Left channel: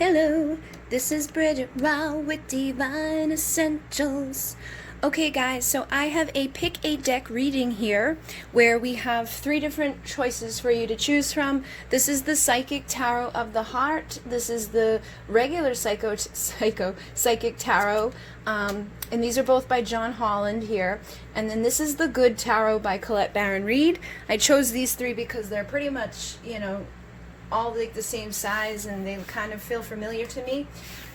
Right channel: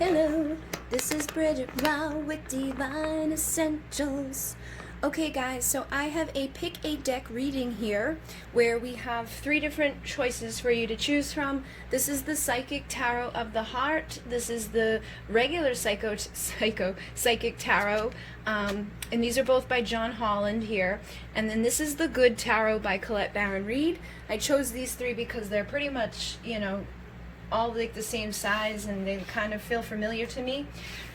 Hello, this is Bridget Raw with Divine Essentials. Okay guys, so I have a pick a deck reading here where we have 3 different choices for you to choose from. This is the Psychic Tarot of the Heart. This is the regular Psychic Tarot. And these are both by John Holland here. And then this is the Good Tarot by Colette Baron Reid. I chose these 3 because they're pretty much, all like the same size and they kind of feel familiar to me.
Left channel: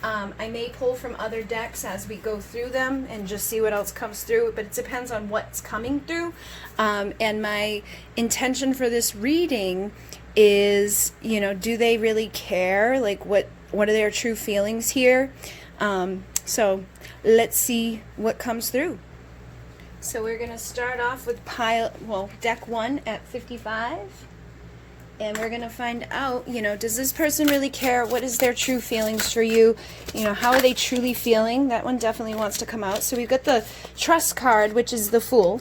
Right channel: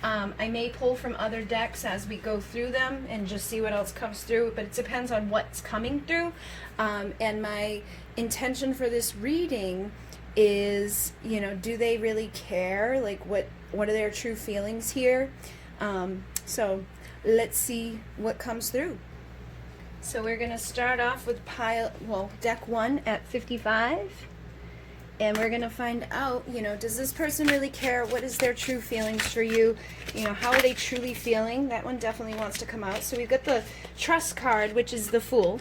I may pull from other decks as we go through them and just see what else comes through, but it depends on what's coming through. And my intention for this reading is, do they really care? Like what are their true feelings here? So let's see what comes through. So we're going to start off with deck 1 at 55. And we're going to find out, does this person really care? What is their true feelings for you? How are they truly feeling? That one definitely wants to come out. So we've got the Trust card, which is the Fool.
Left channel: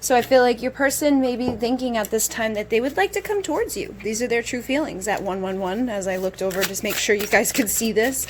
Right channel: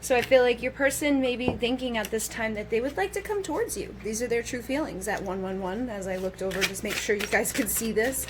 So I feel like your person may be thinking at this time that they would like to come towards you. These are their true feelings at 111 as I looked over, just make sure you guys could see this.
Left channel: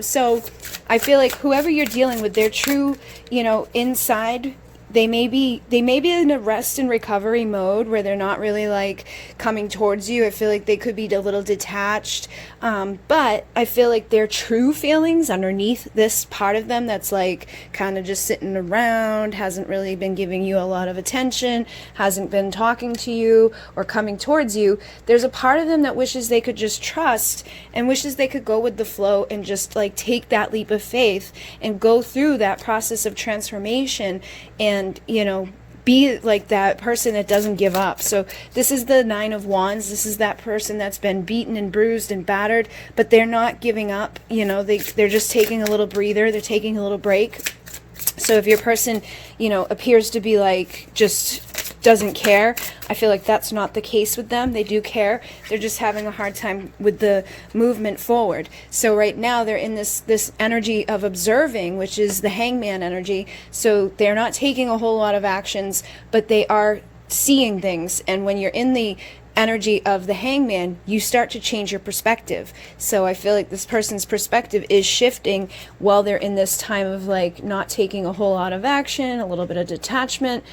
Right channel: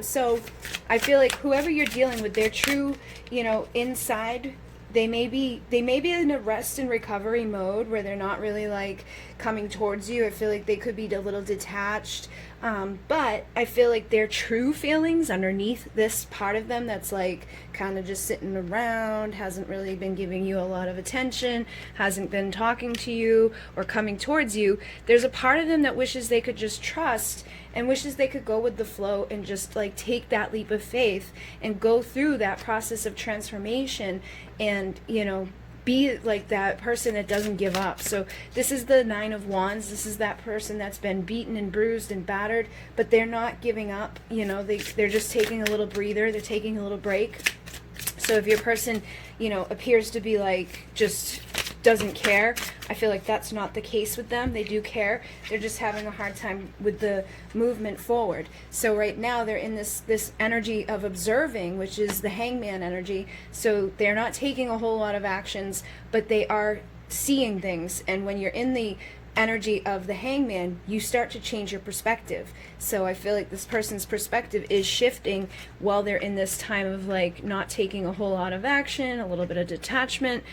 So I feel like whoever you're dealing with, their true, inside, they may be in a rest and recovery mode where they're not really like coming towards you. I feel like they could be a little detached, but I feel like their true feelings underneath this part of them that's like kind of just sitting around, hasn't really been giving you a lot of attention, hasn't been talking to you or coming towards you. There's a part of them that wishes they could just trust and wishes they could go with the flow and just like take that leap of faith and go through that process of transformation and be like that person that doesn't give up. So this is the 9 of Wands. This is that person that's been beaten and bruised and battered, but they're not giving up. They're just taking a little breather. They're taking a little break. So if your person, appears to be like just doesn't care, I feel like that's not the case with them. They do care. They're just having a hard time with the movement forward. So right now they're in this energy of observing, which is the Hangman energy. So they're not taking a whole lot of actions, but they are seeing things. And when you're in the energy of the Hangman, you start to change your perspective. So I feel like this person's perspective is shifting while they're in this time of like not taking a whole lot of action, a little bit of detachment,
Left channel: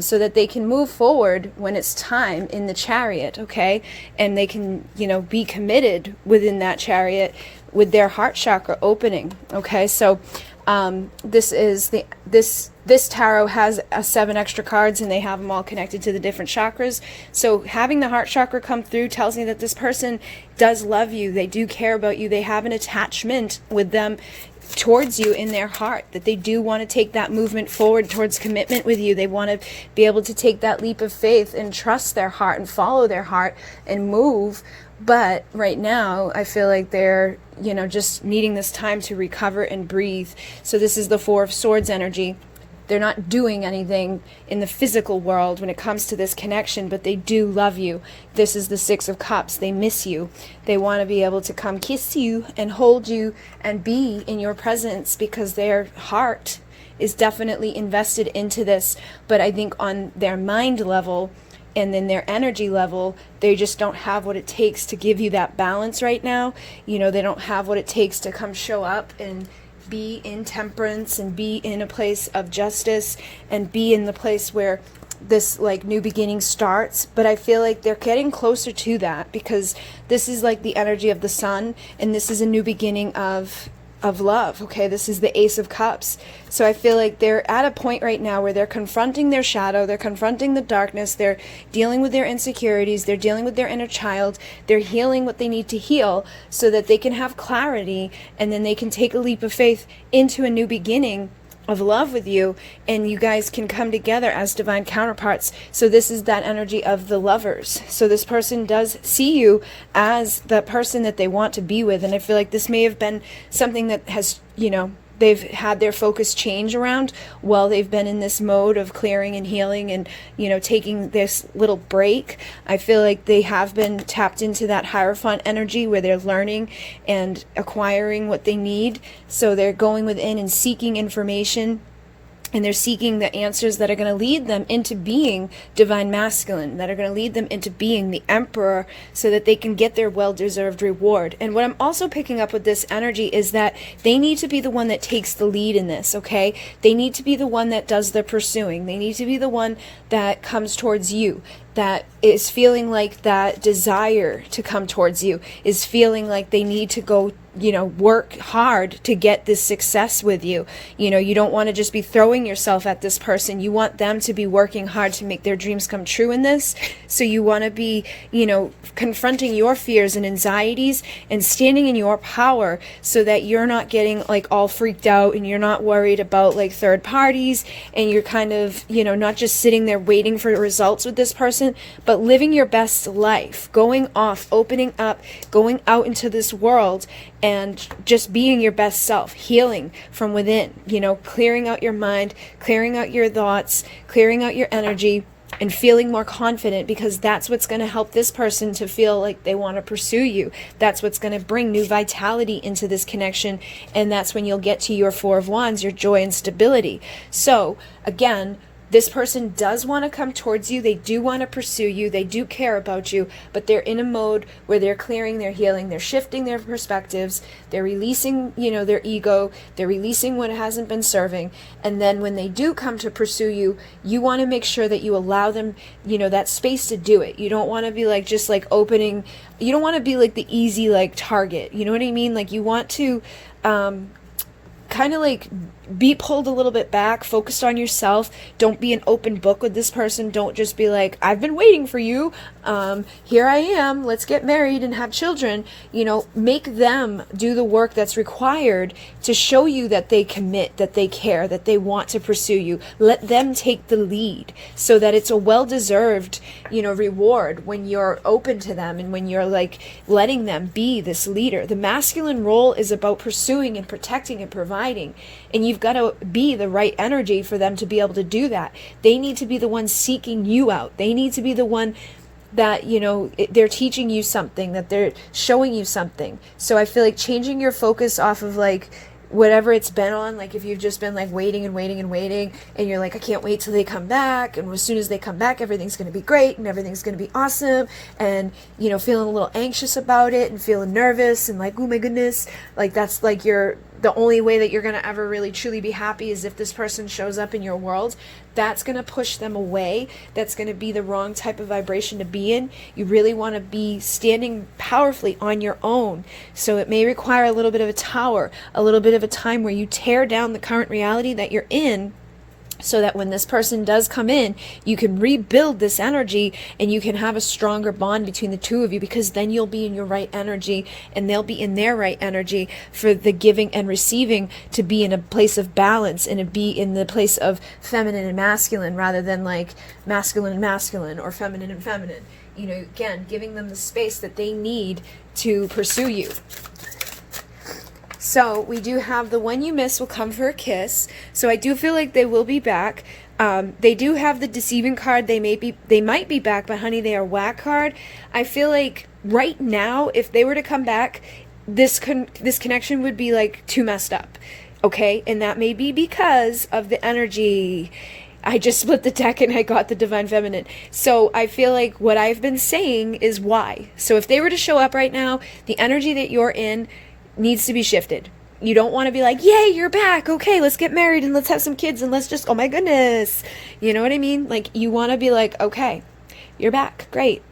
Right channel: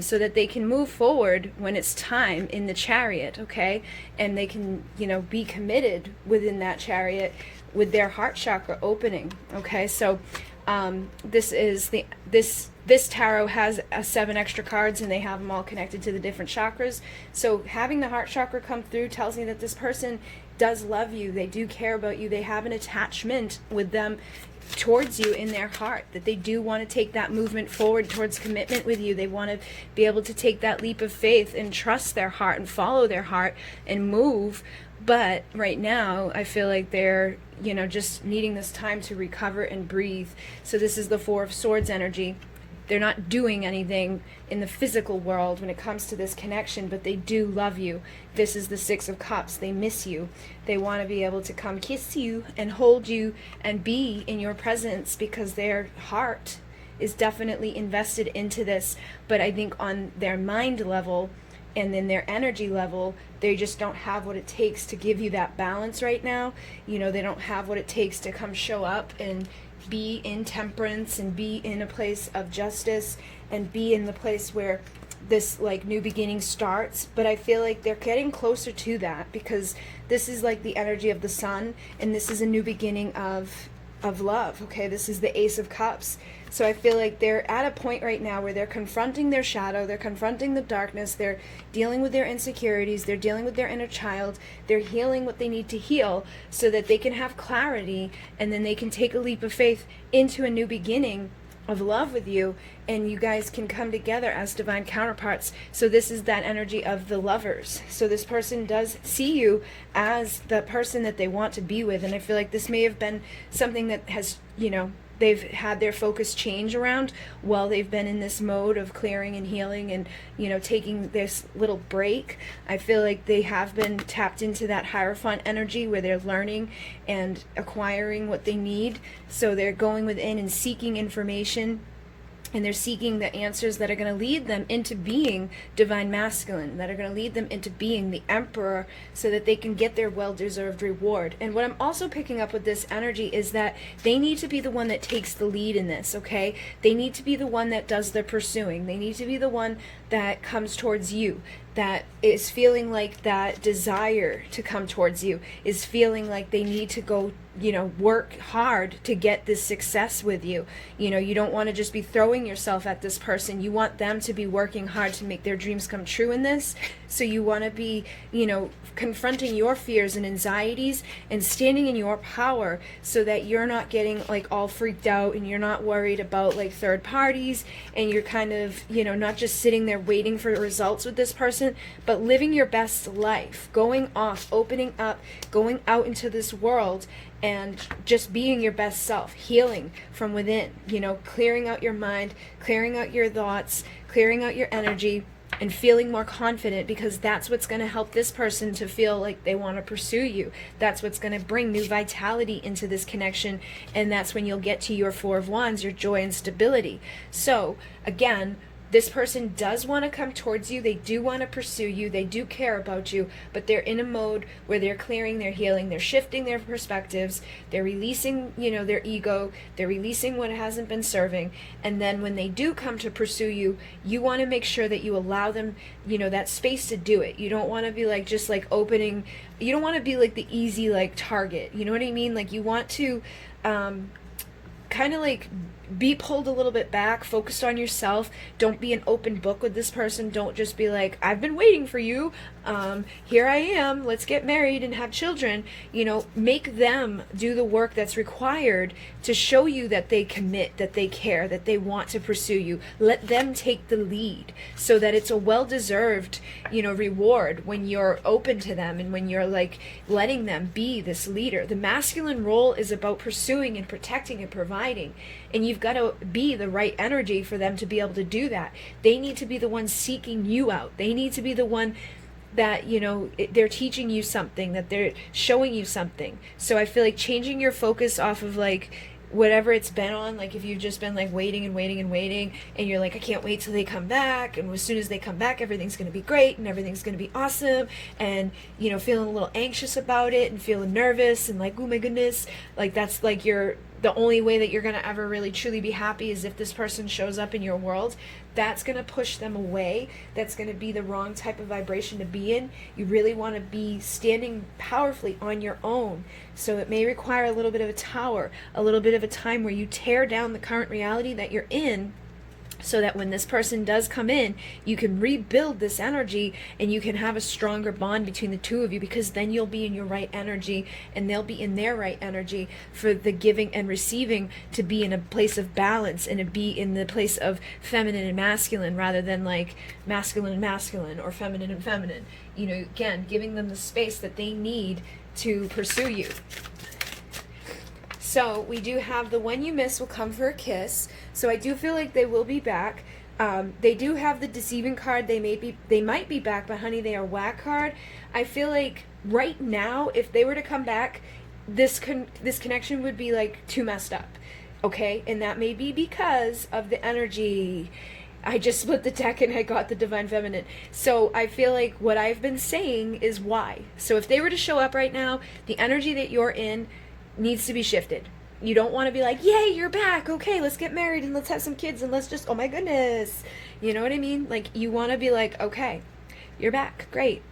so that they can move forward when it's time in the Chariot, okay? And they can, be committed within that Chariot with their heart chakra opening, okay? So this tarot has 7 extra cards and they have them all connected to the different chakras. So having the heart chakra come through tells me that this person does love you. They do care about you. They have an attachment with them towards you in their heart, that they do want to take that movement forward towards commitment with you. They want to be able to take that leap of faith and trust their heart and follow their heart and move. But right now, I feel like they're, just needing this time to recover and breathe. So this is the 4 of Swords energy. They're not doing anything in the physical world when it comes to this connection, but they do love you. This is the 6 of Cups. They miss you. They want to be able to come kiss you and hold you and be in your presence because their heart is definitely invested into this. But I think on their mind level and then their energy level, they just don't have what it takes to give you that balance right now. They don't have what it takes to come show up and be in temperance and be in a place of justice and be in the place where this like new beginning starts. But I feel like they're getting closer to that because this is like the energy of the sun and this is a new beginning of love, okay? This is the Ace of Cups. So I feel like they're at a point right now where they're confronting their shadow, they're confronting the darkness, they're dealing with their insecurities, they're dealing with their inner child, they're healing what they need to heal so that they can have clarity and then they can take a leap of faith into a new beginning of love with you, and you guys can come together as divine counterparts. So this is that energy of the lovers. So this person does see you as the person that they want to be with, and I feel like this may have been something that has, they've had their focus change around while they've been in this mode of clearing and healing and, taking this little break. I feel like they have been tapped into that Hierophant energy where they're learning and acquiring what they need. So they're going within and seeking information and they're seeking the answers that are going to lead them into being divine masculine, that are going to lead them into being the emperor, so that they can get their well-deserved reward. And what I'm also picking up with this energy is that they need to be the one that takes the lead in this, okay? They need to be the one that does the pursuing. They need to be the one that comes towards you, that is feeling like that desire to come towards you, is feeling like they need to go, work hard to get this success with you. You don't want to just be throwing yourself at this person. You want them to be working hard to make their dreams come true in this. So you want to be, confronting your fears and anxieties and standing in your power, so that you're not getting like all freaked out, and you're not worried about like third parties, and you're kind of, not just sitting there waiting for results with this person, but living your best life, going off, opening up, going out into this world, and just being your best self, healing from within, clearing out your mind, clearing out your thoughts, clearing out your energy, and feeling more confident, because that's what's going to help this person to feel like they want to pursue you. That's what's going to bring new vitality into this connection, and that's when you'll get to your Four of Wands, your joy and stability. So again, this person does want to come towards you. They do want to pursue you. They do care about you, but they're in a mode where they're clearing, they're healing, they're shifting their perspectives, they're releasing, their ego, they're releasing what hasn't been serving. And then when they do come to pursue you, you want to make sure that you allow them, that space to do it. You don't want to be like, just like opening, you don't want to be like the easy, like target. You know what I mean? Like you want to, kind of like be pulled a little bit back, focused on yourself. Don't be an open book with this person. Don't just be like, I've been waiting for you. Here I am. Let's get married and have children. Make them do the work that's required to show you that they commit, that they care, that they want to pursue you. Let them take the lead, so that it's a well-deserved, reward when you're open to them, and when you're like letting them be this leader. The masculine role is about pursuing and protecting and providing. And you've got to be the right energy for them to be able to do that. They need to be the one seeking you out. They need to be the one that, they're teaching you something, that they're showing you something. So I feel like changing your focus off of like whatever it's been on, like if you've just been like waiting and waiting and waiting, and you're like, I can't wait till they come back, and as soon as they come back, everything's going to be great and everything's going to be awesome, and feeling a little anxious about it and feeling nervous and like, oh my goodness, like that's like the only way that you're going to ever really truly be happy is if this person shows up in your world. That's going to push them away. That's going to be the wrong type of vibration to be in. You really want to be standing powerfully on your own. So it may require a little bit of a tower, a little bit of a time where you tear down the current reality that you're in, so that when this person does come in, you can rebuild this energy, and you can have a stronger bond between the two of you, because then you'll be in your right energy and they'll be in their right energy, for the giving and receiving to be in a place of balance, and to be in the place of feminine and masculine, rather than like masculine and masculine, or feminine and feminine. Again, giving them the space that they need to pursue you. So we do have the one you miss will come for a kiss. So I do feel like they will be back. They do have the deceiving card. They might be back, but honey, they are whack card. I feel like right now, if they were to come back, this connection would be like too messed up. Okay, and that may be because of the energy. I just split the deck and I got the Divine Feminine. So I feel like what I've been saying is why. So if they were to show up right now, the energy that you're in needs to be shifted. You don't want to be like, yay, you're back. Okay, let's get married and let's have some kids and let's just, oh my goodness. You know what I mean? Like, you want to be like, okay, you're back. Great.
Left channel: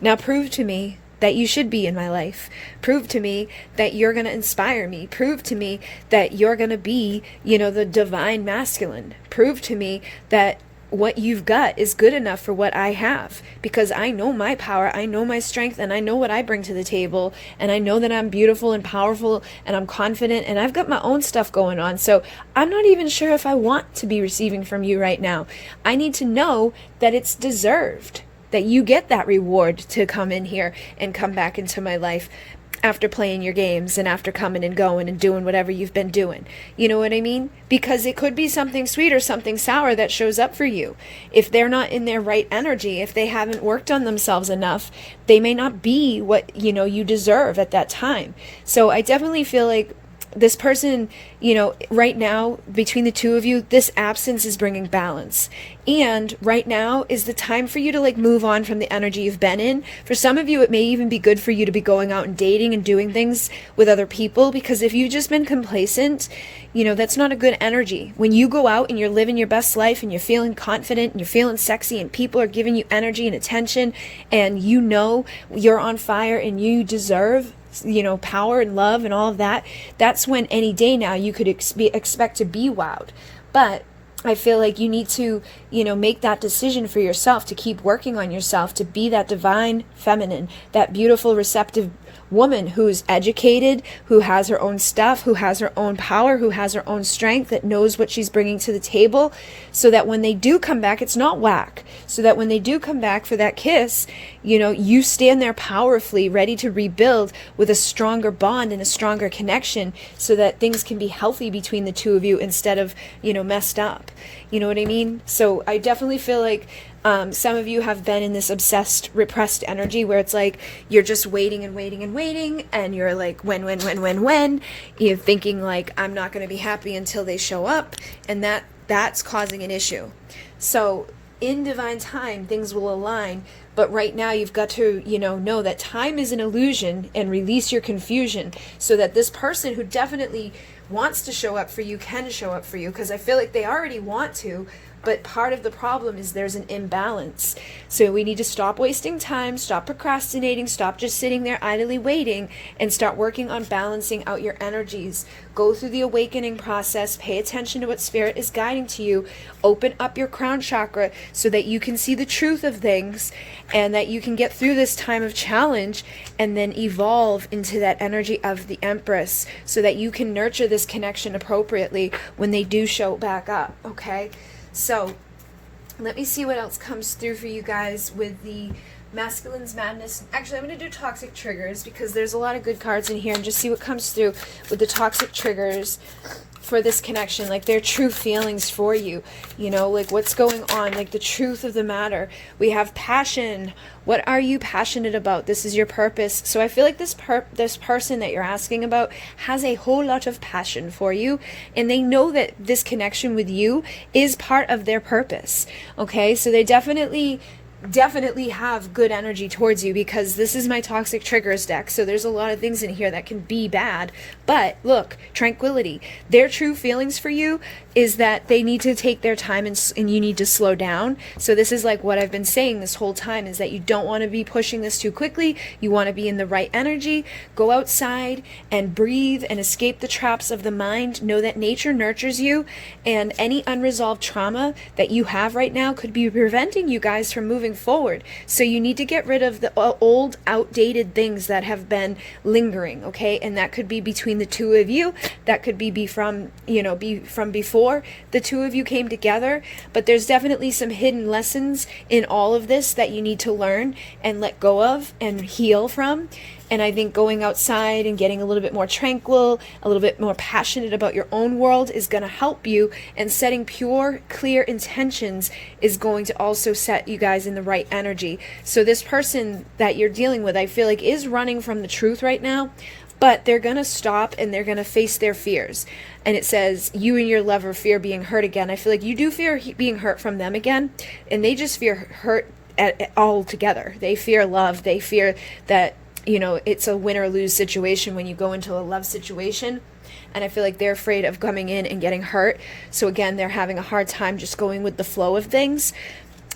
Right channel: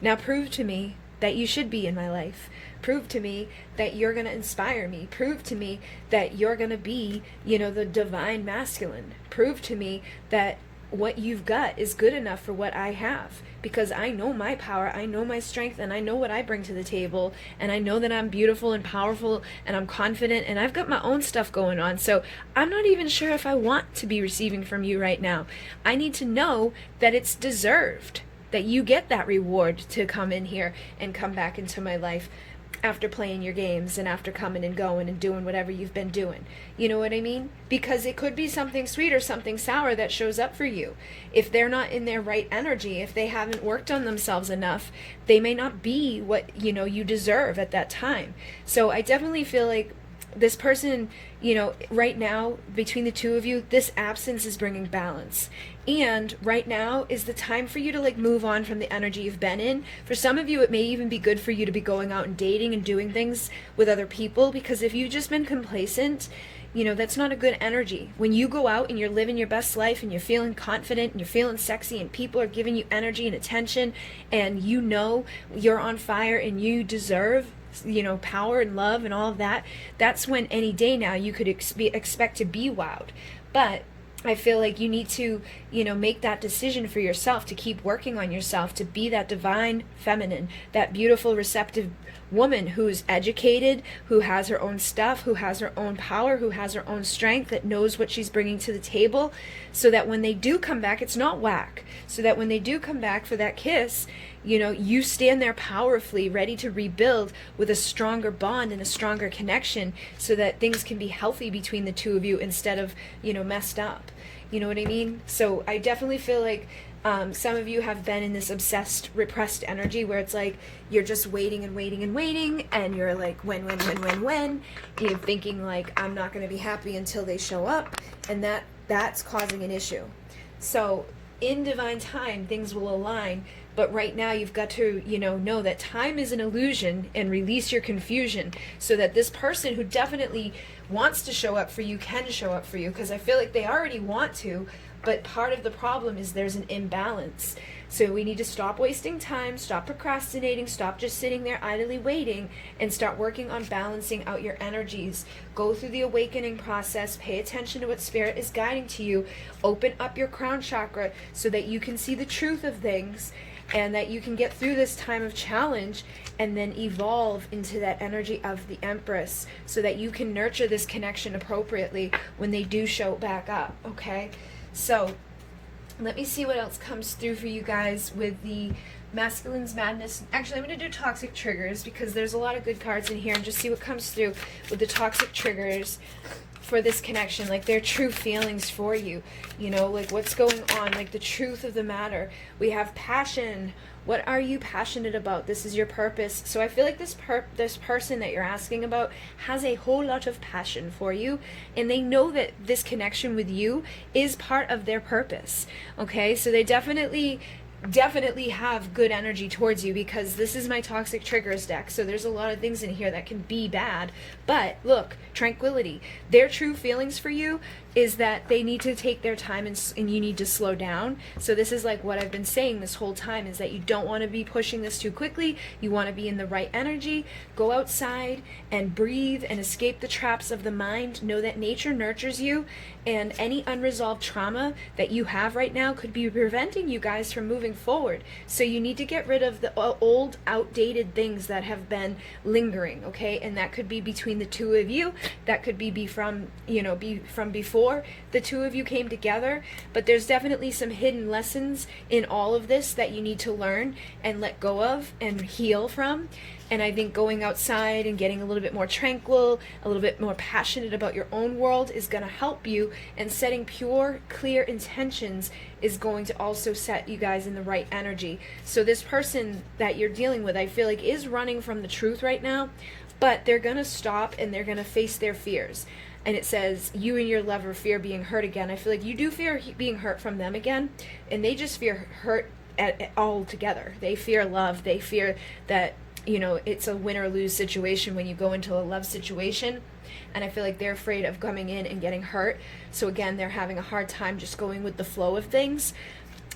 Now prove to me that you should be in my life. Prove to me that you're going to inspire me. Prove to me that you're going to be, the divine masculine. Prove to me that what you've got is good enough for what I have, because I know my power, I know my strength, and I know what I bring to the table, and I know that I'm beautiful and powerful, and I'm confident, and I've got my own stuff going on. So I'm not even sure if I want to be receiving from you right now. I need to know that it's deserved, that you get that reward to come in here and come back into my life after playing your games and after coming and going and doing whatever you've been doing. You know what I mean? Because it could be something sweet or something sour that shows up for you. If they're not in their right energy, if they haven't worked on themselves enough, they may not be what, you deserve at that time. So I definitely feel like this person, you know, right now, between the two of you, this absence is bringing balance. And right now is the time for you to like move on from the energy you've been in. For some of you, it may even be good for you to be going out and dating and doing things with other people, because if you've just been complacent, you know, that's not a good energy. When you go out and you're living your best life and you're feeling confident and you're feeling sexy and people are giving you energy and attention and you know you're on fire and you deserve, you know, power and love and all of that, that's when any day now you could expect to be wowed. But I feel like you need to, you know, make that decision for yourself, to keep working on yourself, to be that divine feminine, that beautiful, receptive woman who's educated, who has her own stuff, who has her own power, who has her own strength, that knows what she's bringing to the table, so that when they do come back, it's not whack. So that when they do come back for that kiss, you know, you stand there powerfully, ready to rebuild with a stronger bond and a stronger connection, so that things can be healthy between the two of you instead of, you know, messed up. You know what I mean? So I definitely feel like some of you have been in this obsessed, repressed energy where it's like you're just waiting and waiting and waiting, and you're like, when? You're thinking like, I'm not going to be happy until they show up, and that's causing an issue. So in divine time, things will align. But right now you've got to, you know that time is an illusion, and release your confusion, so that this person who definitely wants to show up for you can show up for you, because I feel like they already want to, but part of the problem is there's an imbalance. So we need to stop wasting time, stop procrastinating, stop just sitting there idly waiting, and start working on balancing out your energies. Go through the awakening process, pay attention to what spirit is guiding to you, open up your crown chakra so that you can see the truth of things, and that you can get through this time of challenge and then evolve into that energy of the Empress, so that you can nurture this connection appropriately when they do show back up, okay? So let me see what else comes through for you guys with the Masculine's Madness. Actually, I'm going to do toxic triggers, because there's a lot of good cards in here, and just see what comes through with the toxic triggers for this connection, like their true feelings for you, you know, like what's going on, like the truth of the matter. We have passion. What are you passionate about? This is your purpose. So I feel like this person that you're asking about has a whole lot of passion for you, and they know that this connection with you is part of their purpose. Okay, so they definitely have good energy towards you, because this is my toxic triggers deck. So there's a lot of things in here that can be bad, but look, tranquility. Their true feelings for you is that they need to take their time, and you need to slow down. So this is like what I've been saying this whole time, is that you don't want to be pushing this too quickly. You want to be in the right energy. Go outside and breathe and escape the traps of the mind. Know that nature nurtures you, and any unresolved trauma that you have right now could be preventing you guys from moving forward. So you need to get rid of the old, outdated things that have been lingering, okay? And that could be between the two of you. That could be from before the two of you came together. But there's definitely some hidden lessons in all of this that you need to learn and let go of and heal from. And I think going outside and getting a little bit more tranquil, a little bit more passionate about your own world is going to help you. And setting pure, clear intentions is going to also set you guys in the right energy. So this person that you're dealing with, I feel like, is running from the truth right now, but they're going to stop and they're going to face their fears. And it says, you and your lover fear being hurt again. I feel like you do fear being hurt from them again, and they just fear hurt all together. They fear love. They fear that, you know, it's a win or lose situation when you go into a love situation. And I feel like they're afraid of coming in and getting hurt. So again, they're having a hard time just going with the flow of things.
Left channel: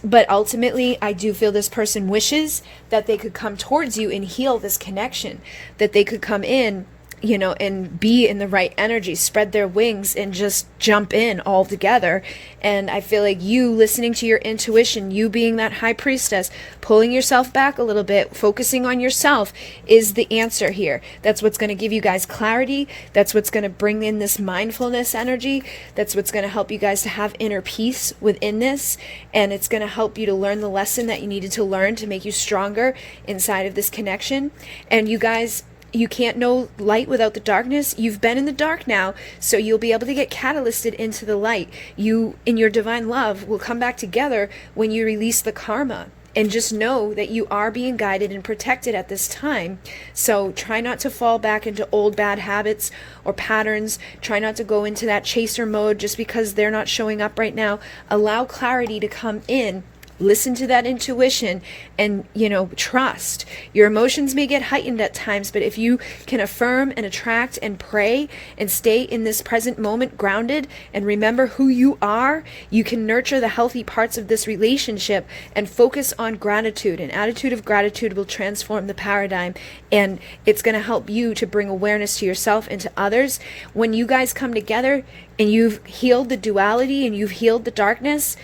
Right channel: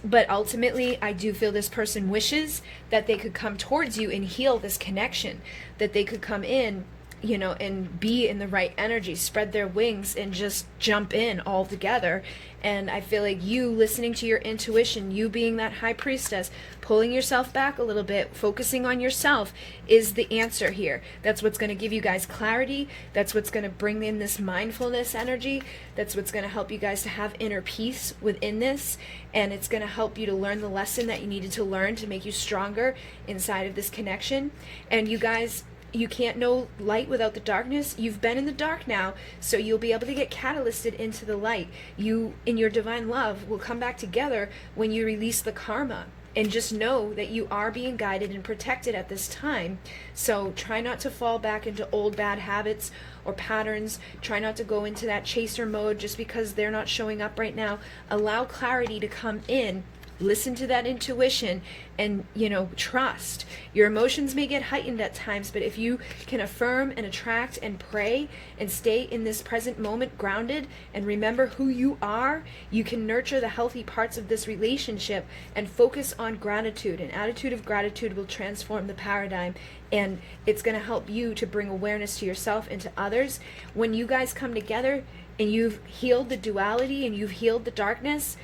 But ultimately, I do feel this person wishes that they could come towards you and heal this connection, that they could come in, you know, and be in the right energy, spread their wings and just jump in all together. And I feel like you listening to your intuition, you being that high priestess, pulling yourself back a little bit, focusing on yourself is the answer here. That's what's going to give you guys clarity. That's what's going to bring in this mindfulness energy. That's what's going to help you guys to have inner peace within this. And it's going to help you to learn the lesson that you needed to learn to make you stronger inside of this connection. And you guys, you can't know light without the darkness. You've been in the dark now, so you'll be able to get catalysted into the light. You, in your divine love, will come back together when you release the karma. And just know that you are being guided and protected at this time. So try not to fall back into old bad habits or patterns. Try not to go into that chaser mode just because they're not showing up right now. Allow clarity to come in. Listen to that intuition and, trust. Your emotions may get heightened at times, but if you can affirm and attract and pray and stay in this present moment grounded and remember who you are, you can nurture the healthy parts of this relationship and focus on gratitude. An attitude of gratitude will transform the paradigm, and it's going to help you to bring awareness to yourself and to others. When you guys come together and you've healed the duality and you've healed the darkness,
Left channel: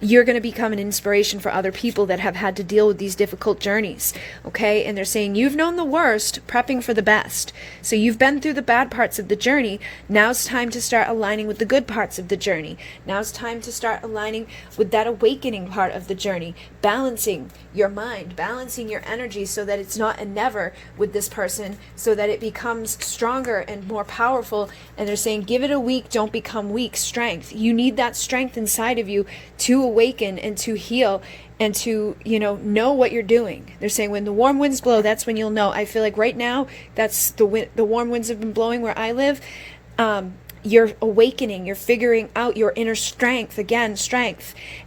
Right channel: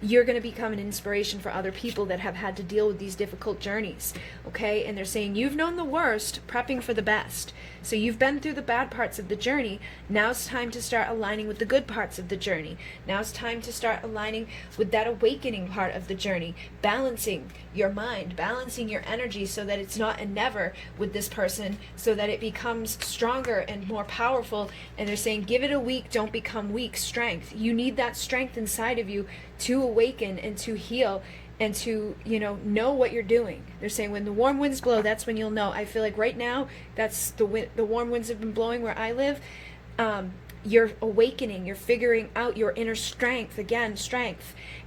you're going to become an inspiration for other people that have had to deal with these difficult journeys, okay? And they're saying, you've known the worst, prepping for the best. So you've been through the bad parts of the journey. Now it's time to start aligning with the good parts of the journey. Now it's time to start aligning with that awakening part of the journey, balancing your mind, balancing your energy so that it's not a never with this person, so that it becomes stronger and more powerful. And they're saying, give it a week, don't become weak. Strength. You need that strength inside of you to awaken and to heal and to know what you're doing. They're saying when the warm winds blow, that's when you'll know. I feel like right now that's the warm winds have been blowing where I live. You're awakening, you're figuring out your inner strength,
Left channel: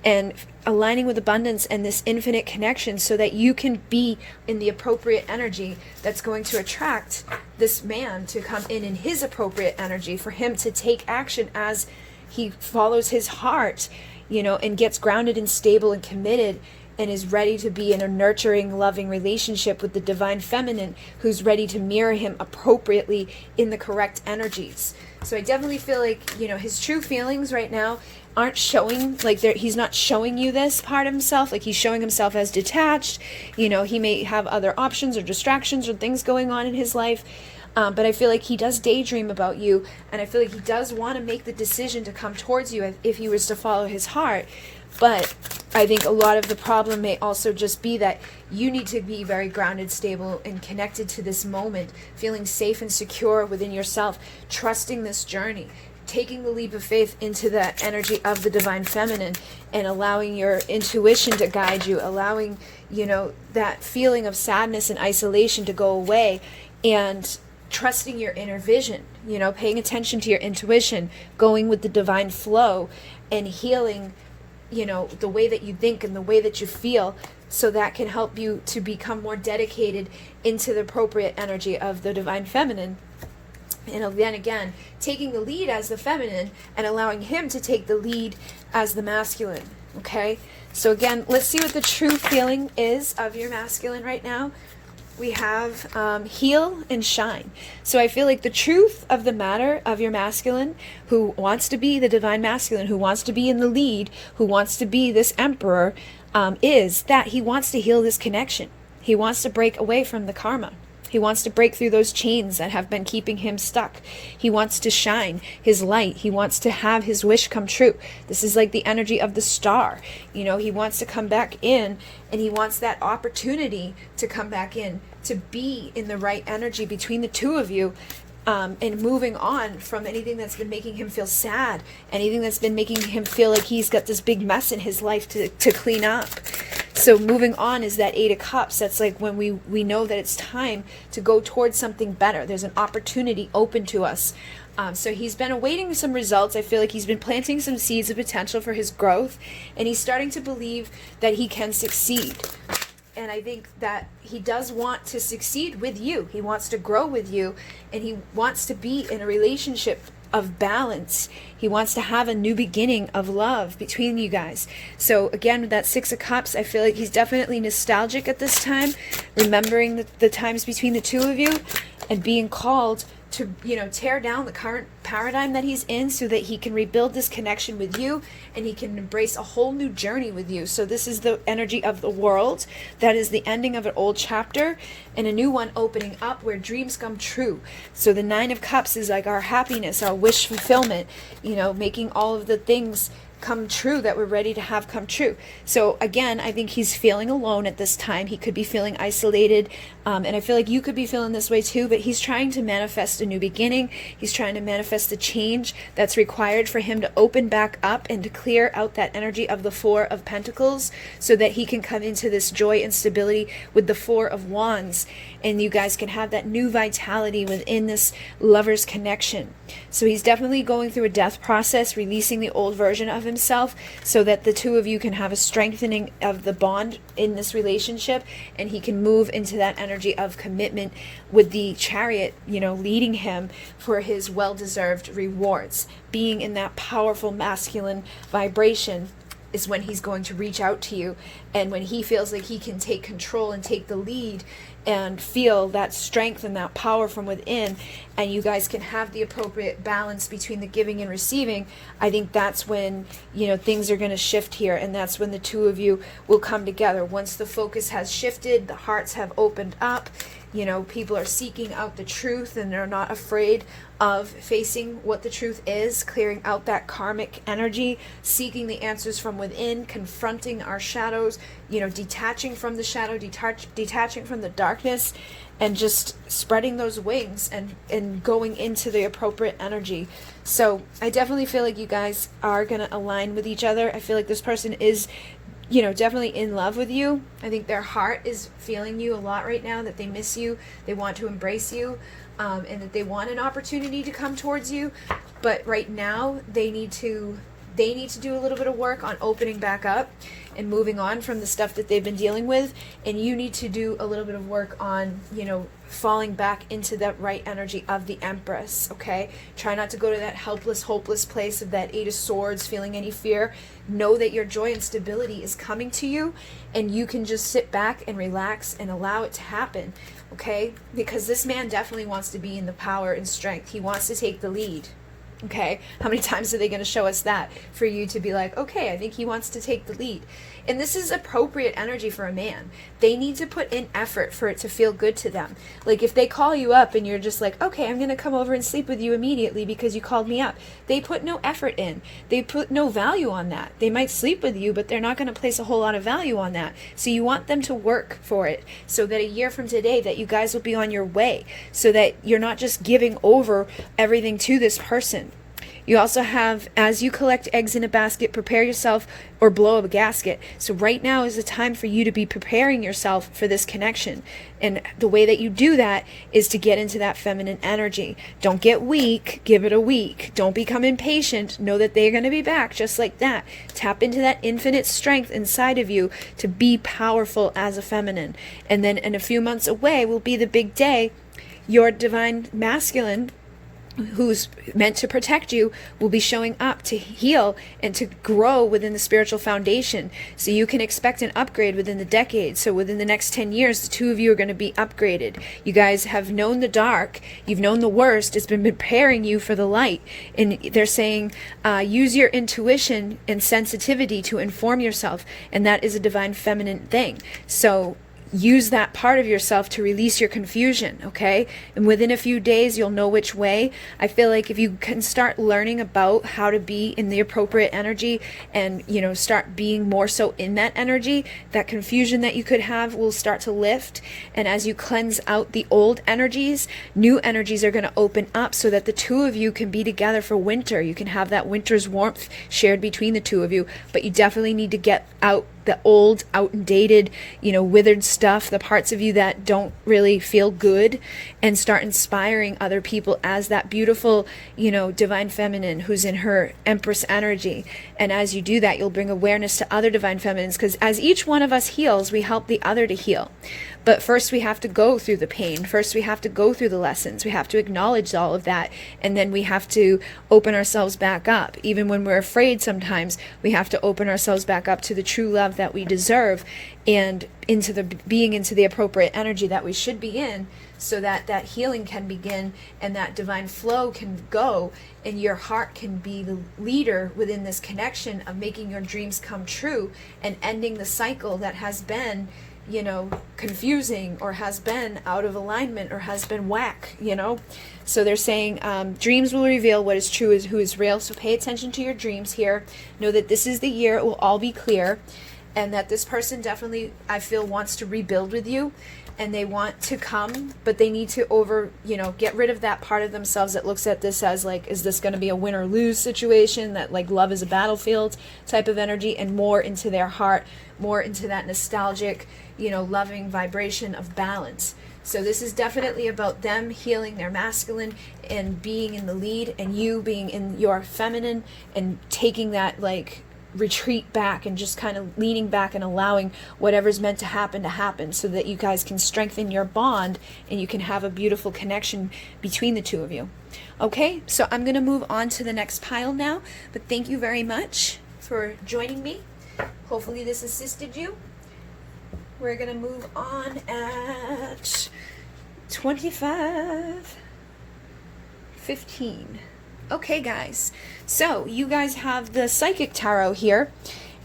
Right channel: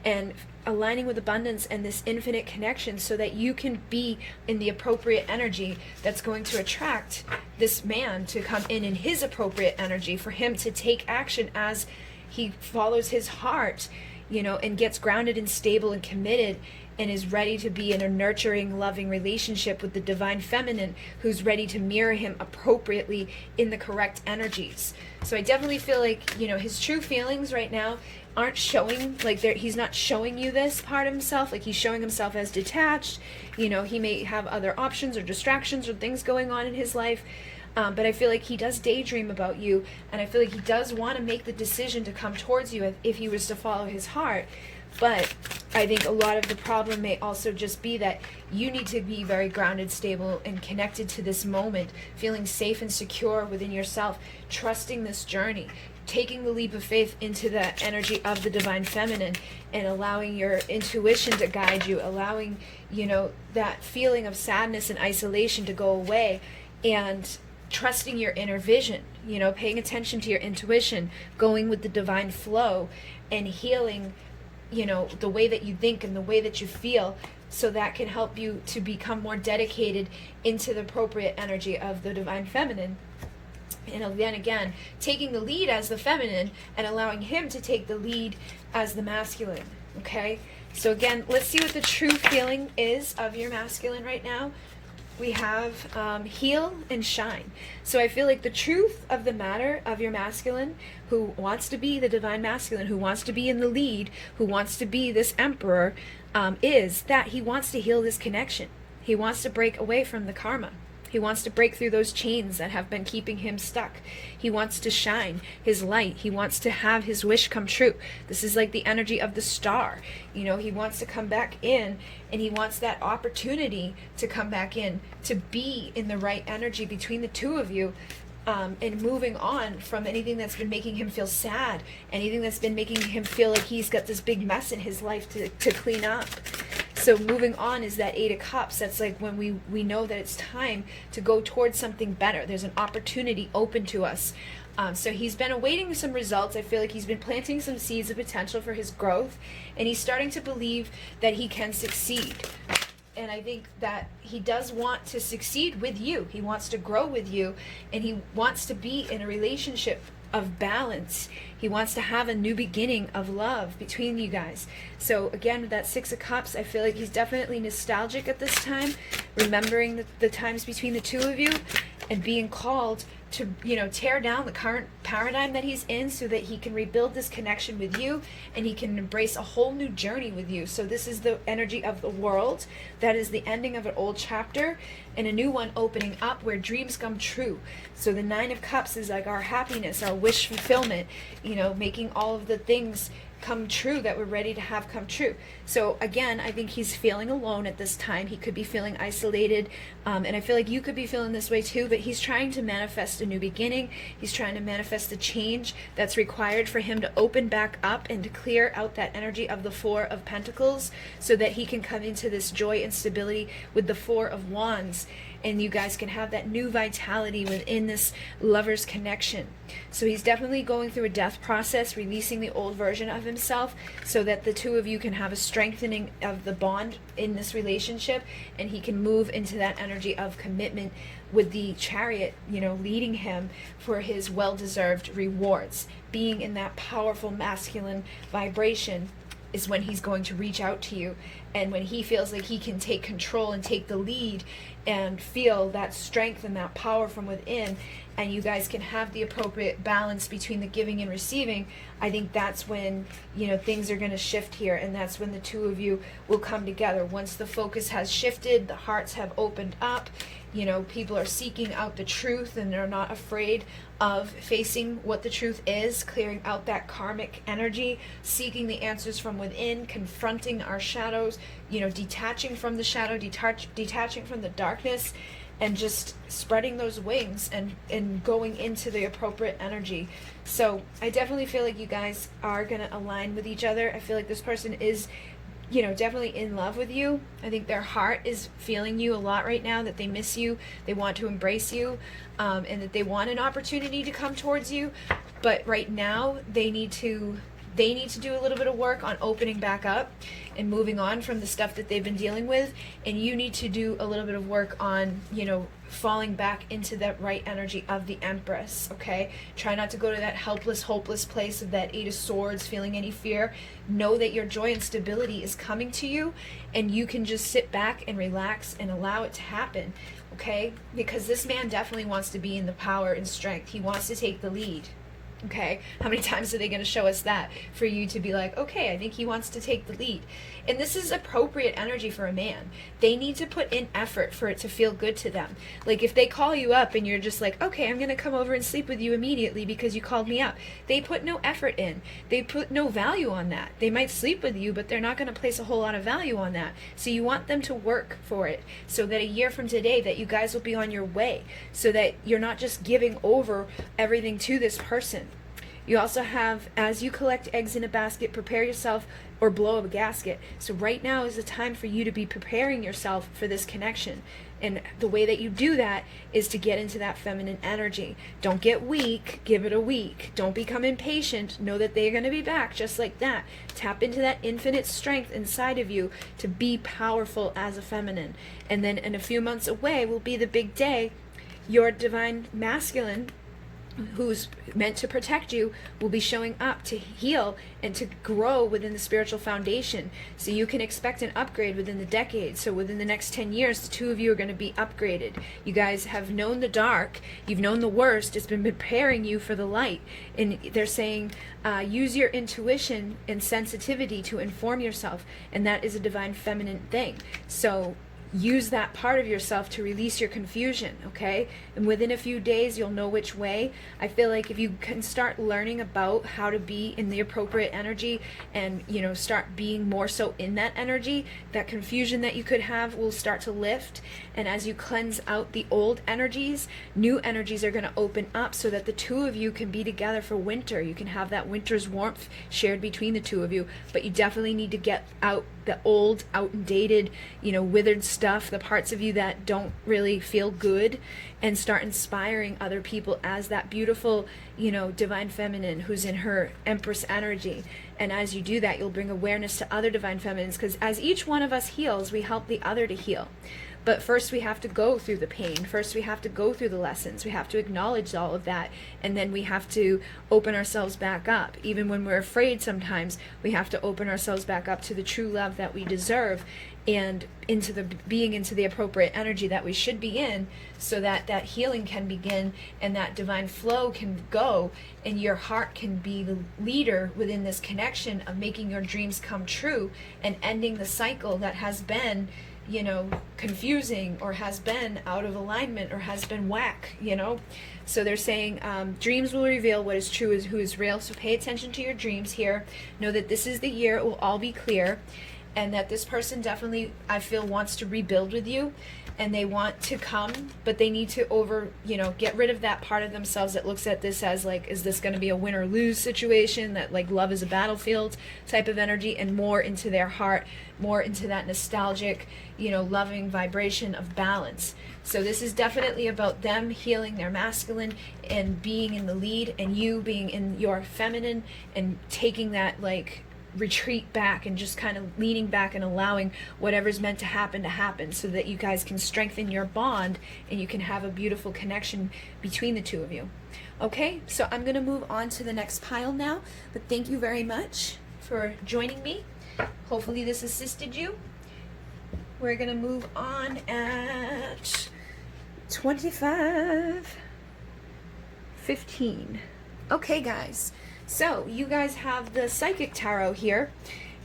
and aligning with abundance and this infinite connection so that you can be in the appropriate energy that's going to attract this man to come in his appropriate energy, for him to take action as he follows his heart, and gets grounded and stable and committed and is ready to be in a nurturing, loving relationship with the divine feminine who's ready to mirror him appropriately in the correct energies. So I definitely feel like, his true feelings right now aren't showing, like he's not showing you this part of himself, like he's showing himself as detached. He may have other options or distractions or things going on in his life. But I feel like he does daydream about you, and I feel like he does want to make the decision to come towards you if he was to follow his heart. But I think a lot of the problem may also just be that you need to be very grounded, stable, and connected to this moment, feeling safe and secure within yourself, trusting this journey, taking the leap of faith into the energy of the divine feminine, and allowing your intuition to guide you, allowing, that feeling of sadness and isolation to go away, and trusting your inner vision, paying attention to your intuition, going with the divine flow, and healing, the way that you think and the way that you feel, so that can help you to become more dedicated into the appropriate energy of the divine feminine. And then again, taking the lead as the feminine and allowing him to take the lead as the masculine, okay? So again, let's see what the true feeling is of your masculine right now. We have heal and shine. So I feel like the truth of the matter of your masculine, who wants to be the divine masculine, who wants to be in the lead, who wants to be this emperor, is that he wants to heal this connection. He wants to break away from the karma. He wants to break through those chains that have been keeping him stuck. He wants to shine his light. He wants to have his wish come true. This is like the energy of the star. He wants to come back in, and he wants that opportunity to come back in, to be in the right energy between the two of you, and moving on from anything that's been making him feel sad, anything that's been making him feel like he's got this big mess in his life to clean up. So moving on is that 8 of Cups. That's like when we know that it's time to go towards something better. There's an opportunity open to us. So he's been awaiting some results. I feel like he's been planting some seeds of potential for his growth, and he's starting to believe that he can succeed. And I think that he does want to succeed with you. He wants to grow with you, and he wants to be in a relationship of balance. He wants to have a new beginning of love between you guys. So again, with that 6 of Cups, I feel like he's definitely nostalgic at this time, remembering the times between the two of you, and being called to, tear down the current paradigm that he's in so that he can rebuild this connection with you, and he can embrace a whole new journey with you. So this is the energy of the world. That is the ending of an old chapter and a new one opening up where dreams come true. So the 9 of Cups is like our happiness, our wish fulfillment, making all of the things come true that we're ready to have come true. So again, I think he's feeling alone at this time. He could be feeling isolated, And I feel like you could be feeling this way too, but he's trying to manifest a new beginning. He's trying to manifest the change that's required for him to open back up and to clear out that energy of the Four of Pentacles so that he can come into this joy and stability with the Four of Wands. And you guys can have that new vitality within this lover's connection. So he's definitely going through a death process, releasing the old version of himself so that the two of you can have a strengthening of the bond in this relationship, and he can move into that energy of commitment with the Chariot, leading him for his well-deserved rewards. Being in that powerful masculine vibration is when he's going to reach out to you, and when he feels like he can take control and take the lead and feel that strength and that power from within, and you guys can have the appropriate balance between the giving and receiving. I think that's when things are going to shift here, and that's when the two of you will come together. Once the focus has shifted, the hearts have opened up, people are seeking out the truth, and they're not afraid of facing what the truth is, clearing out that karmic energy, seeking the answers from within, confronting our shadows, detaching from the shadow, detaching from the darkness, and just spreading those wings and going into the appropriate energy. So I definitely feel like you guys are going to align with each other. I feel like this person is definitely in love with you. I think their heart is feeling you a lot right now, that they miss you, they want to embrace you, and that they want an opportunity to come towards you. But right now they need to do a little bit of work on opening back up and moving on from the stuff that they've been dealing with. And you need to do a little bit of work on, falling back into that right energy of the Empress, okay? Try not to go to that helpless, hopeless place of that Eight of Swords, feeling any fear. Know that your joy and stability is coming to you, and you can just sit back and relax and allow it to happen, okay? Because this man definitely wants to be in the power and strength. He wants to take the lead. Okay, how many times are they going to show us that for you to be like, okay, I think he wants to take the lead? And this is appropriate energy for a man. They need to put in effort for it to feel good to them. Like if they call you up and you're just like, okay, I'm going to come over and sleep with you immediately because you called me up. They put no effort in. They put no value on that. They might sleep with you, but they're not going to place a whole lot of value on that. So you want them to work for it so that a year from today that you guys will be on your way, so that you're not just giving over everything to this person. You also have, as you collect eggs in a basket, prepare yourself or blow up a gasket. So right now is the time for you to be preparing yourself for this connection. And the way that you do that is to get into that feminine energy. Don't get weak. Give it a week. Don't become impatient. Know that they're going to be back just like that. Tap into that infinite strength inside of you to be powerful as a feminine. And then in a few months away will be the big day. Your divine masculine, who's meant to protect you, will be showing up to heal and to grow within the spiritual foundation. So you can expect an upgrade within the decade. So within the next 10 years, the two of you are going to be upgraded. You guys have known the dark. You've known the worst. It's been preparing you for the light. And they're saying, use your intuition and sensitivity to inform yourself. And that is a divine feminine thing. So use that part of yourself to release your confusion, okay? And within a few days, you'll know which way. I feel like if you can start learning about how to be in the appropriate energy and, start being more so in that energy, that confusion that you could have will start to lift. And as you cleanse out the old energies, new energies are going to open up so that the two of you can be together for winter. You can have that winter's warmth shared between the two of you, but you definitely need to get out the old, outdated, withered stuff, the parts of you that don't really feel good, and start inspiring other people as that beautiful, divine feminine who's in her Empress energy. And as you do that, you'll bring awareness to other divine feminines, because as each one of us heals, we help the other to heal. But first we have to go through the pain. First we have to go through the lessons. We have to acknowledge all of that. And then we have to open ourselves back up. Even when we're afraid sometimes, we have to open ourselves back up to the true love that we deserve and into the appropriate energy that we should be in, so that that healing can begin and that divine flow can go, and your heart can be the leader within this connection of making your dreams come true and ending the cycle that has been confusing, or has been out of alignment, or has been whack, So they're saying dreams will reveal what is true, is who is real. So pay attention to your dreams here. Know that this is the year it will all be clear, and that this person definitely, I feel, wants to rebuild with you. and they want to come, but they need to get rid of that part of themselves that looks at this as like, is this going to be a win or lose situation, that like love is a battlefield type of energy, and more into their heart, more into that nostalgic, loving vibration of balance. So this is definitely about them healing their masculine and being in the lead, and you being in your feminine and taking that like retreat back and just kind of leaning back and allowing whatever's meant to happen, so that you guys can strengthen your bond and you can have a beautiful connection between the two of you. Okay, so I'm going to move on to the next pile now, but thank you very much for joining me. Hopefully this assisted you. We're going to move on at 25:15. Okay, guys. So you guys have the Psychic Tarot here,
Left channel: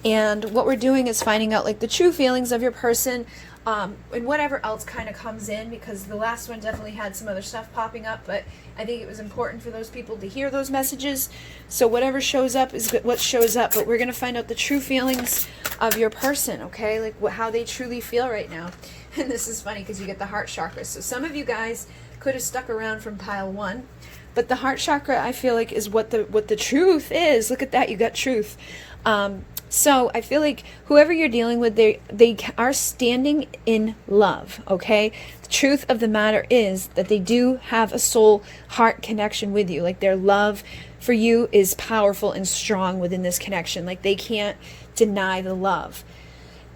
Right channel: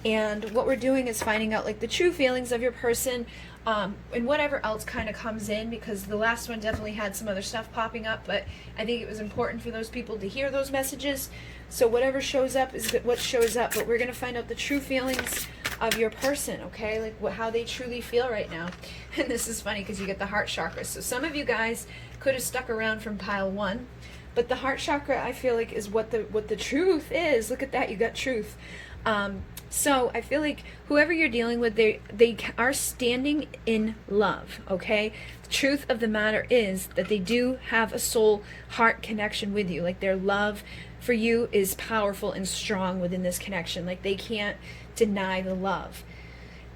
and what we're doing is finding out like the true feelings of your person, and whatever else kind of comes in, because the last one definitely had some other stuff popping up, but I think it was important for those people to hear those messages. So whatever shows up is what shows up, but we're going to find out the true feelings of your person, okay? Like how they truly feel right now. And this is funny because you get the heart chakra. So some of you guys could have stuck around from pile 1, but the heart chakra, I feel like, is what the truth is. Look at that, you got truth. So I feel like whoever you're dealing with, they are standing in love, okay? The truth of the matter is that they do have a soul heart connection with you. Like their love for you is powerful and strong within this connection. Like they can't deny the love.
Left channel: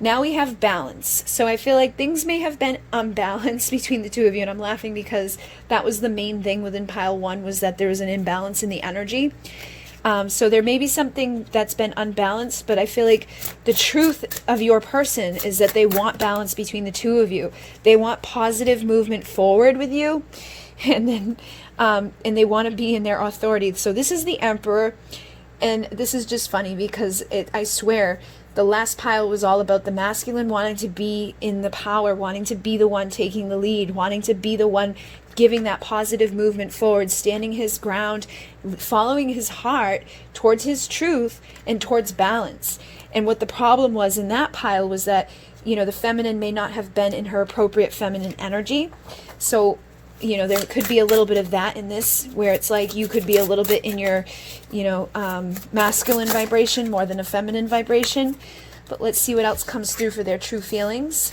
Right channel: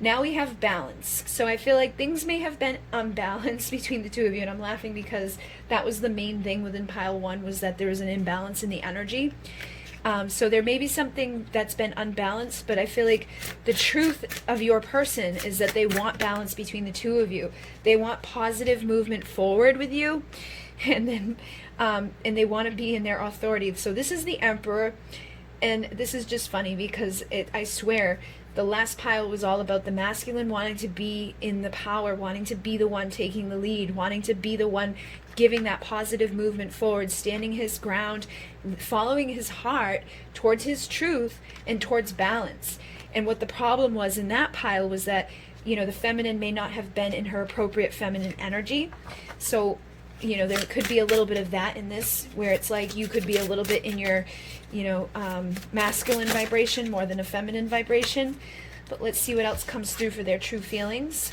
Now we have balance. So I feel like things may have been unbalanced between the two of you, and I'm laughing because that was the main thing within pile 1, was that there was an imbalance in the energy. So there may be something that's been unbalanced, but I feel like the truth of your person is that they want balance between the two of you. They want positive movement forward with you, and then and they want to be in their authority. So this is the Emperor, and this is just funny because I swear the last pile was all about the masculine wanting to be in the power, wanting to be the one taking the lead, wanting to be the one giving that positive movement forward, standing his ground, following his heart towards his truth and towards balance. And what the problem was in that pile was that, the feminine may not have been in her appropriate feminine energy. So, there could be a little bit of that in this, where it's like you could be a little bit in your, masculine vibration more than a feminine vibration. But let's see what else comes through for their true feelings.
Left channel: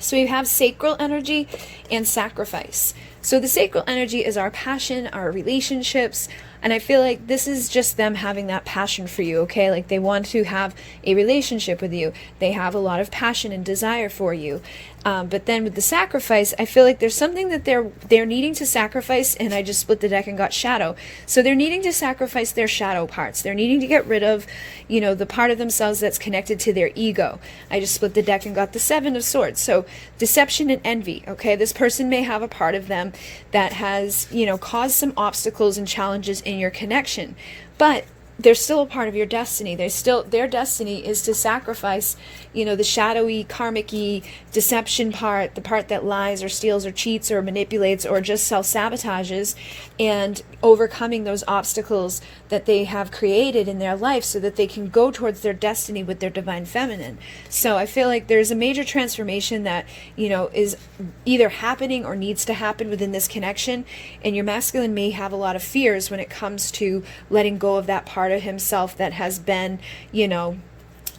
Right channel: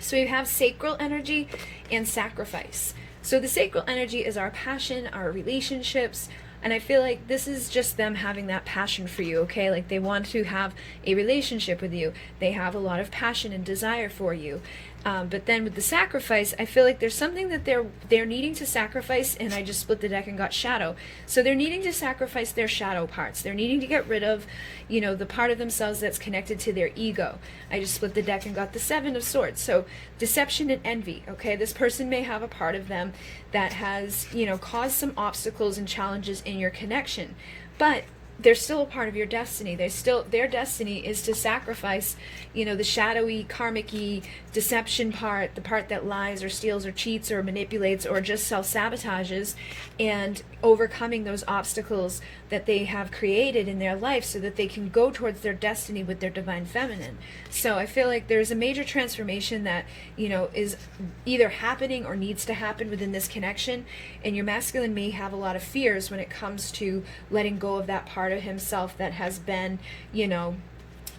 So we have sacral energy and sacrifice. So the sacral energy is our passion, our relationships, and I feel like this is just them having that passion for you, okay? Like they want to have a relationship with you. They have a lot of passion and desire for you. But then with the sacrifice, I feel like there's something that they're needing to sacrifice, and I just split the deck and got shadow. So they're needing to sacrifice their shadow parts. They're needing to get rid of, the part of themselves that's connected to their ego. I just split the deck and got the 7 of Swords. So deception and envy, okay? This person may have a part of them that has, caused some obstacles and challenges in your connection. But they're still a part of your destiny. Their destiny is to sacrifice, the shadowy, karmic-y, deception part, the part that lies or steals or cheats or manipulates or just self-sabotages, and overcoming those obstacles that they have created in their life so that they can go towards their destiny with their divine feminine. So I feel like there's a major transformation that, is either happening or needs to happen within this connection, and your masculine may have a lot of fears when it comes to letting go of that part of himself that has been,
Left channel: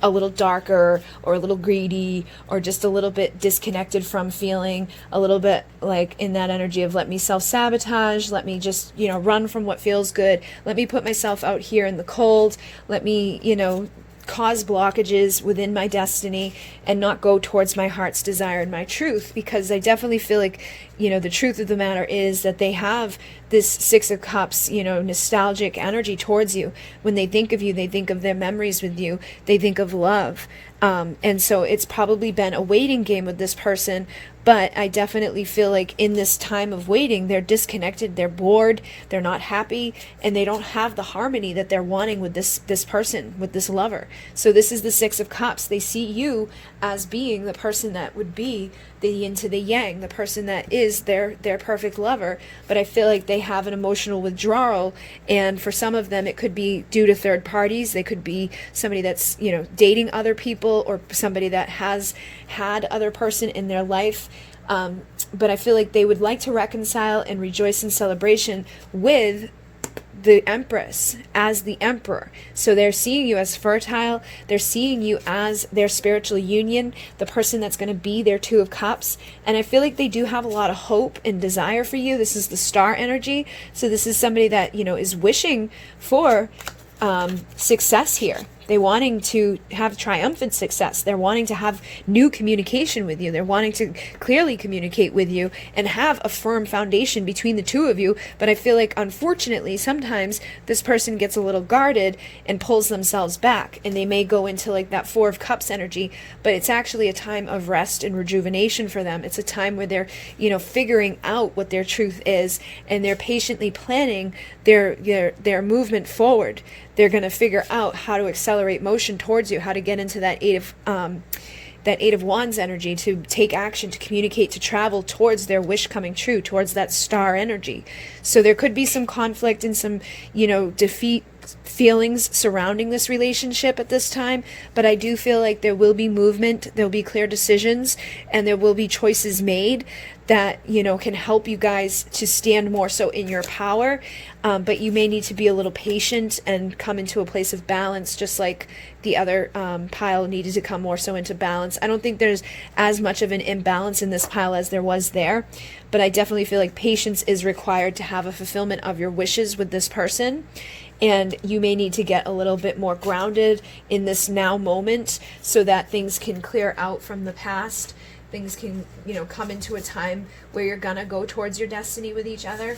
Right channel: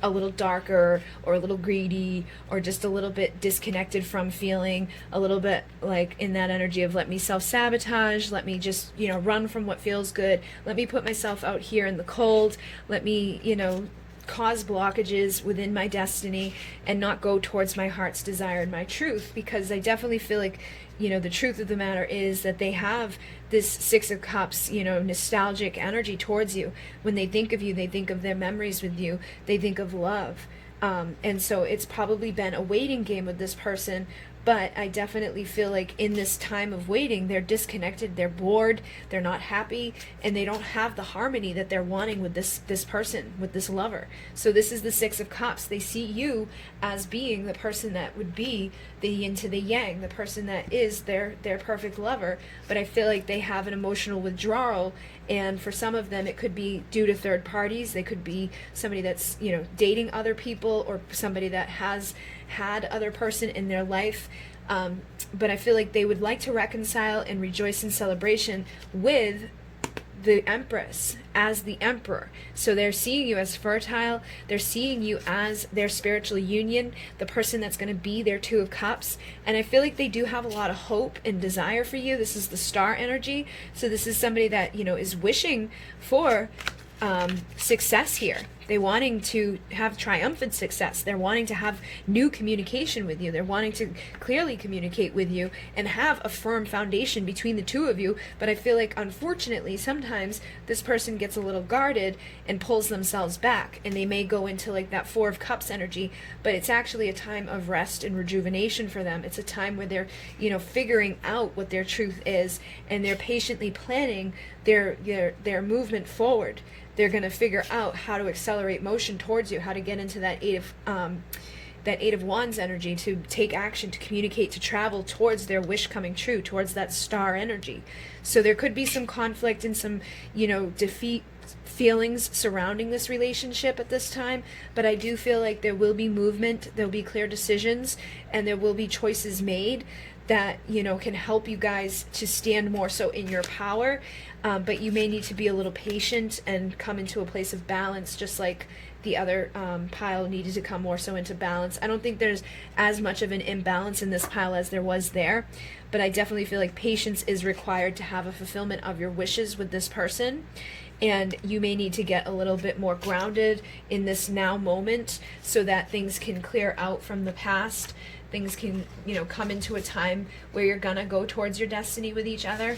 a little darker or a little greedy or just a little bit disconnected from feeling a little bit like in that energy of let me self-sabotage, let me just, run from what feels good, let me put myself out here in the cold, let me, cause blockages within my destiny and not go towards my heart's desire and my truth, because I definitely feel like, the truth of the matter is that they have this 6 of Cups, nostalgic energy towards you. When they think of you, they think of their memories with you, they think of love. And so it's probably been a waiting game with this person, but I definitely feel like in this time of waiting, they're disconnected, they're bored, they're not happy, and they don't have the harmony that they're wanting with this person, with this lover. So this is the 6 of Cups. They see you as being the person that would be the yin to the yang, the person that is their perfect lover. But I feel like they have an emotional withdrawal, and for some of them it could be due to third parties. They could be somebody that's dating other people, or somebody that has had other person in their life. But I feel like they would like to reconcile and rejoice in celebration with the Empress as the Emperor. So they're seeing you as fertile. They're seeing you as their spiritual union, the person that's going to be their Two of Cups. And I feel like they do have a lot of hope and desire for you. This is the star energy. So this is somebody that, is wishing for success here. They're wanting to have triumphant success. They're wanting to have new communication with you. They're wanting to clearly communicate with you and have a firm foundation between the two of you. But I feel like, unfortunately, sometimes this person gets a little guarded and pulls themselves back, and they may go into like that Four of Cups energy, but it's actually a time of rest and rejuvenation for them. It's a time where they're, figuring out what their truth is, and they're patiently planning their movement forward. They're going to figure out how to accelerate motion towards you, how to get into that Eight of Wands energy, to take action, to communicate, to travel towards their wish coming true, towards that star energy. So there could be some conflict and some, defeat feelings surrounding this relationship at this time, but I do feel like there will be movement, there'll be clear decisions, and there will be choices made that, can help you guys to stand more so in your power. But you may need to be a little patient and come into a place of balance, just like the other pile needed to come more so into balance. I don't think there's as much of an imbalance in this pile as there was there, but I definitely feel like patience is required to have a fulfillment of your wishes with this person. And you may need to get a little bit more grounded in this now moment so that things can clear out from the past. Things can, come into a time where you're gonna go towards your destiny with each other.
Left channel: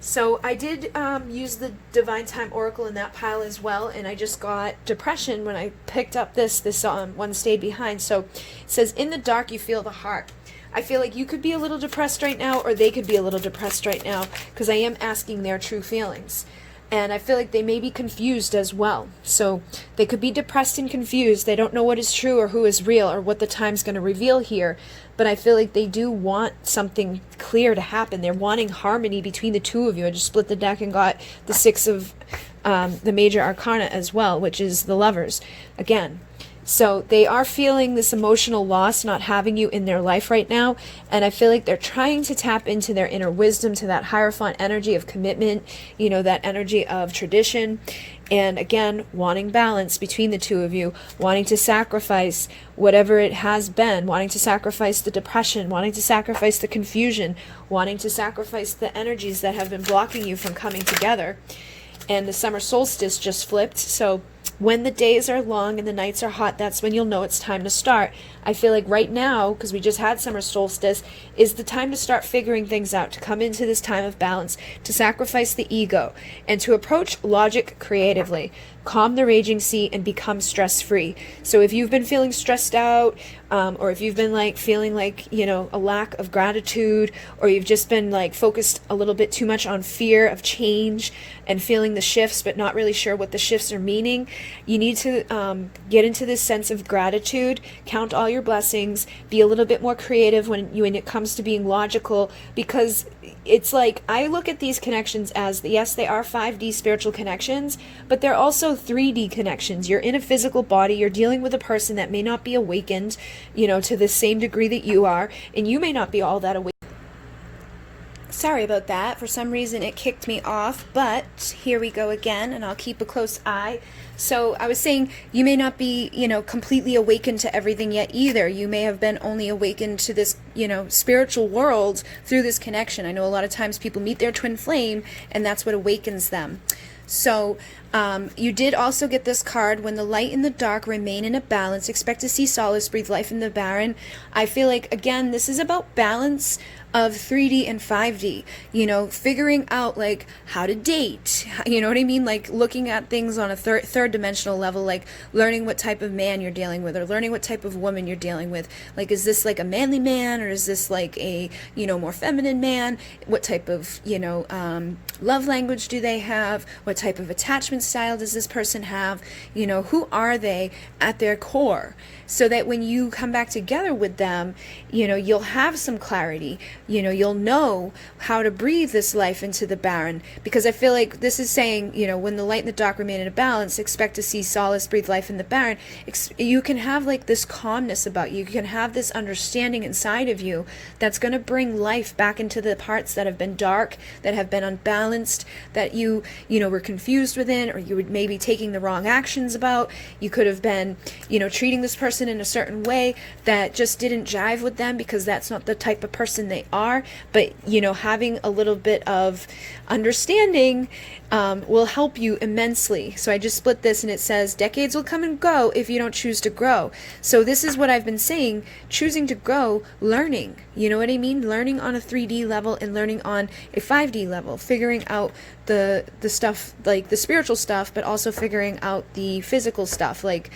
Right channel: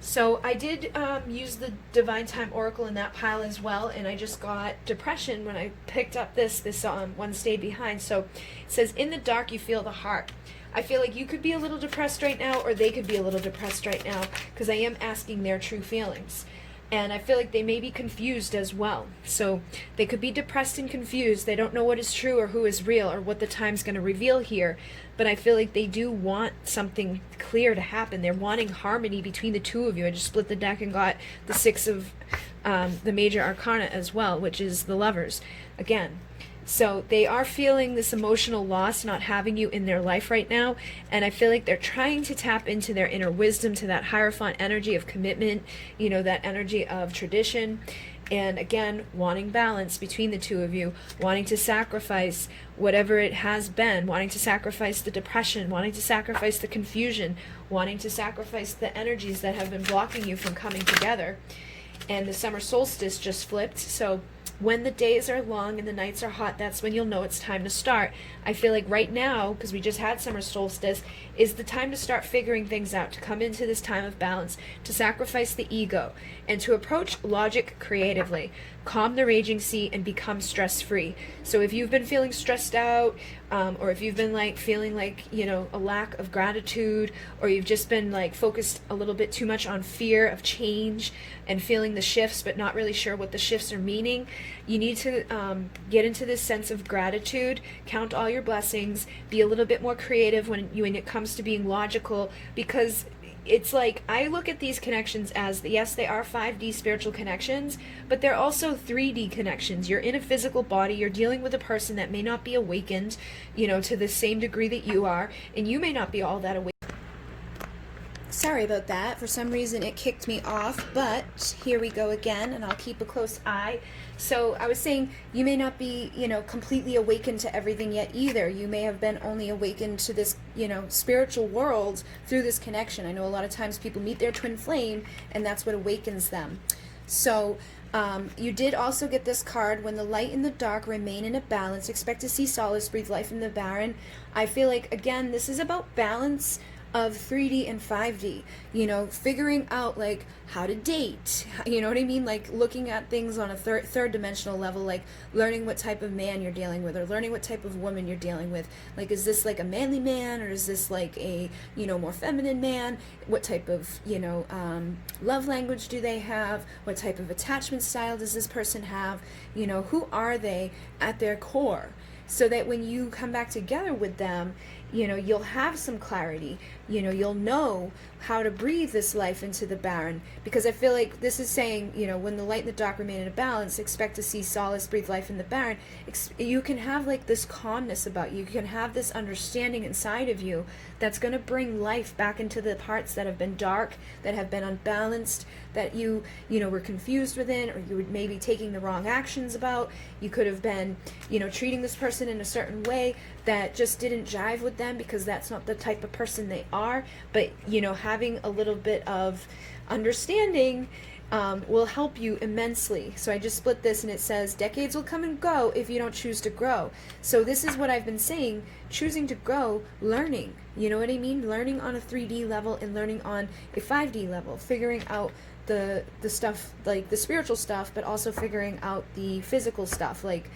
So I did use the Divine Time Oracle in that pile as well, and I just got depression when I picked up this one stayed behind. So it says, in the dark you feel the heart. I feel like you could be a little depressed right now, or they could be a little depressed right now, because I am asking their true feelings. And I feel like they may be confused as well. So they could be depressed and confused. They don't know what is true or who is real or what the time's going to reveal here. But I feel like they do want something clear to happen. They're wanting harmony between the two of you. I just split the deck and got the Six of the Major Arcana as well, which is the Lovers. Again, so they are feeling this emotional loss not having you in their life right now, and I feel like they're trying to tap into their inner wisdom, to that Hierophant energy of commitment, that energy of tradition, and again, wanting balance between the two of you, wanting to sacrifice whatever it has been, wanting to sacrifice the depression, wanting to sacrifice the confusion, wanting to sacrifice the energies that have been blocking you from coming together. And the summer solstice just flipped, so when the days are long and the nights are hot, that's when you'll know it's time to start. I feel like right now, because we just had summer solstice, is the time to start figuring things out, to come into this time of balance, to sacrifice the ego, and to approach logic creatively. Calm the raging sea and become stress-free. So if you've been feeling stressed out, or if you've been feeling a lack of gratitude, or you've just been focused a little bit too much on fear of change and feeling the shifts but not really sure what the shifts are meaning, you need to get into this sense of gratitude, count all your blessings, be a little bit more creative when it comes to being logical, because it's I look at these connections as, yes, they are 5D spiritual connections, but they're also 3D connections. You're in a physical body, you're dealing with a person that may not be awakened, to the same degree that you are, and you may not be all that awakened. Sorry about that. For some reason it kicked me off, but here we go again, and I'll keep a close eye. So I was saying, you may not be, completely awakened to everything yet either. You may have been only awakened to this, spiritual world through this connection. I know a lot of times people meet their twin flame, and that's what awakens them. So you did also get this card, when the light and the dark remain in a balance, expect to see solace, breathe life in the barren. I feel like, again, this is about balance of 3D and 5D, figuring out how to date, you know what I mean? Looking at things on a third dimensional level, learning what type of man you're dealing with, or learning what type of woman you're dealing with. Is this a manly man, or is this a, more feminine man? What type of, love language do they have? What type of attachment style does this person have? Who are they at their core? so that when you come back together with them, you'll have some clarity. You'll know how to breathe this life into the barren, because I feel like this is saying, when the light and the dark remain in a balance, expect to see solace, breathe life in the barren. You can have like this calmness about you. You can have this understanding inside of you that's going to bring life back into the parts that have been dark, that have been unbalanced, that you were confused within, or you were maybe taking the wrong actions about. You could have been, treating this person in a certain way that just didn't jive with them because that's not the type of person they are. But, having a little bit of understanding will help you immensely. So I just split this, and it says decades will come and go if you don't choose to grow. So this is what I've been saying, choosing to grow, learning, you know what I mean? Learning on a 3D level and learning on a 5D level, figuring out the stuff, like the spiritual stuff, but also figuring out the physical stuff, like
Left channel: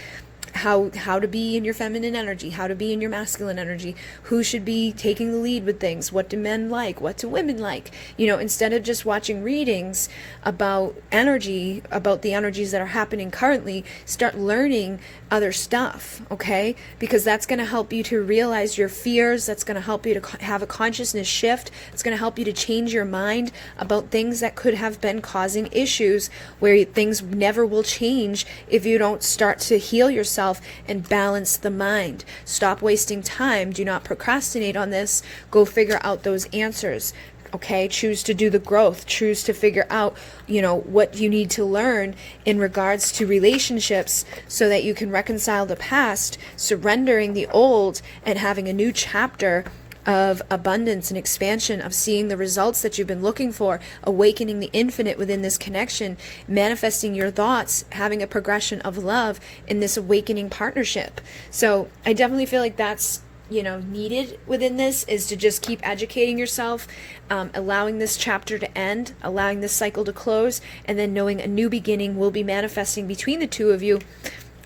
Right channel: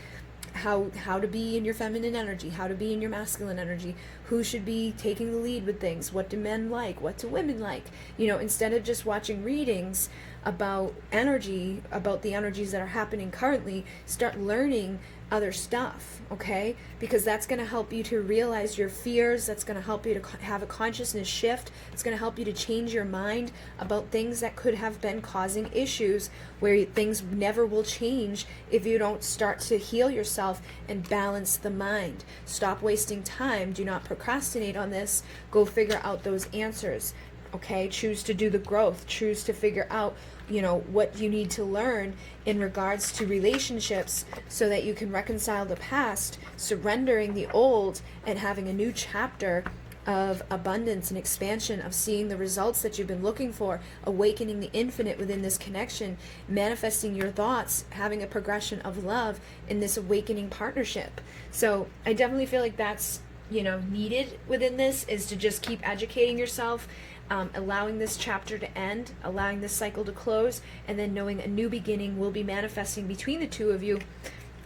how to be in your feminine energy, how to be in your masculine energy, who should be taking the lead with things, what do men like, what do women like, instead of just watching readings about energy, about the energies that are happening currently, start learning other stuff, okay? Because that's going to help you to realize your fears, that's going to help you to have a consciousness shift, it's going to help you to change your mind about things that could have been causing issues, where things never will change if you don't start to heal yourself and balance the mind. Stop wasting time, do not procrastinate on this, go figure out those answers. Okay, choose to do the growth, choose to figure out, what you need to learn in regards to relationships so that you can reconcile the past, surrendering the old, and having a new chapter of abundance and expansion, of seeing the results that you've been looking for, awakening the infinite within this connection, manifesting your thoughts, having a progression of love in this awakening partnership. So I definitely feel like that's needed within this, is to just keep educating yourself, allowing this chapter to end, allowing this cycle to close, and then knowing a new beginning will be manifesting between the two of you,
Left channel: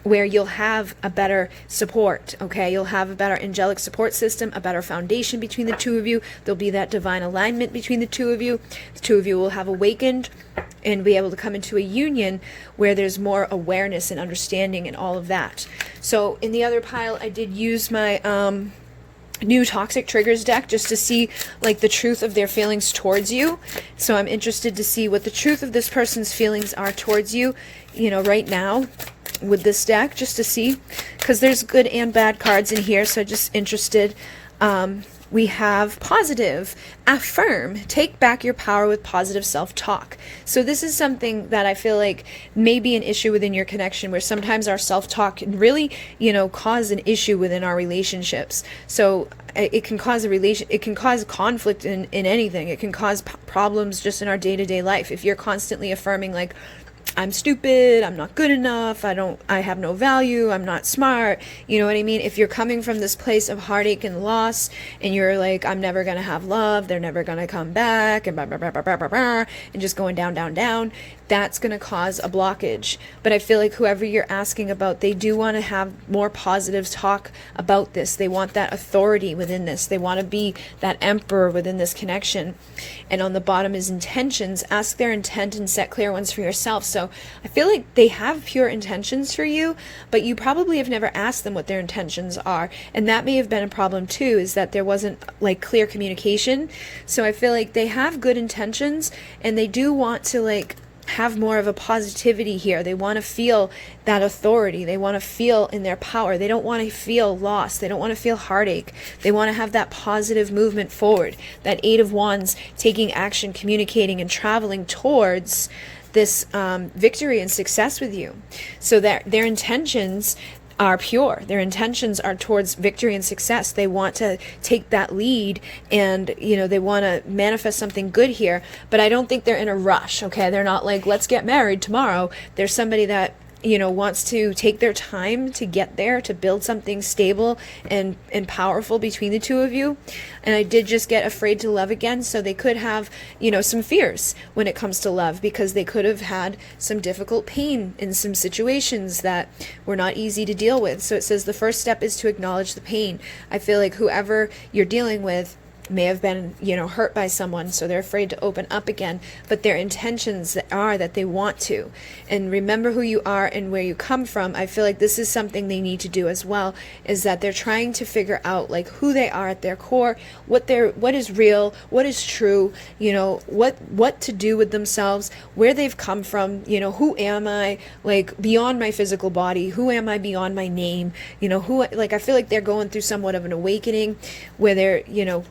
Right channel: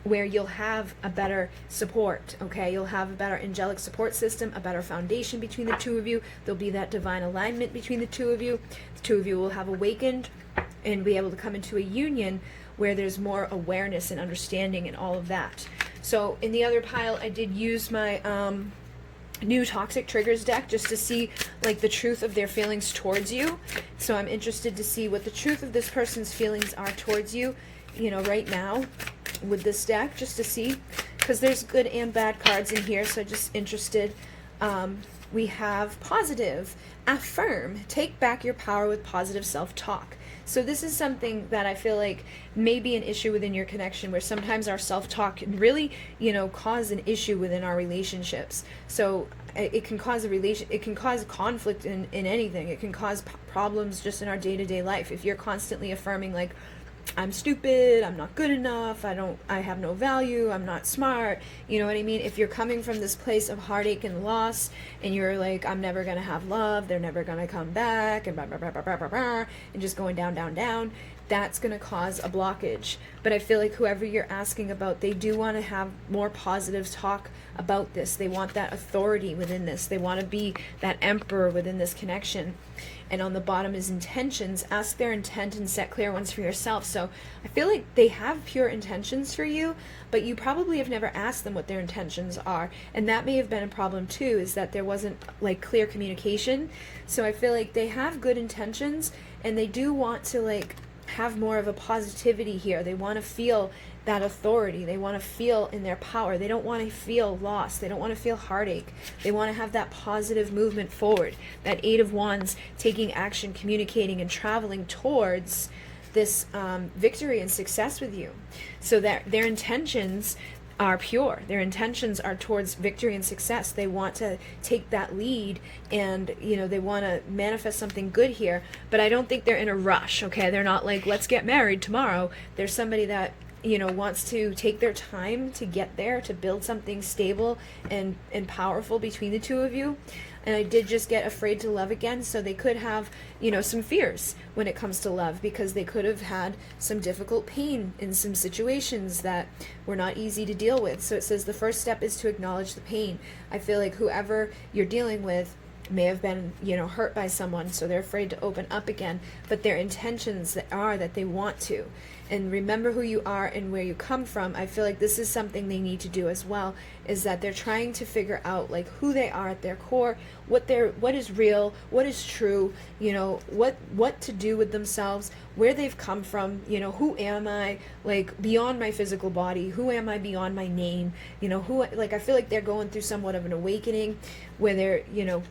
where you'll have a better support, okay? You'll have a better angelic support system, a better foundation between the two of you. There'll be that divine alignment between the two of you. The two of you will have awakened and be able to come into a union where there's more awareness and understanding and all of that. So in the other pile, I did use my new Toxic Triggers deck just to see like the truth of their feelings towards you. So I'm interested to see what the truth of this person's feelings are towards you, right now with this deck, just to see, because there's good and bad cards in here. So just interested. We have positive, affirm, take back your power with positive self-talk. So this is something that I feel like may be an issue within your connection, where sometimes our self-talk can really, cause an issue within our relationships. So it can cause it can cause conflict in anything. It can cause problems just in our day-to-day life. If you're constantly affirming like, I'm stupid, I'm not good enough, I have no value, I'm not smart, you know what I mean? If you're coming from this place of heartache and loss, and you're like, I'm never gonna have love, they're never gonna come back, and blah, blah, blah, blah, blah, blah, blah, and just going down, down, down, that's gonna cause a blockage. But I feel like whoever you're asking about, they do want to have more positive talk about this. They want that authority within this. They want to be that emperor within this connection. And on the bottom is intentions. Ask their intent and set clear ones for yourself. So I feel like they have pure intentions for you, but you probably have never asked them what their intentions are. And that may have been a problem too, is that there wasn't like clear communication. So I feel like they have good intentions, and they do want to like have more of a positivity here. They want to feel that authority. They want to feel in their power. They don't want to feel lost. They don't want to feel heartache. They want to have that positive movement forward. That Eight of Wands, taking action, communicating, and traveling towards this victory and success with you. So that their intentions are pure. Their intentions are towards victory and success. They want to take that lead, and they want to manifest something good here, but I don't think they're in a rush, okay? They're not like, let's get married tomorrow. There's somebody that wants to take their time to get there, to build something stable and powerful between the two of you. And I did just get afraid to love again, so they could have, some fears when it comes to love, because they could have had some difficult pain in some situations that were not easy to deal with. So it says the first step is to acknowledge the pain. I feel like whoever you're dealing with, may have been, hurt by someone, so they're afraid to open up again, but their intentions are that they want to. And remember who you are and where you come from. I feel like this is something they need to do as well, is that they're trying to figure out like who they are at their core, what is real, what is true, what to do with themselves, where they've come from, who am I, like beyond my physical body, who am I beyond my name, I feel like they're going through somewhat of an awakening where they're,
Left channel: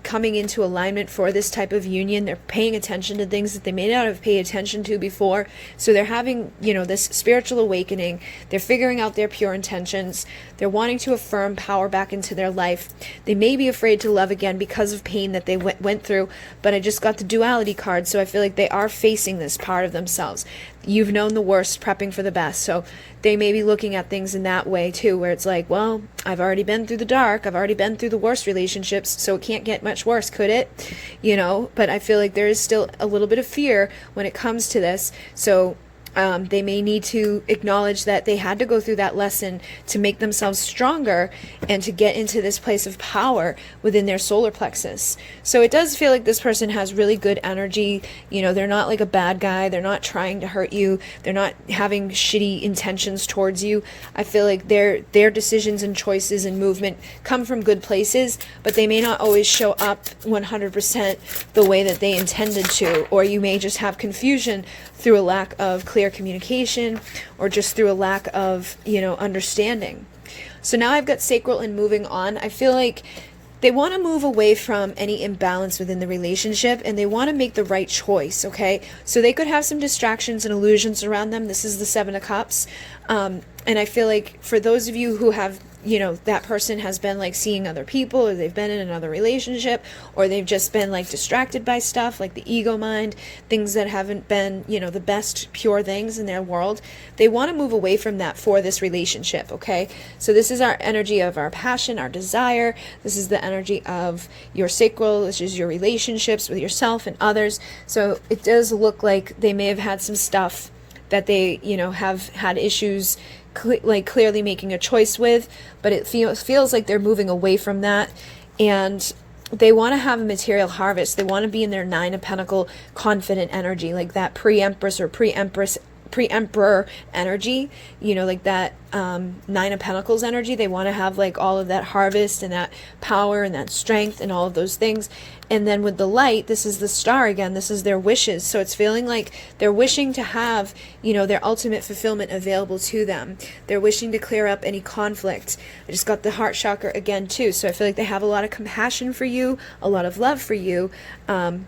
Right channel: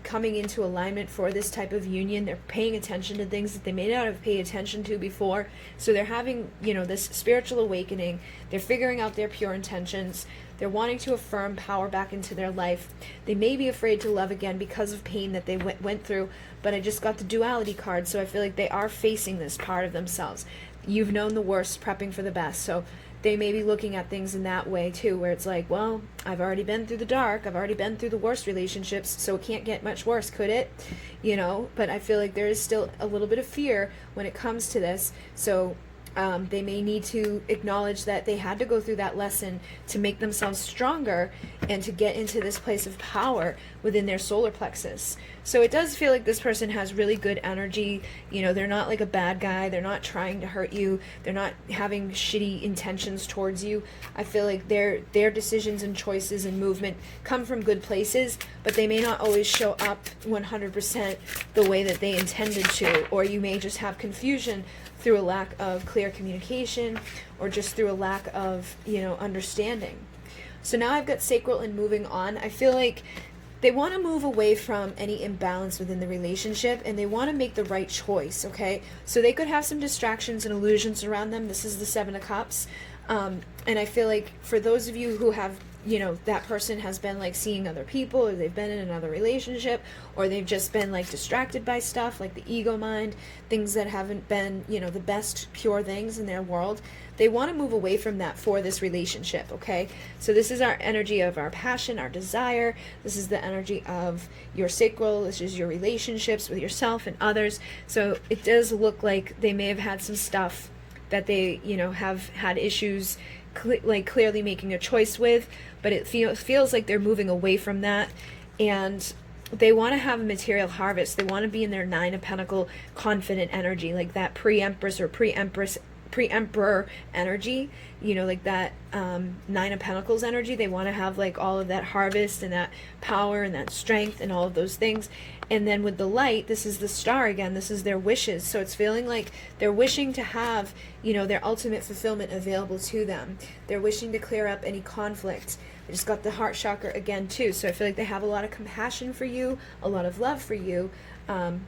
coming into alignment for this type of union. They're paying attention to things that they may not have paid attention to before. So they're having, this spiritual awakening. They're figuring out their pure intentions. They're wanting to affirm power back into their life. They may be afraid to love again because of pain that they went through, but I just got the duality card, so I feel like they are facing this part of themselves. You've known the worst, prepping for the best. So they may be looking at things in that way too, where it's like, well, I've already been through the dark. I've already been through the worst relationships, so it can't get much worse, could it? But I feel like there is still a little bit of fear when it comes to this. So they may need to acknowledge that they had to go through that lesson to make themselves stronger and to get into this place of power within their solar plexus. So it does feel like this person has really good energy. They're not like a bad guy. They're not trying to hurt you. They're not having shitty intentions towards you. I feel like their decisions and choices and movement come from good places, but they may not always show up 100% the way that they intended to, or you may just have confusion through a lack of clear communication or just through a lack of, understanding. So now I've got sacral and moving on. I feel like they want to move away from any imbalance within the relationship, and they want to make the right choice, okay? So they could have some distractions and illusions around them. This is the Seven of Cups. And I feel like for those of you who have, that person has been like seeing other people, or they've been in another relationship, or they've just been like distracted by stuff like the ego mind, things that haven't been, the best pure things in their world. They want to move away from that for this relationship, okay? So this is our energy of our passion, our desire. This is the energy of your sacral, which is your relationships with yourself and others. So it does look like they may have had some stuff that they, have had issues clearly making a choice with, but it feels like they're moving away from that, and they want to have a material harvest. They want to be in their Nine of Pentacle confident energy, like that pre-empress or pre-emperor energy, like that Nine of Pentacles energy. They want to have like all of that harvest and that power and that strength and all of those things. And then with the light, this is the star again, this is their wishes. So it's feeling like they're wishing to have, their ultimate fulfillment available to them. They're wishing to clear up any conflict. I just got the heart chakra again too. So I feel like they have a lot of compassion for you, a lot of love for you. And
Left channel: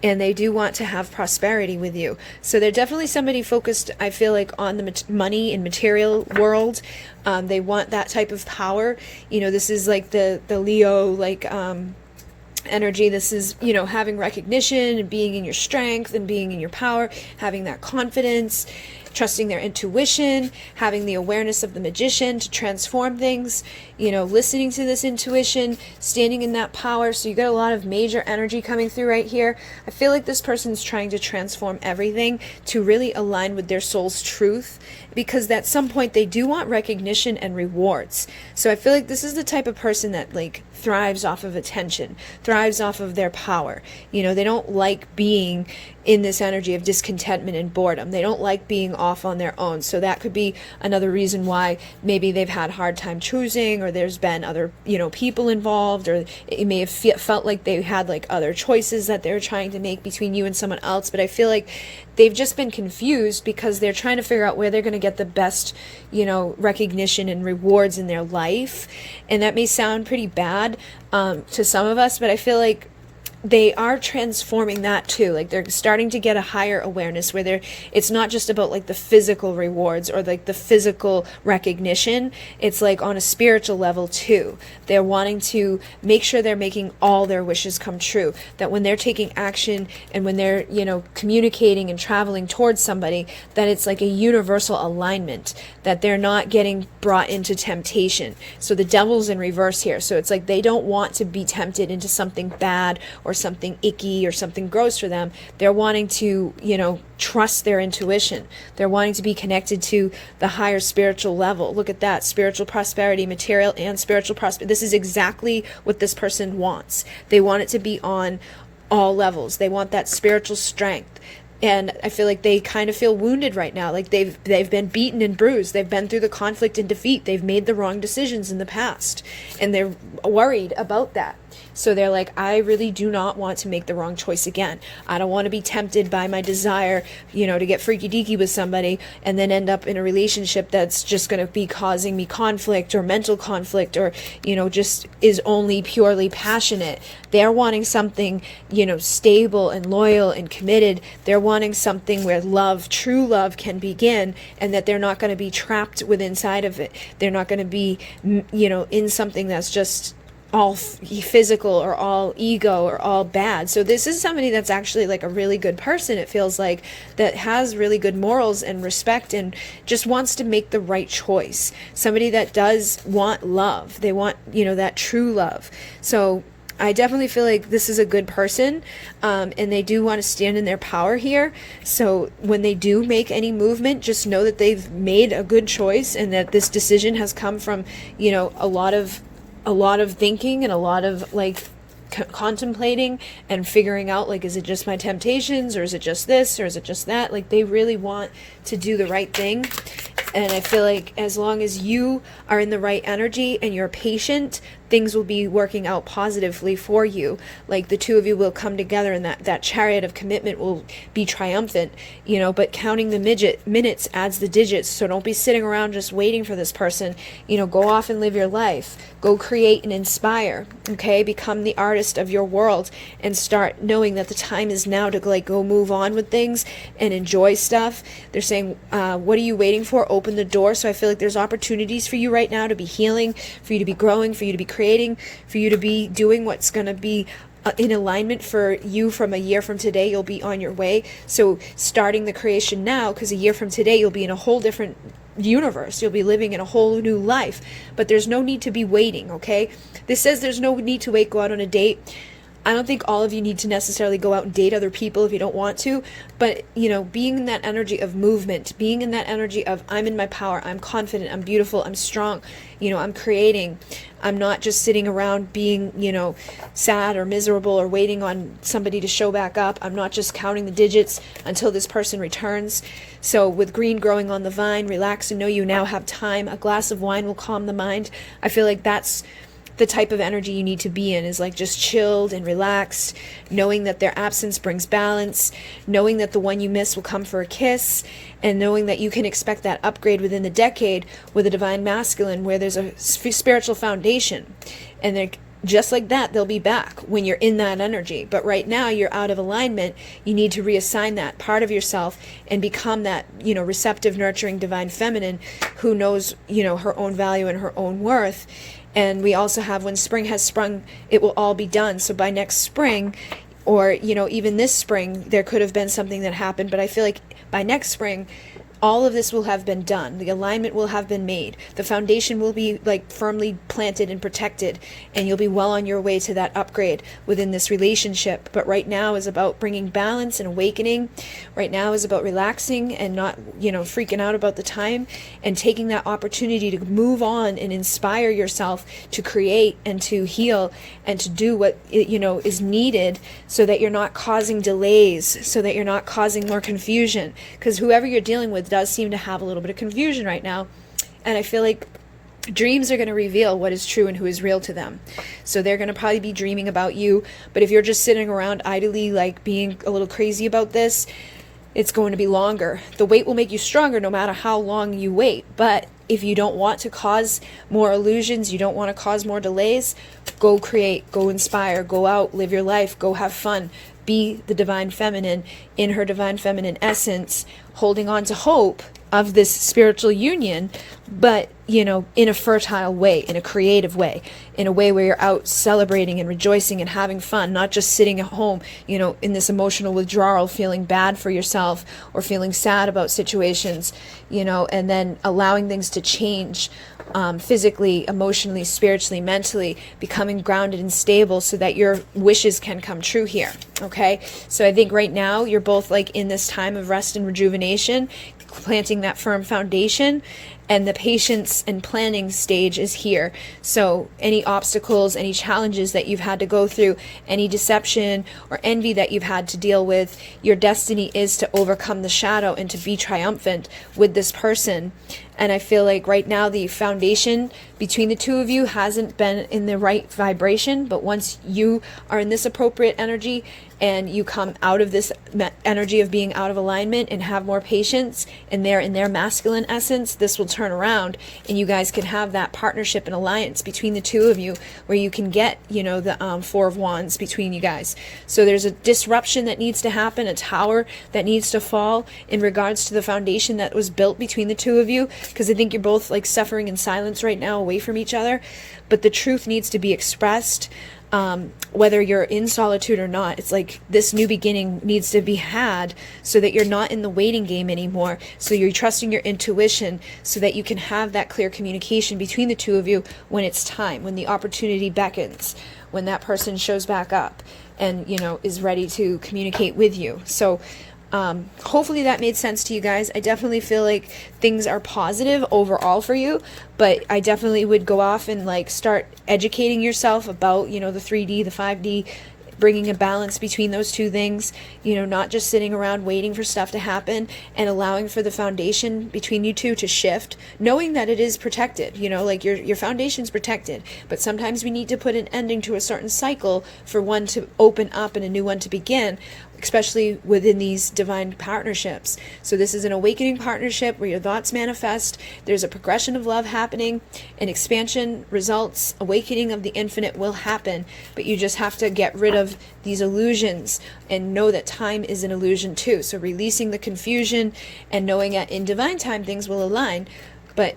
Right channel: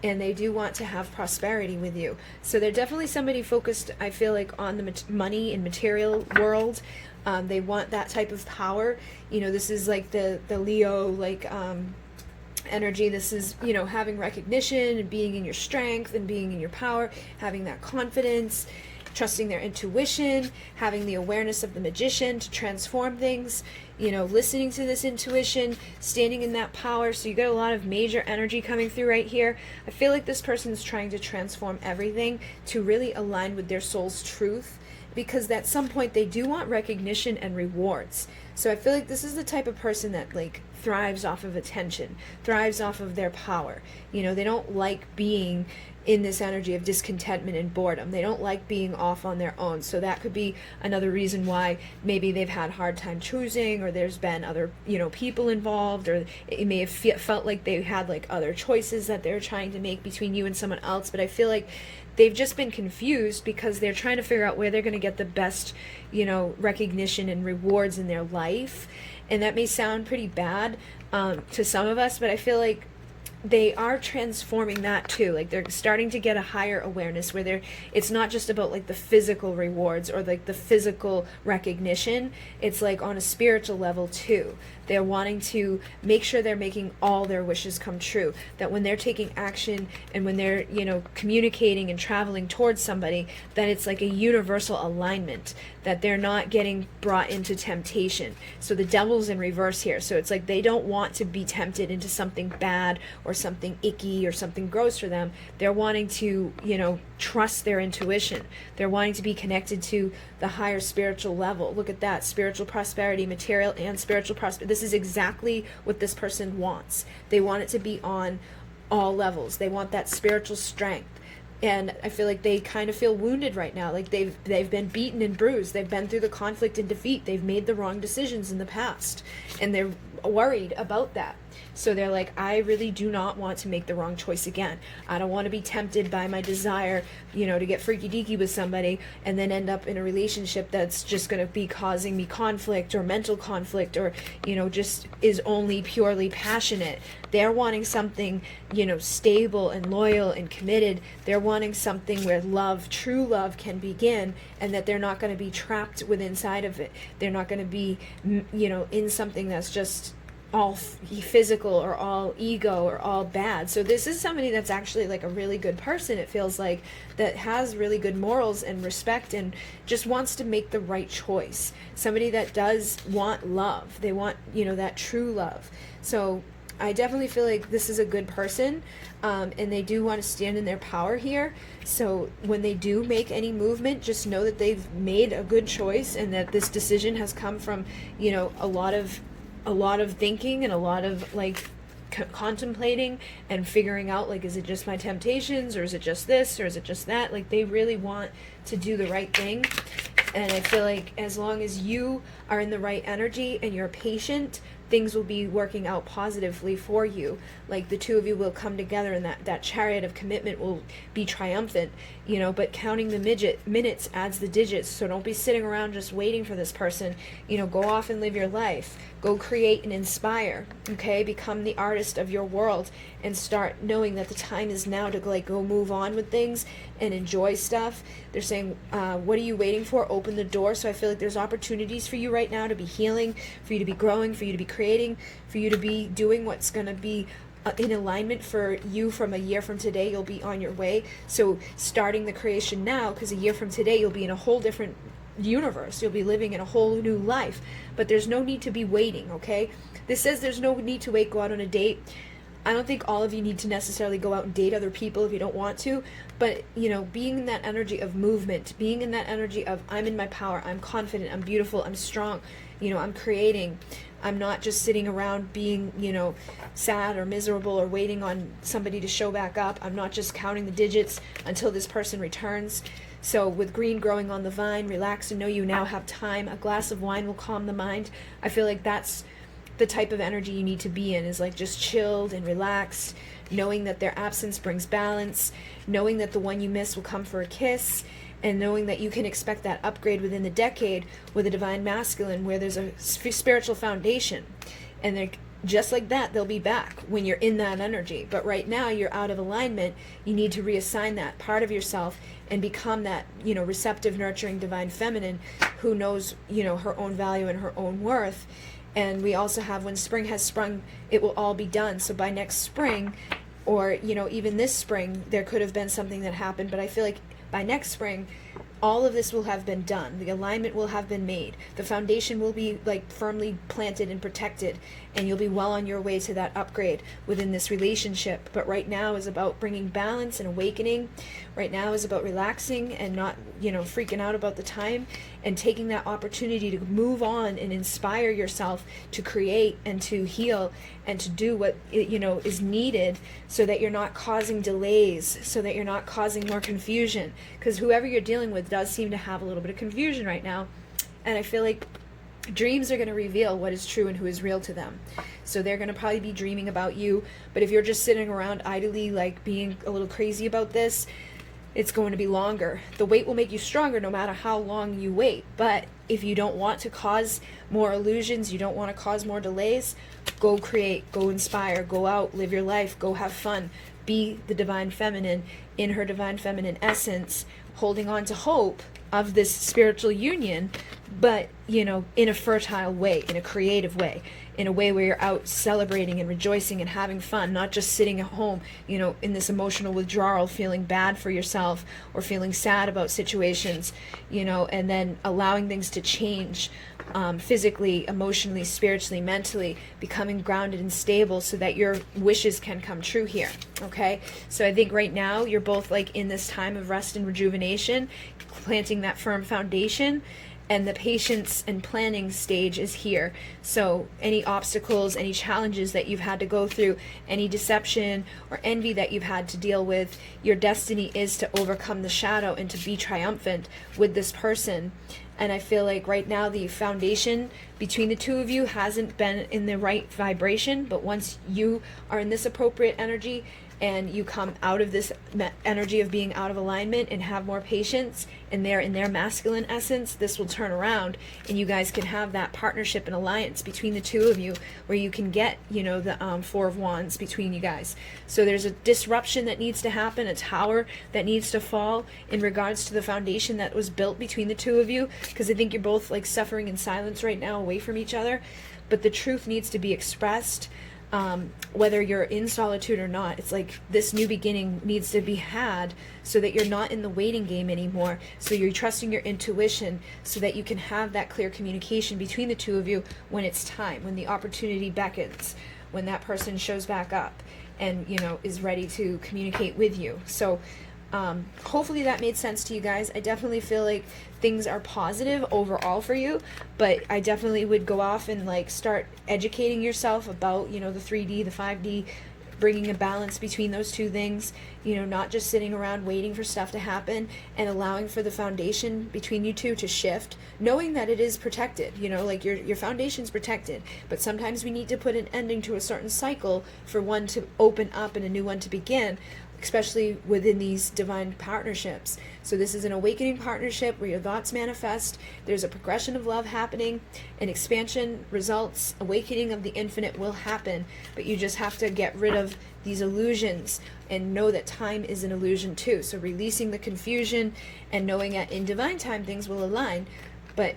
they do want to have prosperity with you. So they're definitely somebody focused, I feel like, on the money and material world. They want that type of power. This is like the Leo, energy. This is, having recognition and being in your strength and being in your power, having that confidence, trusting their intuition, having the awareness of the magician to transform things, listening to this intuition, standing in that power. So you get a lot of major energy coming through right here. I feel like this person's trying to transform everything to really align with their soul's truth, because at some point they do want recognition and rewards. So I feel like this is the type of person that thrives off of attention, thrives off of their power. They don't like being in this energy of discontentment and boredom. They don't like being off on their own. So that could be another reason why maybe they've had a hard time choosing, or there's been other, people involved, or it may have felt like they had other choices that they're trying to make between you and someone else. But I feel like they've just been confused because they're trying to figure out where they're going to get the best, recognition and rewards in their life. And that may sound pretty bad to some of us, but I feel like they are transforming that too. They're starting to get a higher awareness where it's not just about the physical rewards or the physical recognition. It's on a spiritual level too. They're wanting to make sure they're making all their wishes come true. That when they're taking action and when they're, communicating and traveling towards somebody, that it's a universal alignment, that they're not getting brought into temptation. So the devil's in reverse here. So it's they don't want to be tempted into something bad or something icky or something gross for them. They're wanting to, trust their intuition. They're wanting to be connected to the higher spiritual level. Look at that, spiritual prosperity, material and spiritual prosperity. This is exactly what this person wants. They want it to be on all levels. They want that spiritual strength. And I feel like they kind of feel wounded right now. Like they've been beaten and bruised. They've been through the conflict and defeat. They've made the wrong decisions in the past. And they're worried about that. So they're like, I really do not want to make the wrong choice again. I don't want to be tempted by my desire, to get freaky deaky with somebody and then end up in a relationship that's just going to be causing me conflict or mental conflict or, just is only purely passionate. They're wanting something, stable and loyal and committed. They're wanting something where love, true love can begin, and that they're not going to be trapped within inside of it. They're not going to be, in something that's just all physical or all ego or all bad. So this is somebody that's actually like a really good person, it feels like, that has really good morals and respect and just wants to make the right choice. Somebody that does want love. They want, that true love. So I definitely feel like this is a good person, and they do want to stand in their power here. So when they do make any movement, just know that they've made a good choice and that this decision has come from, a lot of thinking and a lot of contemplating and figuring out, is it just my temptations, or is it just this, or is it just that? They really want to do the right thing. And I feel like as long as you are in the right energy and you're patient, things will be working out positively for you. The two of you will come together, and that chariot of commitment will be triumphant, but counting the minutes adds the digits. So don't be sitting around just waiting for this person. Go off and live your life. Go create and inspire, okay? Become the artist of your world and start knowing that the time is now to go move on with things and enjoy stuff. They're saying, what are you waiting for? Open the door. So I feel like there's opportunities for you right now to be healing, for you to be growing, for you to be creating, for you to be doing what's going to be in alignment for you. From a year from today, you'll be on your way. So starting the creation now, because a year from today, you'll be in a whole different universe. You'll be living in a whole new life. But there's no need to be waiting, okay? This says there's no need to wait, go out on a date. I don't think all of you need to necessarily go out and date other people if you don't want to, but, being in that energy of movement, being in that energy of I'm in my power, I'm confident, I'm beautiful, I'm strong, I'm creating. I'm not just sitting around being, sad or miserable or waiting on somebody to show back up. I'm not just counting the digits until this person returns. So with green growing on the vine, relax and know you now have time. A glass of wine will calm the mind. I feel like that's the type of energy you need to be in, is just chilled and relaxed, knowing that their absence brings balance, knowing that the one you miss will come for a kiss, and knowing that you can expect that upgrade within the decade with a divine masculine where there's a spiritual foundation. And they're just like that, they'll be back when you're in that energy. But right now you're out of alignment. You need to reassign that part of yourself and become that, receptive, nurturing, divine feminine who knows, her own value and her own worth. And we also have, when spring has sprung, it will all be done. So by next spring, or, even this spring, there could have been something that happened. But I feel like by next spring, all of this will have been done. The alignment will have been made. The foundation will be firmly planted and protected, and you'll be well on your way to that upgrade within this relationship. But right now is about bringing balance and awakening. Right now is about relaxing and not, freaking out about the time, and taking that opportunity to move on and inspire yourself to create and to heal and to do what, is needed, so that you're not causing delays, so that you're not causing more confusion. Because whoever you're dealing with does seem to have a little bit of confusion right now. And I feel like dreams are going to reveal what is true and who is real to them. So they're going to probably be dreaming about you. But if you're just sitting around idly, being a little crazy about this, it's going to be longer. The wait will make you stronger no matter how long you wait. But if you don't want to cause more illusions, you don't want to cause more delays, go create, go inspire, go out, live your life, go have fun. Be the divine feminine in her divine feminine essence, holding on to hope of this spiritual union, but, you know, in a fertile way, in a creative way, in a way where you're out celebrating and rejoicing and having fun, not just sitting at home, you know, in this emotional withdrawal, feeling bad for yourself or feeling sad about situations, you know, and then allowing things to change physically, emotionally, spiritually, mentally, becoming grounded and stable so that your wishes can come true here. Okay, so I think right now you're both like in this time of rest and rejuvenation, planting that firm foundation, and the patience and planning stage is here. So any obstacles, any challenges that you've had to go through, any deception or envy that you've had to deal with, your destiny is to overcome the shadow and to be triumphant with this person. And I feel like right now the foundation between the two of you hasn't been in the right vibration, but once you are in this appropriate energy and you come out of this energy of being out of alignment and have more patience, and they're in their masculine essence, this will turn around and you guys can have that partnership and alliance between the two of you where you can get, you know, the Four of Wands between you guys. So there's a disruption that needs to happen, a tower that needs to fall in regards to the foundation that was built between the two of you, because I think you're both like suffering in silence right now away from each other, but the truth needs to be expressed. Whether you're in solitude or not, it's like this new beginning needs to be had so that you're not in the waiting game anymore. So you're trusting your intuition so that you can have that clear communication between the two of you when it's time, when the opportunity beckons, when that person shows back up and, you know, is ready to communicate with you. So hopefully that made sense to you guys. I definitely feel like things are positive overall for you, but I definitely would go off and like start educating yourself about, you know, the 3D, the 5D, bringing a balance between those two things, you know, not just sitting around waiting for stuff to happen, and allowing for the foundation between you two to shift, knowing that it is protected, you know, like your foundation's protected, but sometimes we need to put an ending to a certain cycle for one to open up and a new one to begin, especially within these divine partnerships. So this is an awakening partnership where your thoughts manifest, there's a progression of love happening, an expansion, results, awakening of the infinite will happen, but you just have to get rid of these illusions and know that time is an illusion too. So releasing the confusion and knowing that in divine time things will align, but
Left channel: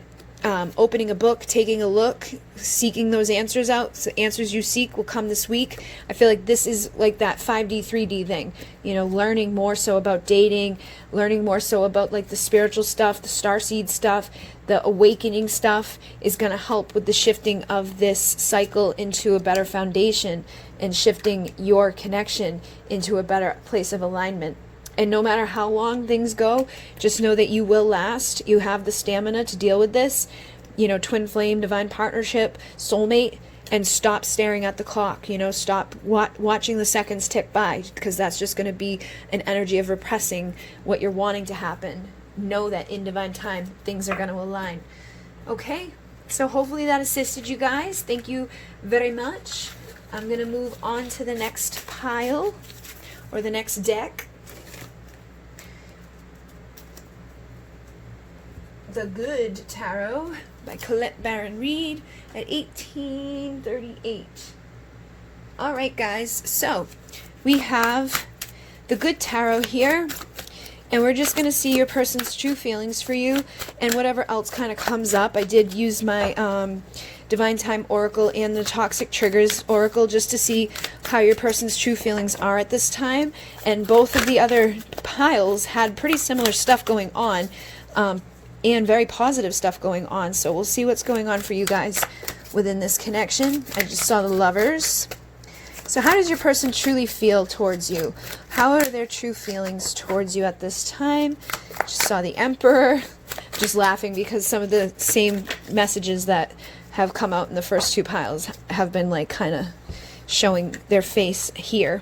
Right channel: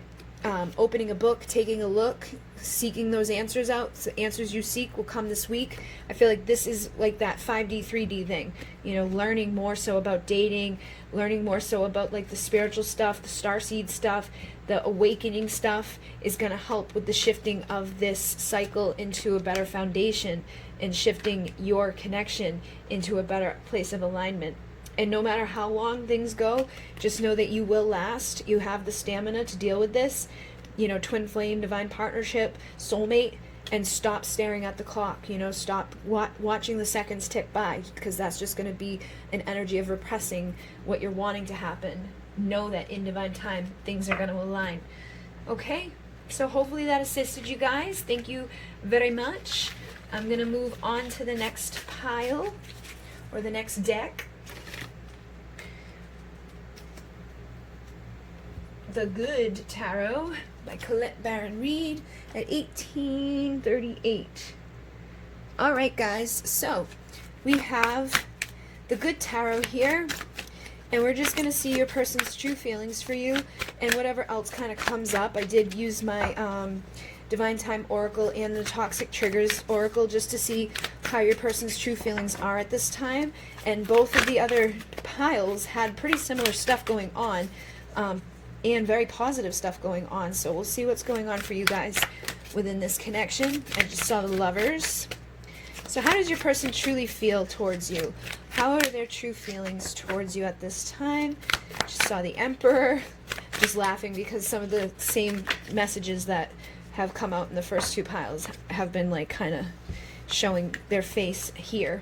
opening a book, taking a look, seeking those answers out. So answers you seek will come this week. I feel like this is like that 5D, 3D thing, you know, learning more so about dating, learning more so about like the spiritual stuff, the starseed stuff, the awakening stuff is going to help with the shifting of this cycle into a better foundation and shifting your connection into a better place of alignment. And no matter how long things go, just know that you will last. You have the stamina to deal with this, you know, twin flame, divine partnership, soulmate, and stop staring at the clock, you know, stop watching the seconds tick by, because that's just going to be an energy of repressing what you're wanting to happen. Know that in divine time, things are going to align. Okay, so hopefully that assisted you guys. Thank you very much. I'm going to move on to the next pile, or the next deck. The Good Tarot by Colette Baron Reed at 1838. All right, guys, so we have the Good Tarot here, and we're just going to see your person's true feelings for you and whatever else kind of comes up. I did use my Divine Time Oracle and the Toxic Triggers Oracle just to see how your person's true feelings are at this time, and both of the other piles had pretty similar stuff going on, and very positive stuff going on. So we'll see what's going on for you guys within this connection. I just saw the Lovers. So how does your person truly feel towards you? How are their true feelings towards you at this time? Just saw the Emperor. Just laughing because some of the same messages that have come out in the first two piles have been like kind of showing their face here.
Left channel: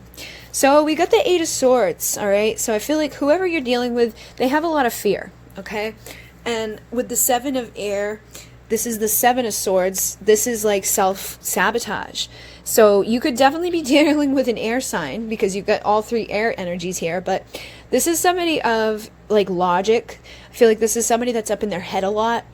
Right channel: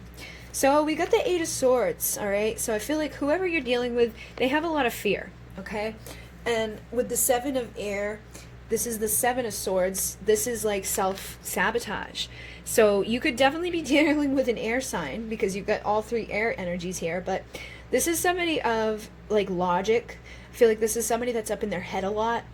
So we got the Eight of Swords, all right? So I feel like whoever you're dealing with, they have a lot of fear, okay? And with the Seven of Air, this is the Seven of Swords. This is like self-sabotage. So you could definitely be dealing with an air sign because you've got all three air energies here. But this is somebody of like logic. I feel like this is somebody that's up in their head a lot.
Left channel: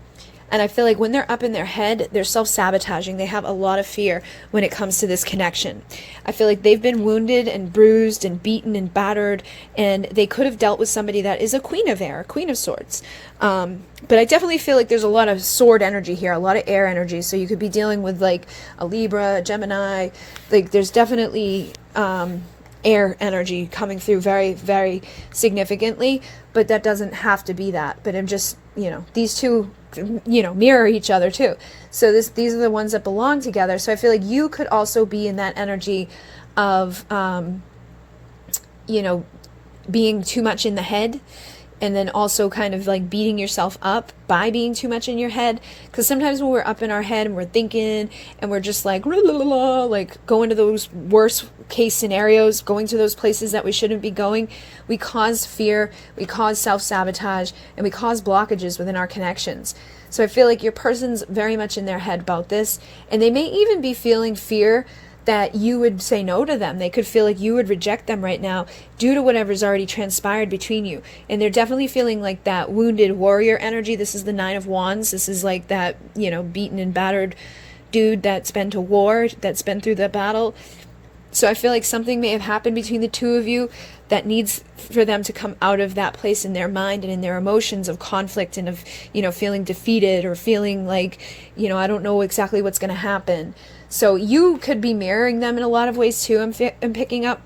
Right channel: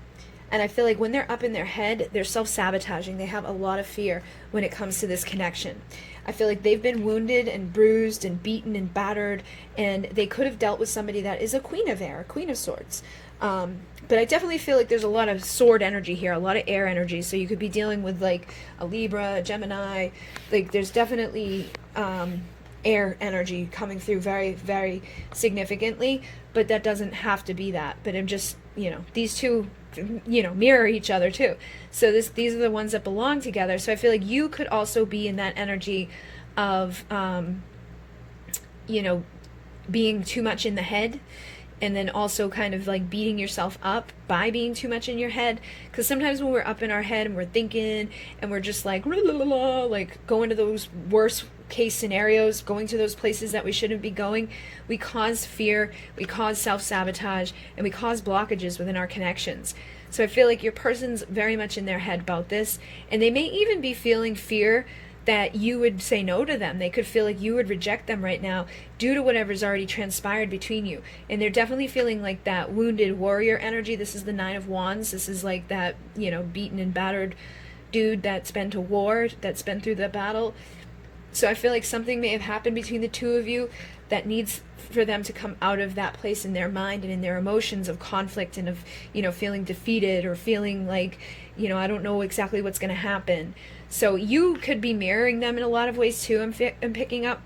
And I feel like when they're up in their head, they're self-sabotaging. They have a lot of fear when it comes to this connection. I feel like they've been wounded and bruised and beaten and battered, and they could have dealt with somebody that is a Queen of Air, a Queen of Swords. But I definitely feel like there's a lot of sword energy here, a lot of air energy. So you could be dealing with like a Libra, a Gemini. Like there's definitely air energy coming through very, very significantly. But that doesn't have to be that. But I'm just, these two, mirror each other too. So these are the ones that belong together. So I feel like you could also be in that energy of, being too much in the head. And then also kind of like beating yourself up by being too much in your head. Because sometimes when we're up in our head and we're thinking and we're just like, like going to those worst case scenarios, going to those places that we shouldn't be going, we cause fear, we cause self-sabotage, and we cause blockages within our connections. So I feel like your person's very much in their head about this. And they may even be feeling fear that you would say no to them. They could feel like you would reject them right now due to whatever's already transpired between you. And they're definitely feeling like that wounded warrior energy. This is the Nine of Wands. This is like that, beaten and battered dude that's been to war, that's been through the battle. So I feel like something may have happened between the two of you that needs for them to come out of that place in their mind and in their emotions of conflict and of, feeling defeated or feeling like, I don't know exactly what's going to happen. So you could be mirroring them in a lot of ways too, I'm picking up.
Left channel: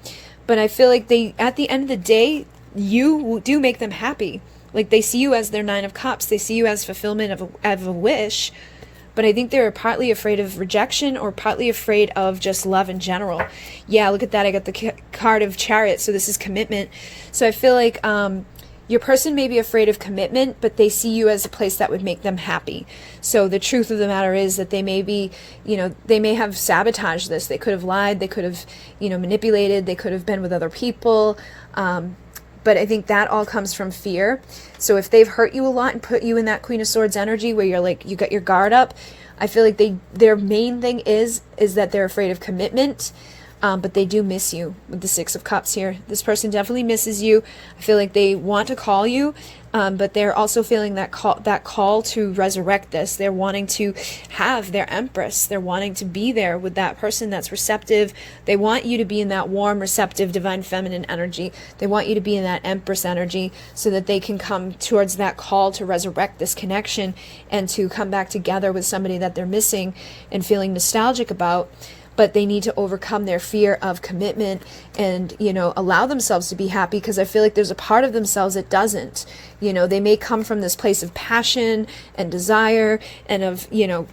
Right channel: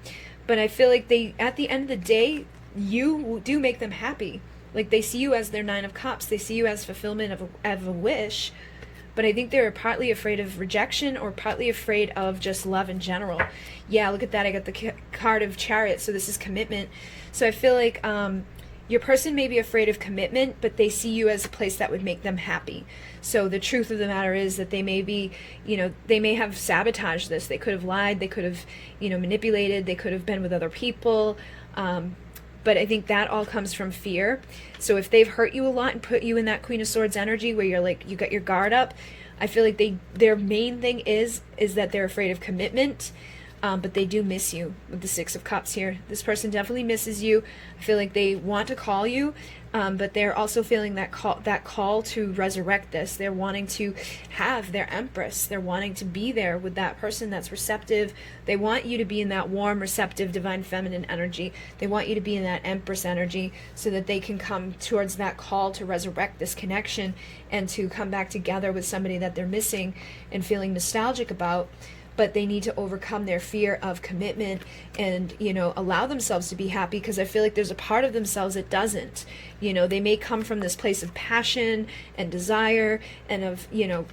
But I feel like at the end of the day, you do make them happy. Like they see you as their Nine of Cups. They see you as fulfillment of a wish. But I think they're partly afraid of rejection or partly afraid of just love in general. Yeah, look at that. I got the card of Chariot. So this is commitment. So I feel like your person may be afraid of commitment, but they see you as a place that would make them happy. So the truth of the matter is that they may be, they may have sabotaged this. They could have lied. They could have, manipulated. They could have been with other people. But I think that all comes from fear. So if they've hurt you a lot and put you in that Queen of Swords energy where you're like, you got your guard up, I feel like their main thing is that they're afraid of commitment. But they do miss you with the Six of Cups here. This person definitely misses you. I feel like they want to call you, but they're also feeling that call to resurrect this. They're wanting to have their Empress. They're wanting to be there with that person that's receptive. They want you to be in that warm, receptive, divine feminine energy. They want you to be in that Empress energy so that they can come towards that call to resurrect this connection and to come back together with somebody that they're missing and feeling nostalgic about. But they need to overcome their fear of commitment and, allow themselves to be happy, because I feel like there's a part of themselves that doesn't. They may come from this place of passion and desire and of,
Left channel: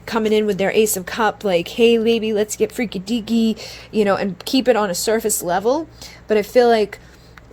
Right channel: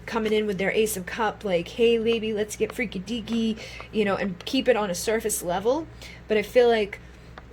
coming in with their Ace of Cup, like, hey, baby, let's get freaky deaky, and keep it on a surface level. But I feel like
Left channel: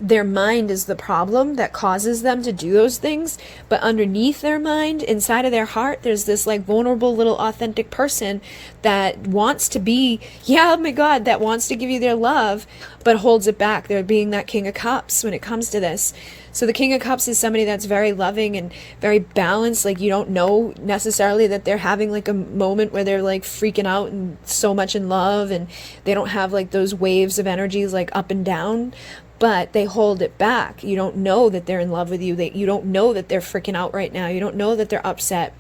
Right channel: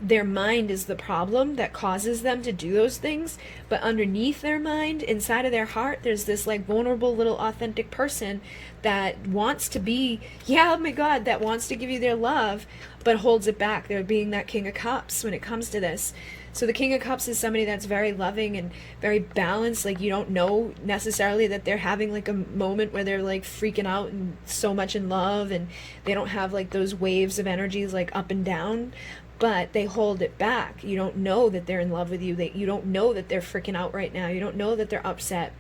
their mind is the problem that causes them to do those things. But underneath their mind, inside of their heart, there's this like vulnerable little authentic person that wants to be, oh my God, that wants to give you their love, but holds it back. They're being that King of Cups when it comes to this. So the King of Cups is somebody that's very loving and very balanced. Like you don't know necessarily that they're having like a moment where they're like freaking out and so much in love, and they don't have like those waves of energies like up and down. But they hold it back. You don't know that they're in love with you. You don't know that they're freaking out right now. You don't know that they're upset.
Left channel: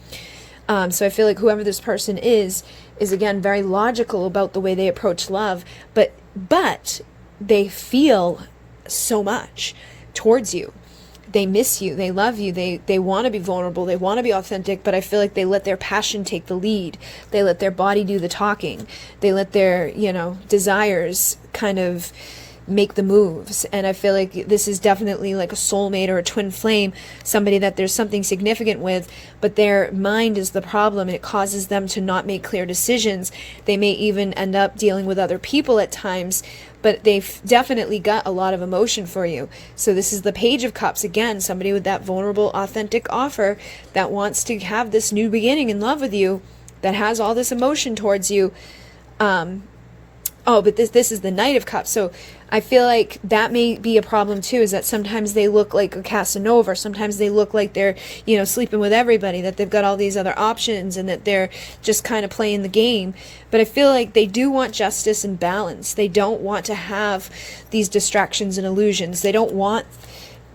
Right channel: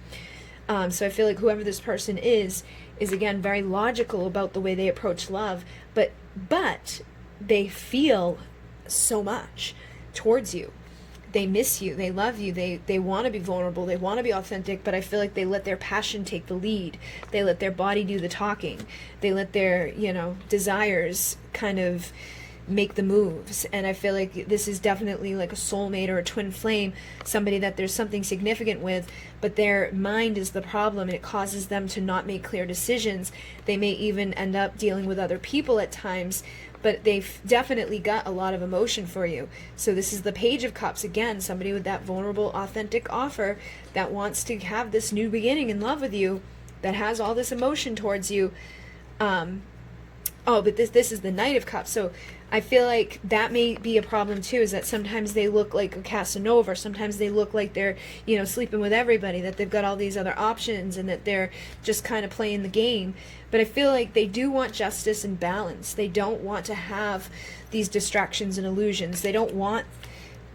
So I feel like whoever this person is again very logical about the way they approach love. But they feel so much towards you. They miss you. They love you. They want to be vulnerable. They want to be authentic. But I feel like they let their passion take the lead. They let their body do the talking. They let their desires kind of make the moves. And I feel like this is definitely like a soulmate or a twin flame, somebody that there's something significant with, but their mind is the problem and it causes them to not make clear decisions. They may even end up dealing with other people at times, but they've definitely got a lot of emotion for you. So this is the Page of Cups again, somebody with that vulnerable, authentic offer that wants to have this new beginning in love with you, that has all this emotion towards you. But this is the Knight of Cups. So I feel like that may be a problem too, is that sometimes they look like a Casanova. Sometimes they look like they're, sleeping with everybody, that they've got all these other options and that they're just kind of playing the game. But I feel like they do want justice and balance. They don't want to have these distractions and illusions. They don't want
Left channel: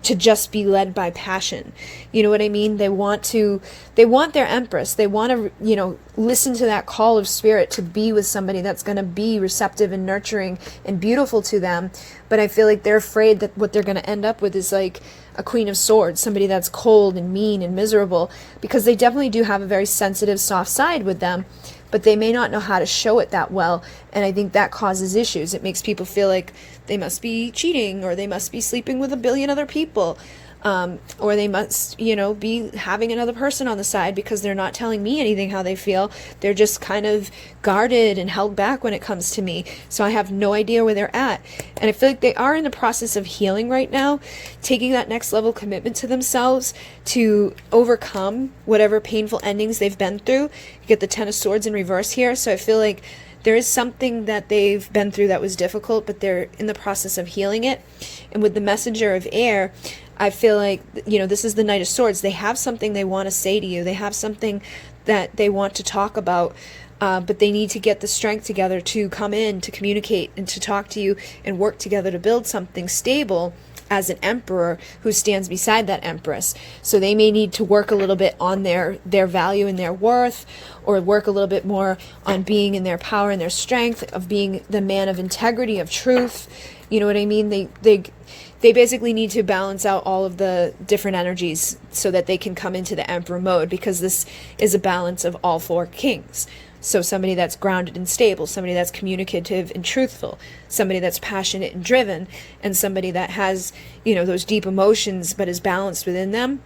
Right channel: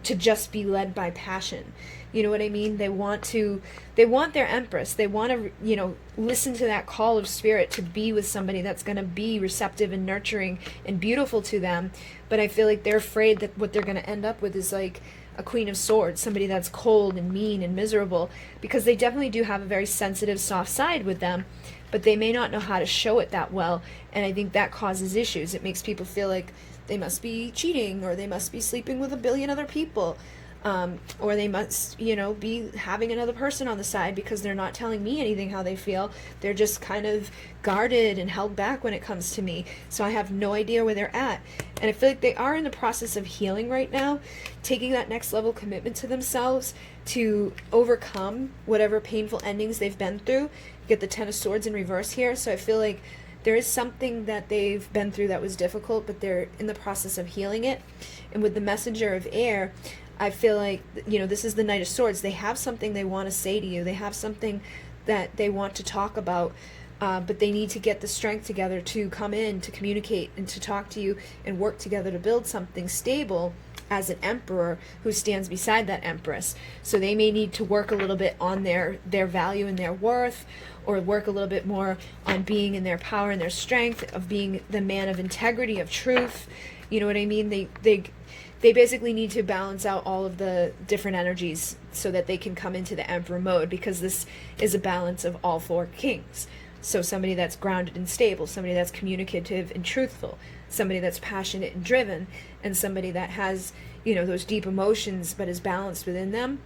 to just be led by passion. You know what I mean? They want their empress. They want to, you know, listen to that call of spirit to be with somebody that's going to be receptive and nurturing and beautiful to them. But I feel like they're afraid that what they're going to end up with is like a Queen of Swords, somebody that's cold and mean and miserable, because they definitely do have a very sensitive, soft side with them, but they may not know how to show it that well. And I think that causes issues. It makes people feel like they must be cheating, or they must be sleeping with a billion other people, or they must, you know, be having another person on the side because they're not telling me anything how they feel. They're just kind of guarded and held back when it comes to me. So I have no idea where they're at. And I feel like they are in the process of healing right now, taking that next level commitment to themselves to overcome whatever painful endings they've been through. You get the Ten of Swords in reverse here. So I feel like there is something that they've been through that was difficult, but they're in the process of healing it. And with the Messenger of Air, I feel like, you know, this is the Knight of Swords. They have something they want to say to you. They have something that they want to talk about, but they need to get the strength together to come in, to communicate, and to talk to you and work together to build something stable as an emperor who stands beside that empress. So they may need to work a little bit on their value and their worth, or work a little bit more on being in their power and their strength, of being the man of integrity, of truth. You know what I mean? They basically need to balance out all of the different energies so that they can come into the emperor mode, because this is a balance of all four kings. So somebody that's grounded and stable, somebody that's communicative and truthful, somebody that's passionate and driven, and somebody that has, you know, those deep emotions but is balanced within them.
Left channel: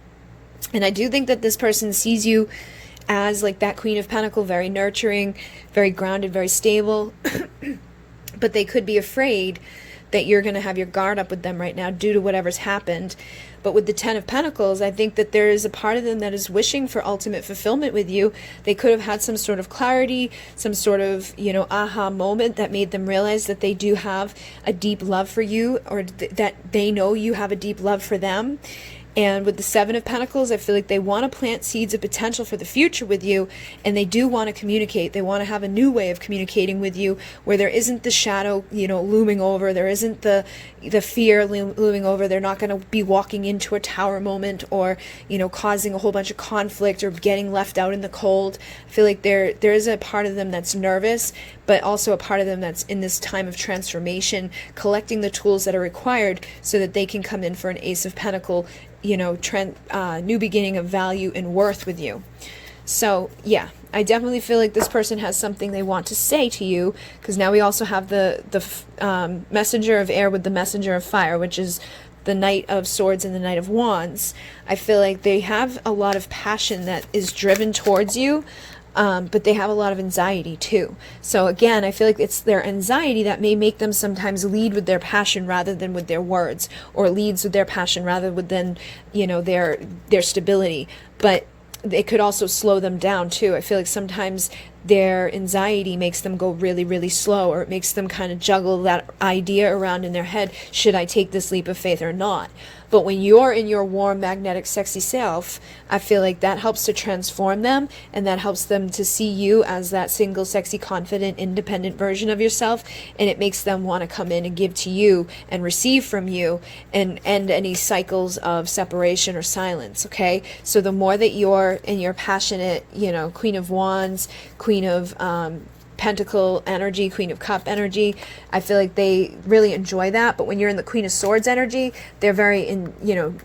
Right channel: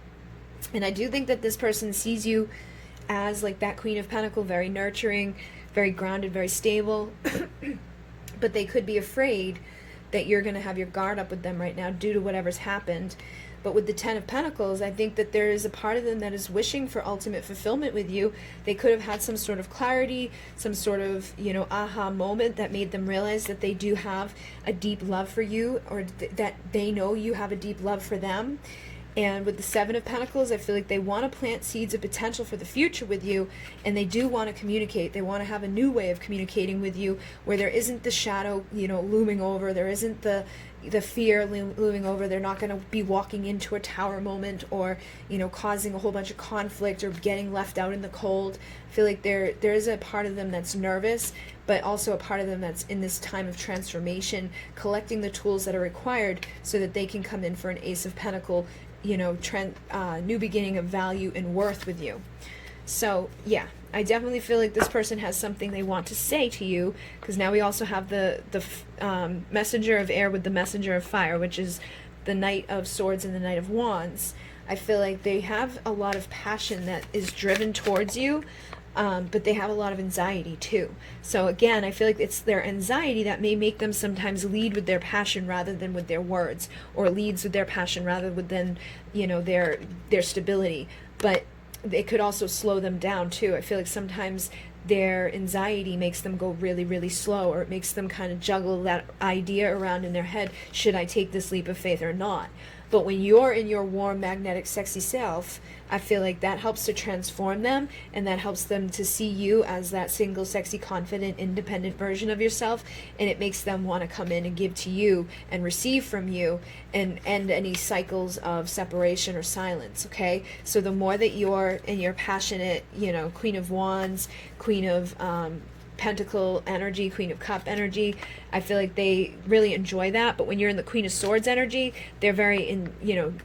And I do think that this person sees you as like that Queen of Pentacles, very nurturing, very grounded, very stable. But they could be afraid that you're going to have your guard up with them right now due to whatever's happened. But with the Ten of Pentacles, I think that there is a part of them that is wishing for ultimate fulfillment with you. They could have had some sort of clarity, some sort of, you know, aha moment that made them realize that they do have a deep love for you, or that they know you have a deep love for them. And with the Seven of Pentacles, I feel like they want to plant seeds of potential for the future with you, and they do want to communicate. They want to have a new way of communicating with you where there isn't the shadow, you know, looming over. There isn't the fear looming over. They're not going to be walking into a tower moment, or, you know, causing a whole bunch of conflict or getting left out in the cold. I feel like there is a part of them that's nervous, but also a part of them that's in this time of transformation, collecting the tools that are required so that they can come in for an Ace of Pentacles, you know, new beginning of value and worth with you. So yeah, I definitely feel like this person has something they want to say to you, because now we also have the Messenger of Air with the Messenger of Fire, which is the Knight of Swords and the Knight of Wands. I feel like they have a lot of passion that is driven towards you, but they have a lot of anxiety too. So again, I feel like it's their anxiety that may make them sometimes lead with their passion rather than with their words, or leads with their passion rather than, you know, their stability. But it could also slow them down too. I feel like sometimes their anxiety makes them go really, really slow, or it makes them kind of juggle that idea around in their head. Should I take this leap of faith or not? But when you're in your warm, magnetic, sexy self, I feel like that helps to transform them, and that helps them to see you as that single, sexy, confident, independent version of yourself, and it makes them want to come in and give to you and receive from you and end any cycles of separation or silence, okay? So the more that you're in your passionate, you know, Queen of Wands, Queen of Pentacle energy, Queen of Cup energy, I feel like they really enjoy that. But when you're in the Queen of Swords energy, they're very,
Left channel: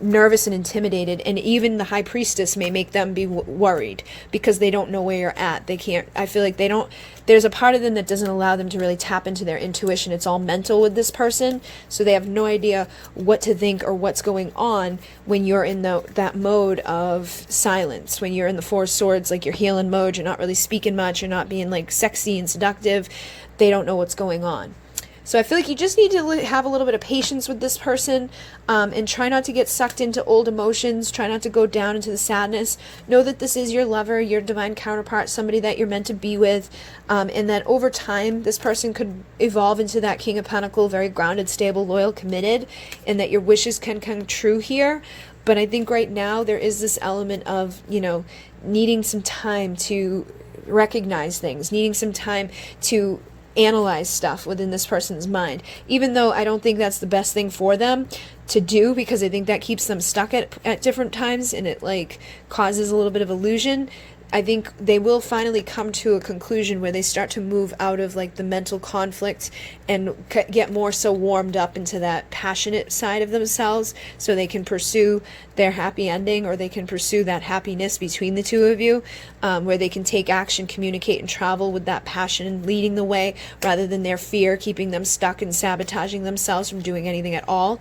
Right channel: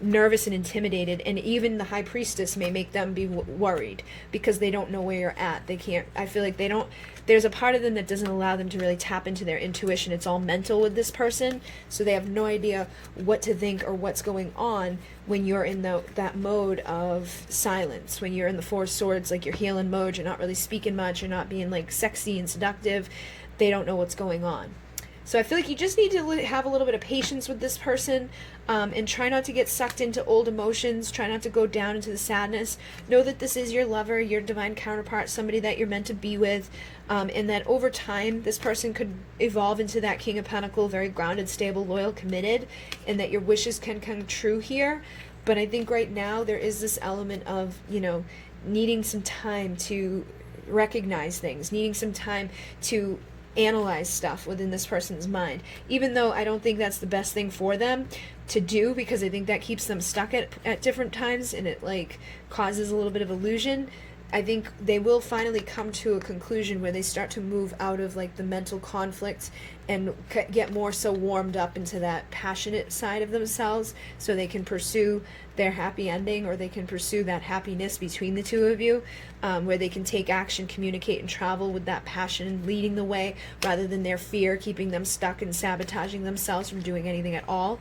nervous and intimidated, and even the High Priestess may make them be worried because they don't know where you're at. They can't. I feel like they don't. There's a part of them that doesn't allow them to really tap into their intuition. It's all mental with this person, so they have no idea what to think or what's going on when you're in that mode of silence. When you're in the Four of Swords, like you're healing mode, you're not really speaking much, you're not being like sexy and seductive. They don't know what's going on. So I feel like you just need to have a little bit of patience with this person, and try not to get sucked into old emotions. Try not to go down into the sadness. Know that this is your lover, your divine counterpart, somebody that you're meant to be with, and that over time this person could evolve into that King of Pentacles, very grounded, stable, loyal, committed, and that your wishes can come true here. But I think right now there is this element of, needing some time to recognize things, needing some time to analyze stuff within this person's mind. Even though I don't think that's the best thing for them, to do, because I think that keeps them stuck at different times, and it like causes a little bit of illusion. I think they will finally come to a conclusion where they start to move out of like the mental conflict and get more so warmed up into that passionate side of themselves, so they can pursue their happy ending, or they can pursue that happiness between the two of you, where they can take action, communicate, and travel with that passion leading the way, rather than their fear keeping them stuck and sabotaging themselves from doing anything at all.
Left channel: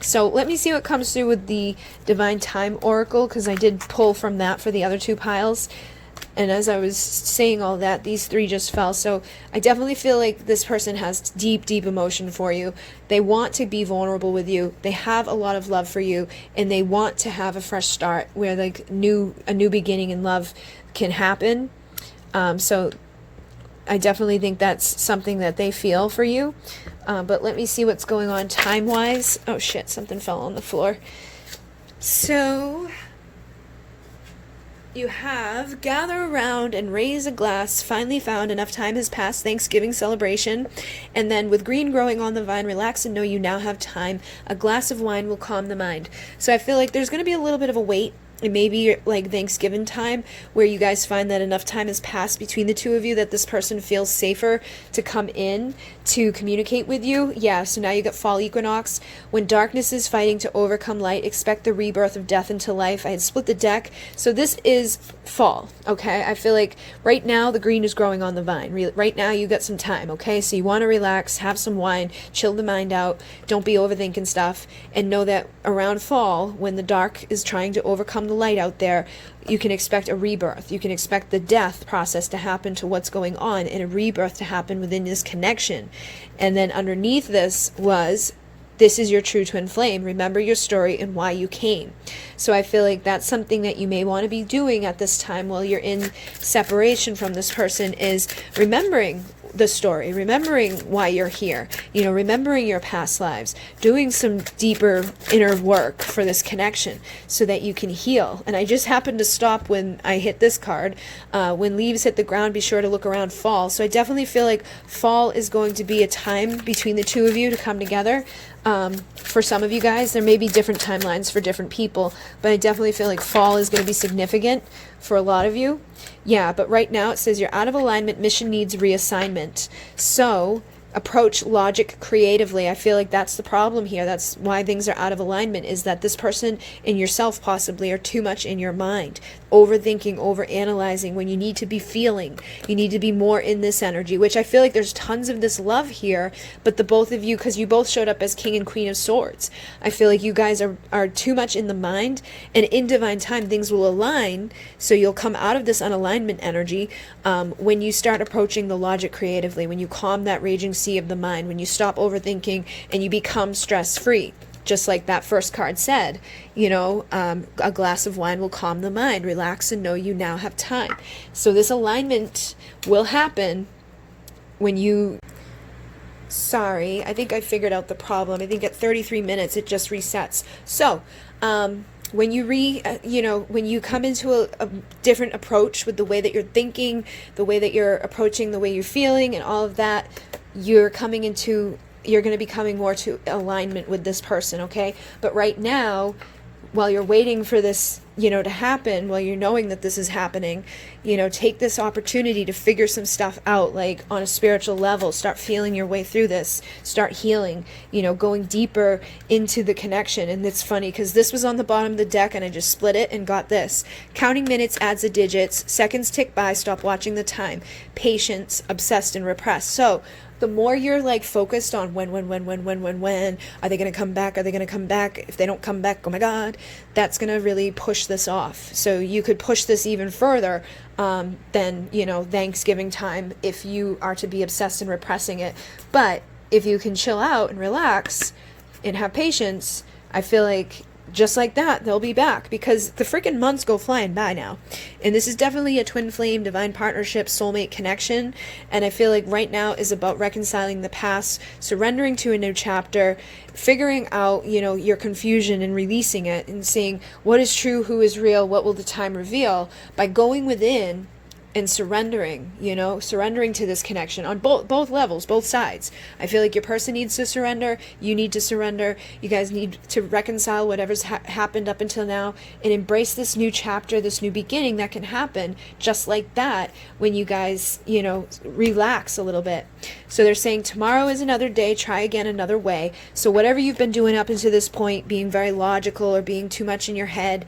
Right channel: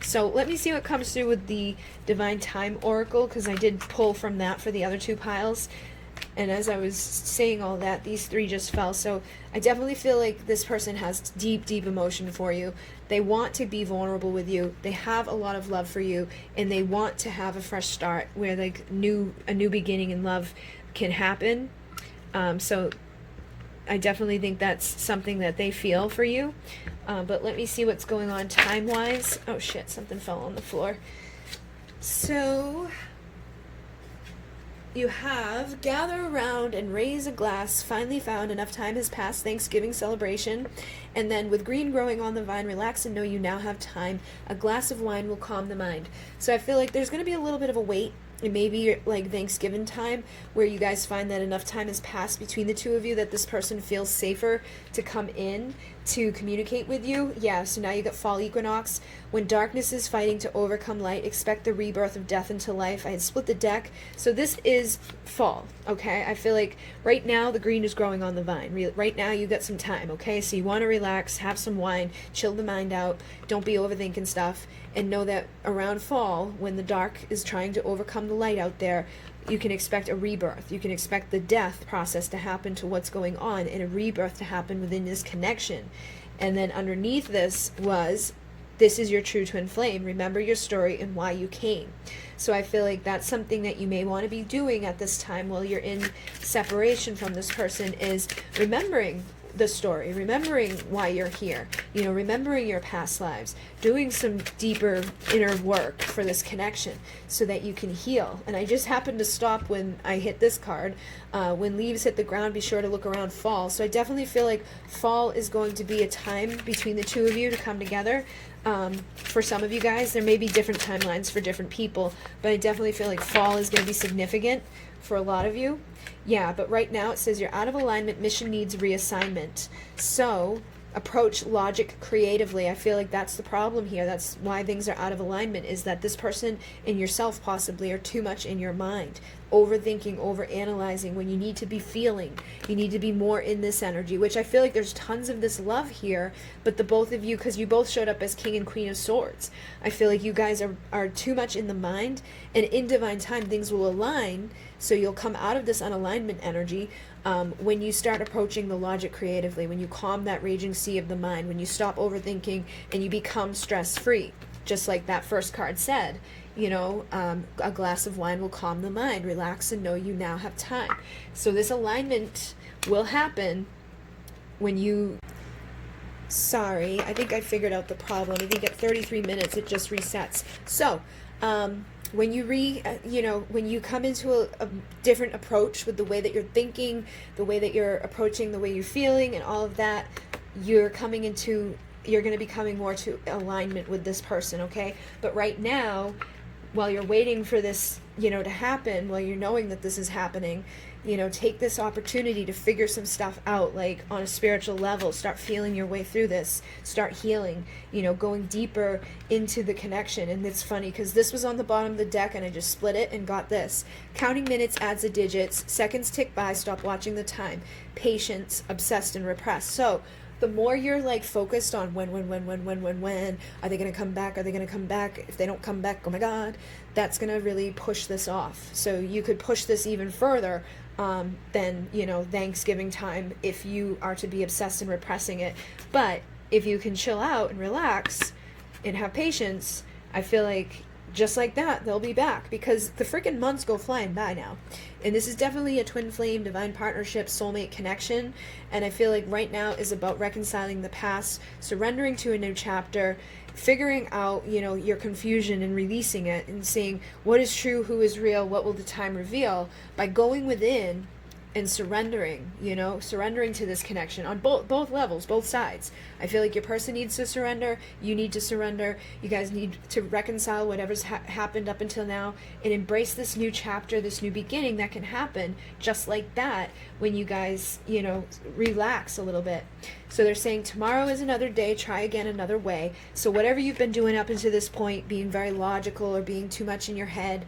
So let me see what comes through with the Divine Time Oracle, because I did pull from that for the other two piles. And as I was saying all that, these three just fell. So I definitely feel like this person has deep, deep emotion for you. They want to be vulnerable with you. They have a lot of love for you, and they want to have a fresh start where like a new beginning in love can happen. So I definitely think that's something that they feel for you. But let me see what's going on time-wise. Oh shit, something fell on the floor. So you have gather around and raise a glass, finally found, enough time has passed, Thanksgiving celebration. And then with green growing on the vine, relax and know you now have time. A glass of wine will calm the mind. So I feel like there's going to be a little bit of a wait. It may be like Thanksgiving time, where you guys find that enough time has passed between the two of you that this person feels safer to come in to communicate with you. Yeah, so now you got fall equinox. When darkness is fighting to overcome light, expect the rebirth of death into life. I had split the deck. So this is fall, okay? I feel like right now the green is growing on the vine. Right now you got some time, okay? So you want to relax, have some wine, chill the mind out, don't be overthinking stuff, and know that around fall, when the dark is trying to overcome the light out there, you can expect a rebirth. You can expect the death process to happen to what's going on, and a rebirth to happen within this connection. And then underneath this is your true twin flame. Remember your story and why you came. So I feel like that's something that you may want to be doing at this time while you're in separation from this person, is remembering the story, remembering why you're here, remembering your past lives, doing some deeper inner work for this connection so that you can heal. And I just happened to stop when I hit this card. When leaves hit the ground, be sure to look around fall. So I definitely feel like fall is going to be a time between the two of you to come together. For some of you guys, there may be different timelines for different people, but I definitely feel like fall is going to be significant for a lot of you. Yeah, but right now it says you're out of alignment, mission needs reassignment. So approach logic creatively. I feel like that's the problem here. That's why things are out of alignment, is that this person and yourself possibly are too much in your mind, overthinking, overanalyzing, when you need to be feeling. You need to be more in this energy, which I feel like there's tons of this love here, but the both of you, because you both showed up as King and Queen of Swords, I feel like you guys are too much in the mind, and in divine time things will align, so you'll come out of this unalignment energy when you start approaching the logic creatively, when you calm that raging sea of the mind, when you stop overthinking and you become stress-free. Just like that first card said, a glass of wine will calm the mind. Relax and know you now have time. So this alignment will happen when you... Sorry, I think I figured out the problem. I think at 33 minutes it just resets. So, when you when you come into a different approach with the way that you're thinking, the way that you're approaching, the way you're feeling, and all of that, you're going to be coming more to alignment with this person, okay? But right now, while you're waiting for this, to happen, while you're knowing that this is happening, take this opportunity to figure some stuff out, like on a spiritual level. Start feeling your way through this. Start healing, going deeper into the connection. And it's funny because this was on the bottom of the deck and I just split it and got this. Counting minutes adds the digits. Seconds tick by, stop watching the time. Patience, obsessed and repressed. So the more you're like focused on when, are they going to come back? Are they going to come back? If they don't come back, oh my God, that's going to really push this off. So you could push this even further than, Thanksgiving time if you are to be obsessed and repressing it. But if you can chill out and relax and have patience, I feel like just like that, they'll be back, because the freaking months go flying by now. And this is definitely a twin flame, divine partnership, soulmate connection. And I feel like right now is about reconciling the past, surrendering to a new chapter, figuring out, your confusion and releasing it and seeing what is true, who is real, what will the time reveal, by going within and surrendering, surrendering to this connection on both levels, both sides. I feel like your person needs to surrender, you need to surrender, you guys need to reconcile whatever's happened up until now and embrace this new chapter, this new beginning that can happen just like that when you guys, relax a little bit. So they're saying tomorrow is another day, try again another way. So whatever you've been doing up until this point, being very logical or being too much in your head,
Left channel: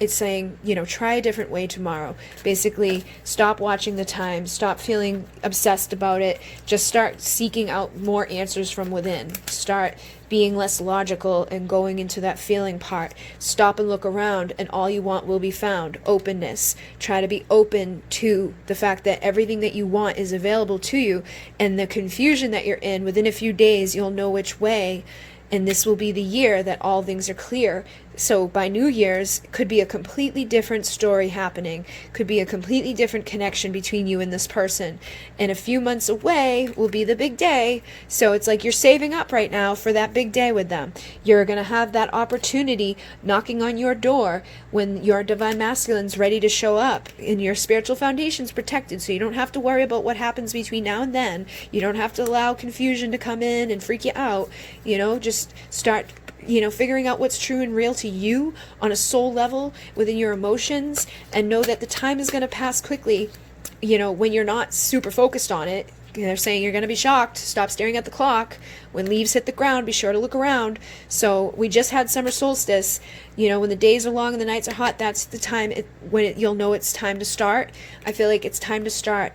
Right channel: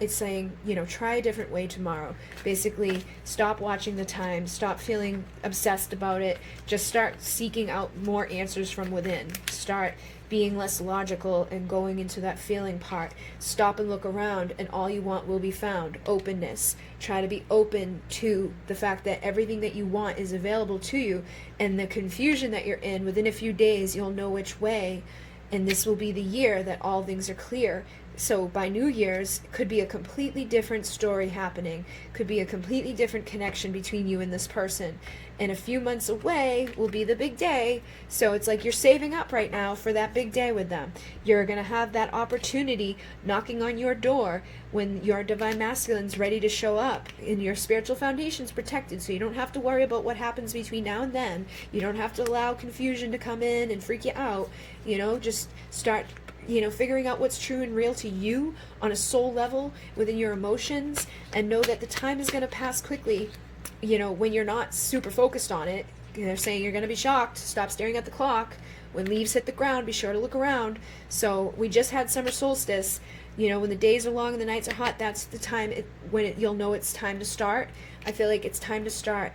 it's saying, try a different way tomorrow. Basically, stop watching the time, stop feeling obsessed about it, just start seeking out more answers from within. Start being less logical and going into that feeling part. Stop and look around, and all you want will be found. Openness. Try to be open to the fact that everything that you want is available to you, and the confusion that you're in, within a few days, you'll know which way, and this will be the year that all things are clear. So by New Year's, could be a completely different story happening, could be a completely different connection between you and this person. And a few months away will be the big day. So it's like you're saving up right now for that big day with them. You're going to have that opportunity knocking on your door when your divine masculine's ready to show up and your spiritual foundation's protected. So you don't have to worry about what happens between now and then. You don't have to allow confusion to come in and freak you out. Just start figuring out what's true and real to you on a soul level within your emotions, and know that the time is going to pass quickly, when you're not super focused on it. They're saying you're going to be shocked. Stop staring at the clock. When leaves hit the ground, be sure to look around. So we just had summer solstice. When the days are long and the nights are hot, that's the time you'll know it's time to start. I feel like it's time to start,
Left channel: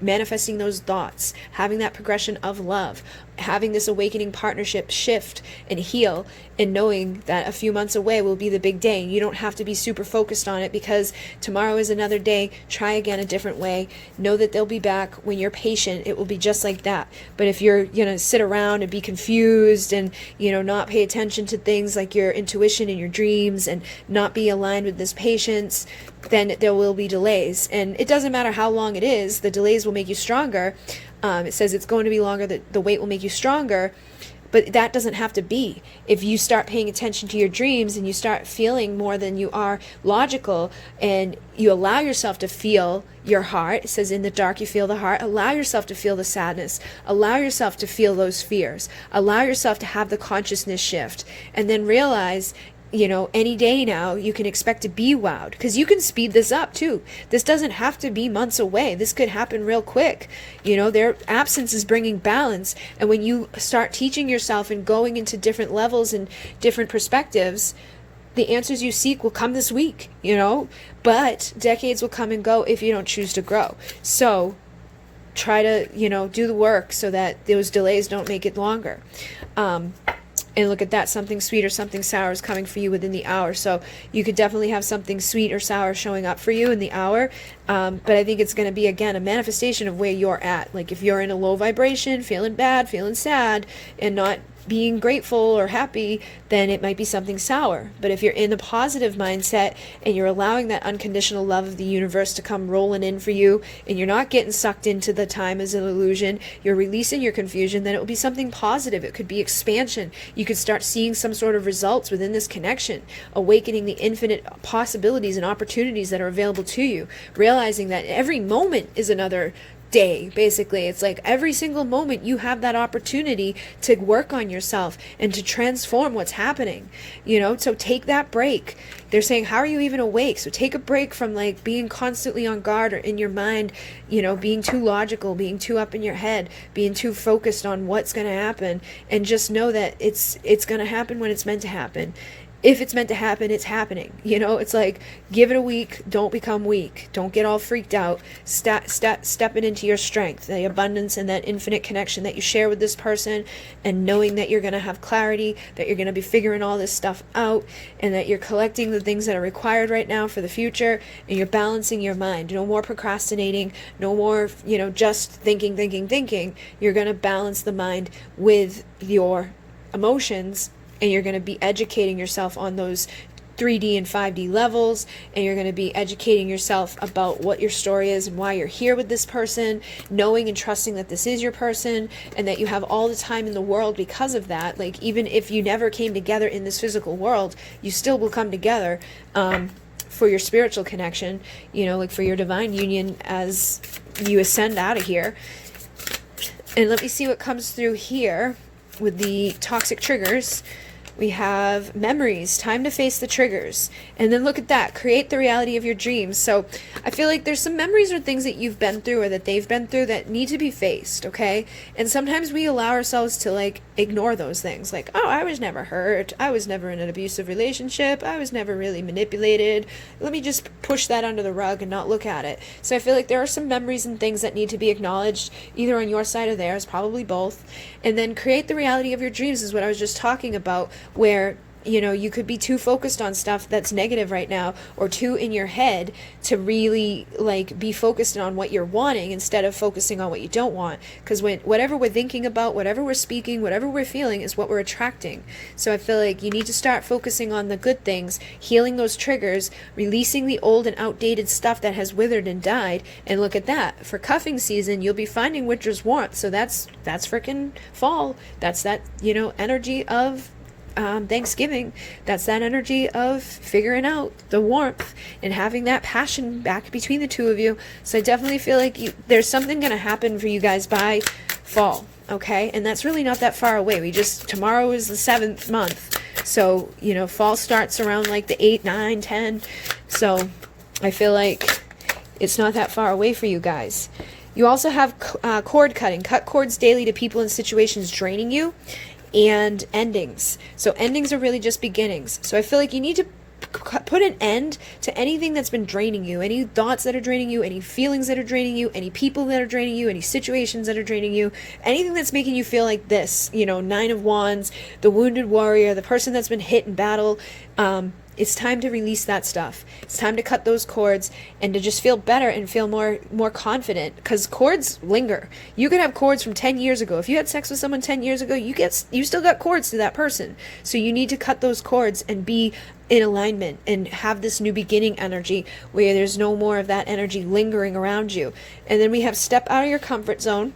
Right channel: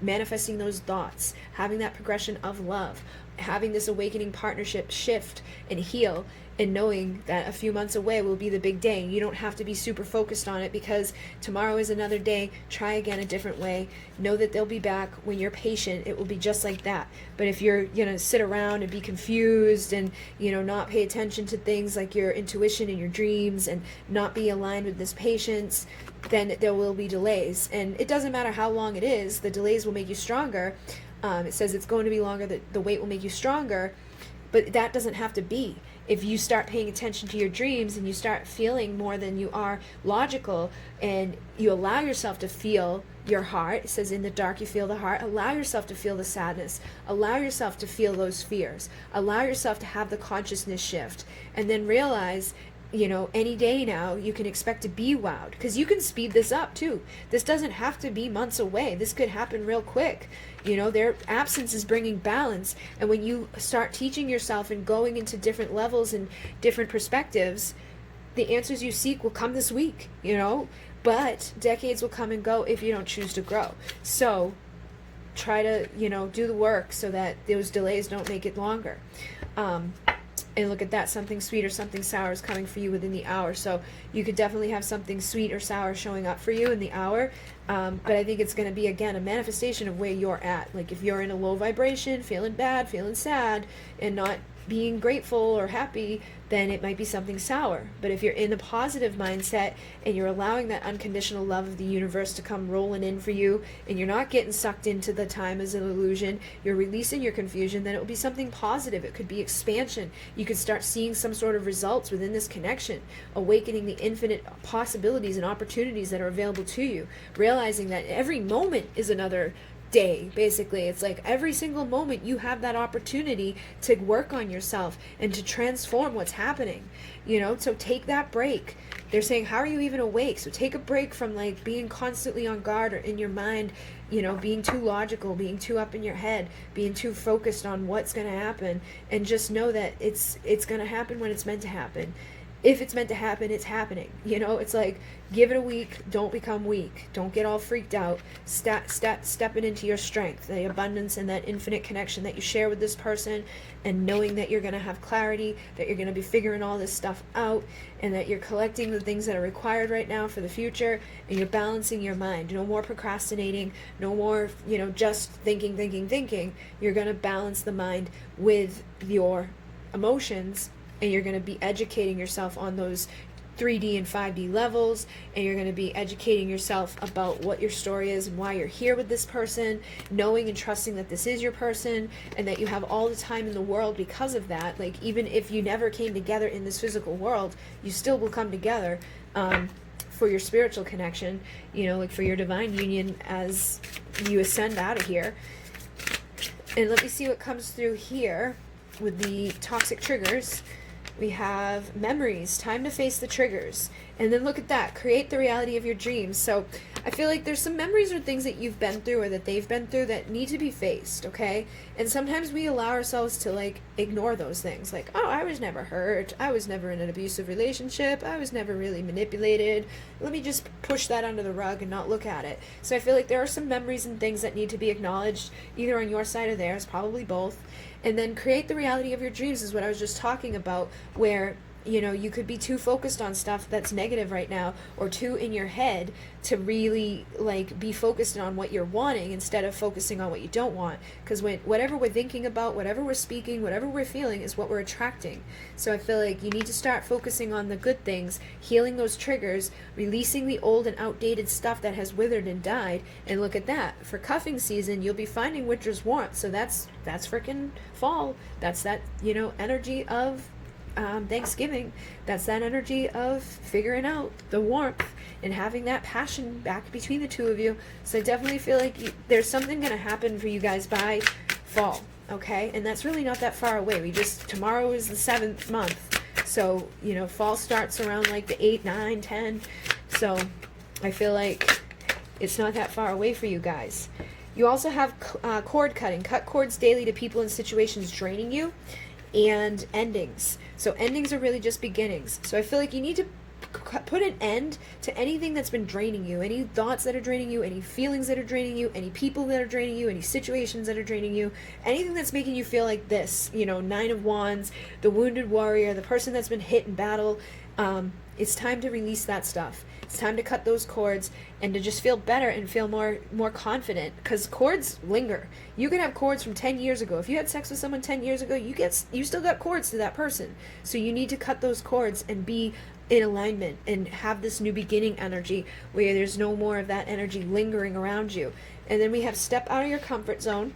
manifesting those thoughts, having that progression of love, having this awakening partnership shift and heal, and knowing that a few months away will be the big day. You don't have to be super focused on it, because tomorrow is another day. Try again a different way. Know that they'll be back. When you're patient, it will be just like that. But if you're sit around and be confused and not pay attention to things like your intuition and your dreams, and not be aligned with this patience, then there will be delays. And it doesn't matter how long it is, the delays will make you stronger. It says it's going to be longer, that the wait will make you stronger, but that doesn't have to be. If you start paying attention to your dreams and you start feeling more than you are logical, and you allow yourself to feel your heart, it says in the dark you feel the heart, allow yourself to feel the sadness, allow yourself to feel those fears, allow yourself to have the consciousness shift, and then realize any day now you can expect to be wowed, because you can speed this up too. This doesn't have to be months away. This could happen real quick. Their absence is bringing balance, and when you start teaching yourself and going into different levels and different perspectives, the answers you seek will come this week, but decades will come and go if you don't choose to grow. So try to, do the work so that those delays don't make it longer. And look at that, something sweet or something sour is coming for you within the hour. So you could definitely have something sweet or sour showing up for you in the hour. But I think it's going to be, again, a manifestation of where you're at. Like if you're in a low vibration, feeling bad, feeling sad, and not being grateful or happy, then it might be something sour. But if you're in a positive mindset and you're allowing that unconditional love of the universe to come rolling in for you, and you're not getting sucked into the time as an illusion, you're releasing your confusion, then it will be something positive. It could be expansion. You could start seeing some sort of results within this connection, awakening the infinite possibilities and opportunities that are available to you, realizing that every moment is another day. Basically, it's like every single moment you have that opportunity to work on yourself and to transform what's happening, so take that break. They're saying, how are you even awake? So take a break from like being constantly on guard or in your mind, being too logical, being too up in your head, being too focused on what's going to happen, and just know that it's going to happen when it's meant to happen. If it's meant to happen, it's happening. It's like, give it a week. Don't become weak. Don't get all freaked out. Stepping into your strength, the abundance and that infinite connection that you share with this person, and knowing that you're going to have clarity, that you're going to be figuring all this stuff out, and that you're collecting the things that are required right now for the future, and you're balancing your mind. No more procrastinating. No more, just thinking. You're going to balance the mind with your emotions, and you're going to be educating yourself on those 3D and 5D levels, and you're going to be educating yourself about what your story is and why you're here with this person, knowing and trusting that this is your person, and that you have all the time in the world because of that. Like, even if you never came together in this physical world, you still will come together for your spiritual connection, you know, like for your divine union as you ascend out of here. And let me see what comes through here with the toxic triggers. We have memories, time to face the triggers. And then look at that, create the reality of your dreams. So I feel like there's some memories or things that you've been through or that they've been through that need to be faced, okay? And sometimes we allow ourselves to like ignore those things. Like, oh, I was never hurt. I was never in an abusive relationship. I was never really manipulated. Let me just push that under the rug and not look at it. So I feel like there are some memories and things that need to be acknowledged, either on your side or theirs, probably both. And then create the reality of your dreams is what I was just talking about, where, you know, you could be too focused on stuff that's negative right now, or too in your head to really like be focused on what you're wanting instead of focusing on what you don't want. Because whatever we're thinking about, whatever we're speaking, whatever we're feeling is what we're attracting. So I feel like you need to start focusing on the good things, healing those triggers, releasing the old and outdated stuff that has withered and died. And look at that, for cuffing season you'll be finding winter's warmth. So that's freaking fall. That's that, you know, energy of Thanksgiving. That's that energy of figuring out the warmth and having that passion back between the two of you. So I definitely feel like there's something going to happen for you guys by fall, okay? And that's really not that far away. Tomorrow is the 7th month. So, you know, fall starts around like the 8, 9, 10. So I feel like it's not that far away for you guys. You also have cord cutting. Cut cords daily to people and situations draining you. And endings. So endings are really just beginnings. So I feel like you need to put an end to anything that's been draining you, any thoughts that are draining you, any feelings that are draining you, any people that are draining you, any situations that are draining you, anything that's making you feel like this, you know, 9 of Wands, the wounded warrior, the person that's been hit in battle. It's time to release that stuff. It's time to cut those cords and to just feel better and feel more confident, because cords linger. You could have cords from 10 years ago. If you had sex with someone 10 years ago, you still got cords to that person. So you need to cut those cords and be in alignment and have this new beginning energy where there's no more of that energy lingering around you. And then we have step out of your comfort zone.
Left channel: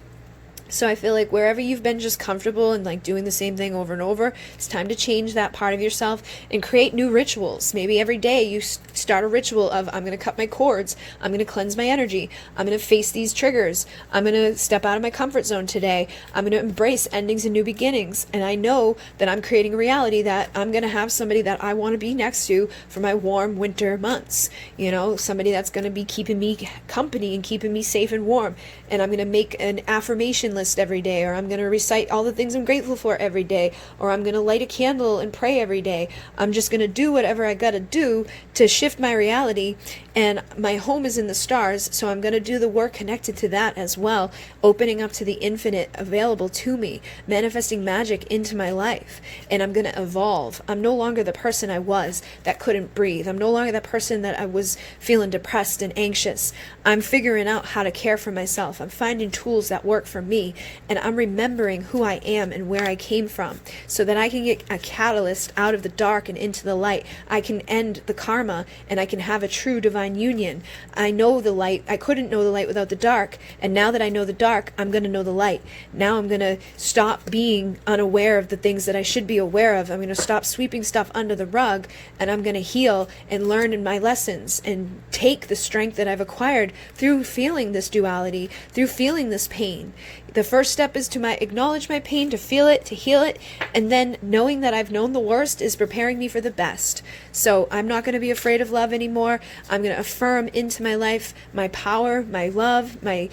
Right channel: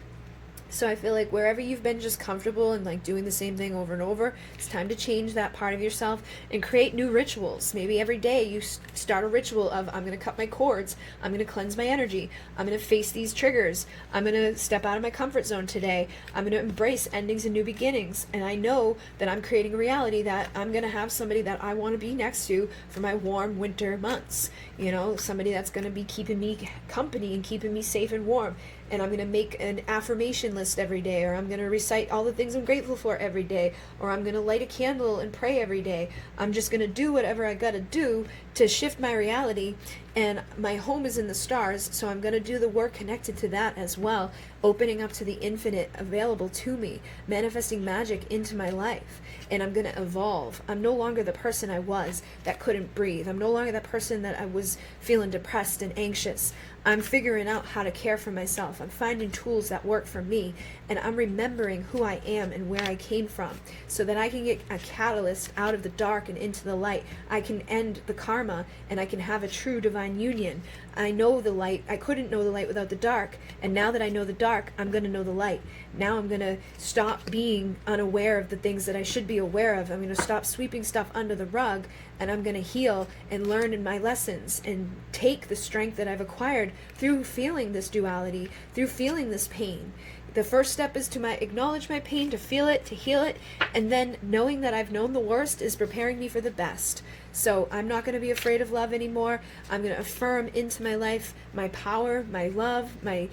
So I feel like wherever you've been just comfortable and like doing the same thing over and over, it's time to change that part of yourself and create new rituals. Maybe every day you start a ritual of, I'm going to cut my cords, I'm going to cleanse my energy, I'm going to face these triggers, I'm going to step out of my comfort zone today, I'm going to embrace endings and new beginnings. And I know that I'm creating a reality that I'm going to have somebody that I want to be next to for my warm winter months. You know, somebody that's going to be keeping me company and keeping me safe and warm. And I'm going to make an affirmation list every day, or I'm going to recite all the things I'm grateful for every day, or I'm going to light a candle and pray every day. I'm just going to do whatever I got to do to shift my reality. And my home is in the stars, so I'm going to do the work connected to that as well, opening up to the infinite available to me, manifesting magic into my life. And I'm going to evolve. I'm no longer the person I was that couldn't breathe. I'm no longer that person that I was feeling depressed and anxious. I'm figuring out how to care for myself. I'm finding tools that work for me, and I'm remembering who I am and where I came from so that I can get a catalyst out of the dark and into the light. I can end the karma, and I can have a true divine union. I know the light. I couldn't know the light without the dark, and now that I know the dark, I'm going to know the light. Now I'm going to stop being unaware of the things that I should be aware of. I'm going to stop sweeping stuff under the rug, and I'm going to heal and learn in my lessons and take the strength that I've acquired through feeling this duality, through feeling this pain. The first step is to acknowledge my pain, to feel it, to heal it, and then knowing that I've known the worst is preparing me for the best. So I'm not going to be afraid of love anymore. I'm going to affirm into my life my power, my love, my,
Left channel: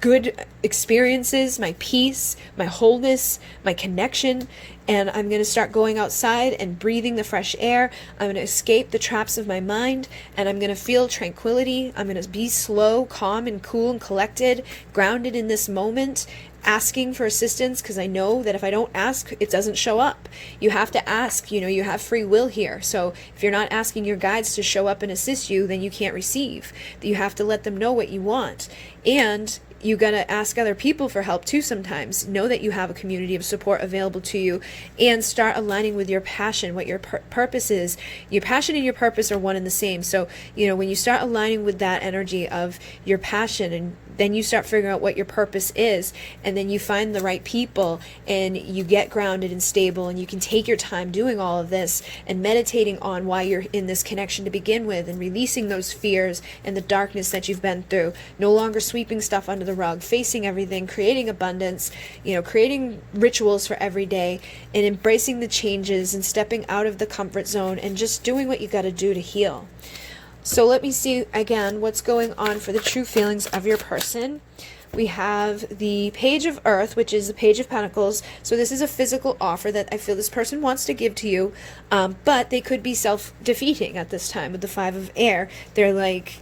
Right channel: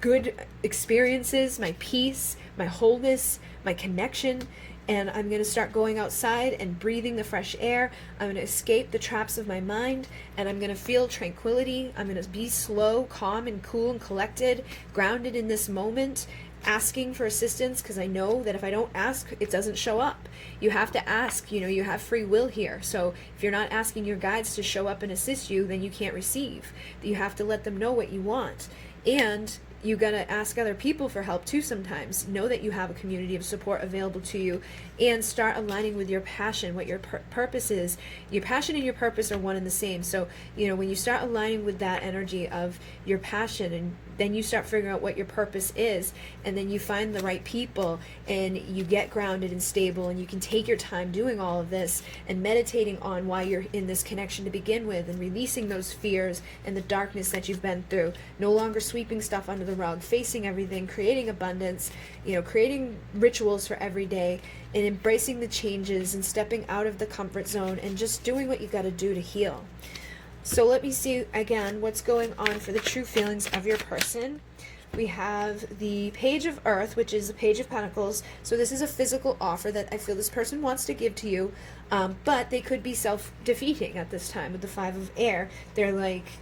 good experiences, my peace, my wholeness, my connection. And I'm going to start going outside and breathing the fresh air. I'm going to escape the traps of my mind, and I'm going to feel tranquility. I'm going to be slow, calm, and cool and collected, grounded in this moment, asking for assistance, because I know that if I don't ask, it doesn't show up. You have to ask. You have free will here. So if you're not asking your guides to show up and assist you, then you can't receive. You have to let them know what you want. And you gotta ask other people for help too sometimes. Know that you have a community of support available to you, and start aligning with your passion, what your purpose is. Your passion and your purpose are one and the same. So, when you start aligning with that energy of your passion and then you start figuring out what your purpose is, and then you find the right people, and you get grounded and stable, and you can take your time doing all of this and meditating on why you're in this connection to begin with, and releasing those fears and the darkness that you've been through, no longer sweeping stuff under the rug, facing everything, creating abundance, creating rituals for every day, and embracing the changes and stepping out of the comfort zone and just doing what you got to do to heal. So let me see again what's going on for the true feelings of your person. We have the Page of Earth, which is the Page of Pentacles. So this is a physical offer that I feel this person wants to give to you, but they could be self-defeating at this time with the Five of Air. They're like,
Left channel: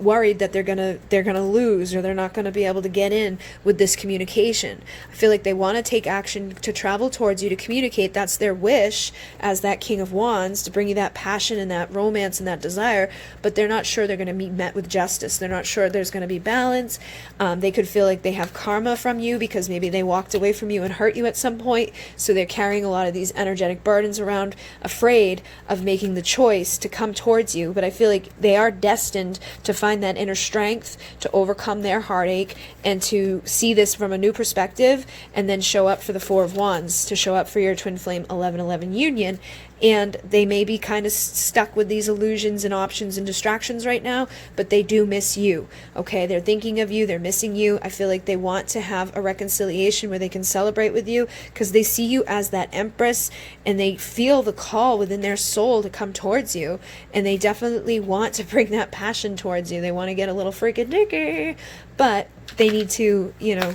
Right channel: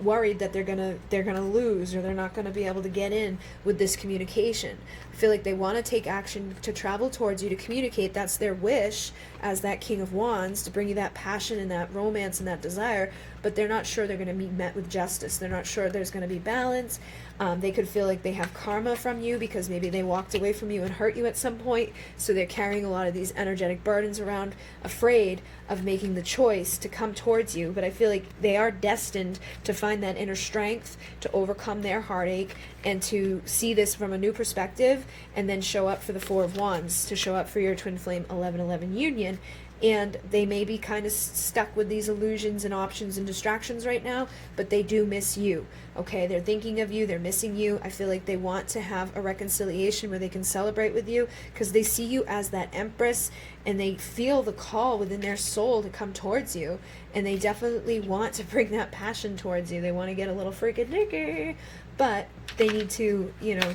worried that they're gonna lose, or they're not gonna be able to get in with this communication. I feel like they want to take action to travel towards you, to communicate. That's their wish as that King of Wands, to bring you that passion and that romance and that desire, but they're not sure they're going to be met with justice. They're not sure there's going to be balance. They could feel like they have karma from you because maybe they walked away from you and hurt you at some point, so they're carrying a lot of these energetic burdens around, afraid of making the choice to come towards you. But I feel like they are destined to find that inner strength to overcome their heartache and to see this from a new perspective, and then show up for the Four of Wands, to show up for your twin flame 11-11 union. And they may be kind of stuck with these illusions and options and distractions right now, but they do miss you, okay? They're thinking of you. They're missing you. I feel like they want to have a reconciliation where they can celebrate with you, because they see you as that Empress, and they feel the call within their soul to come towards you, and they definitely want to bring that passion towards you. They want to get a little freaking dicky, but they need to,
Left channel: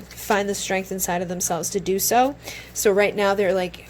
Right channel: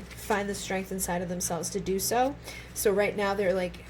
find the strength inside of themselves to do so. So right now they're like,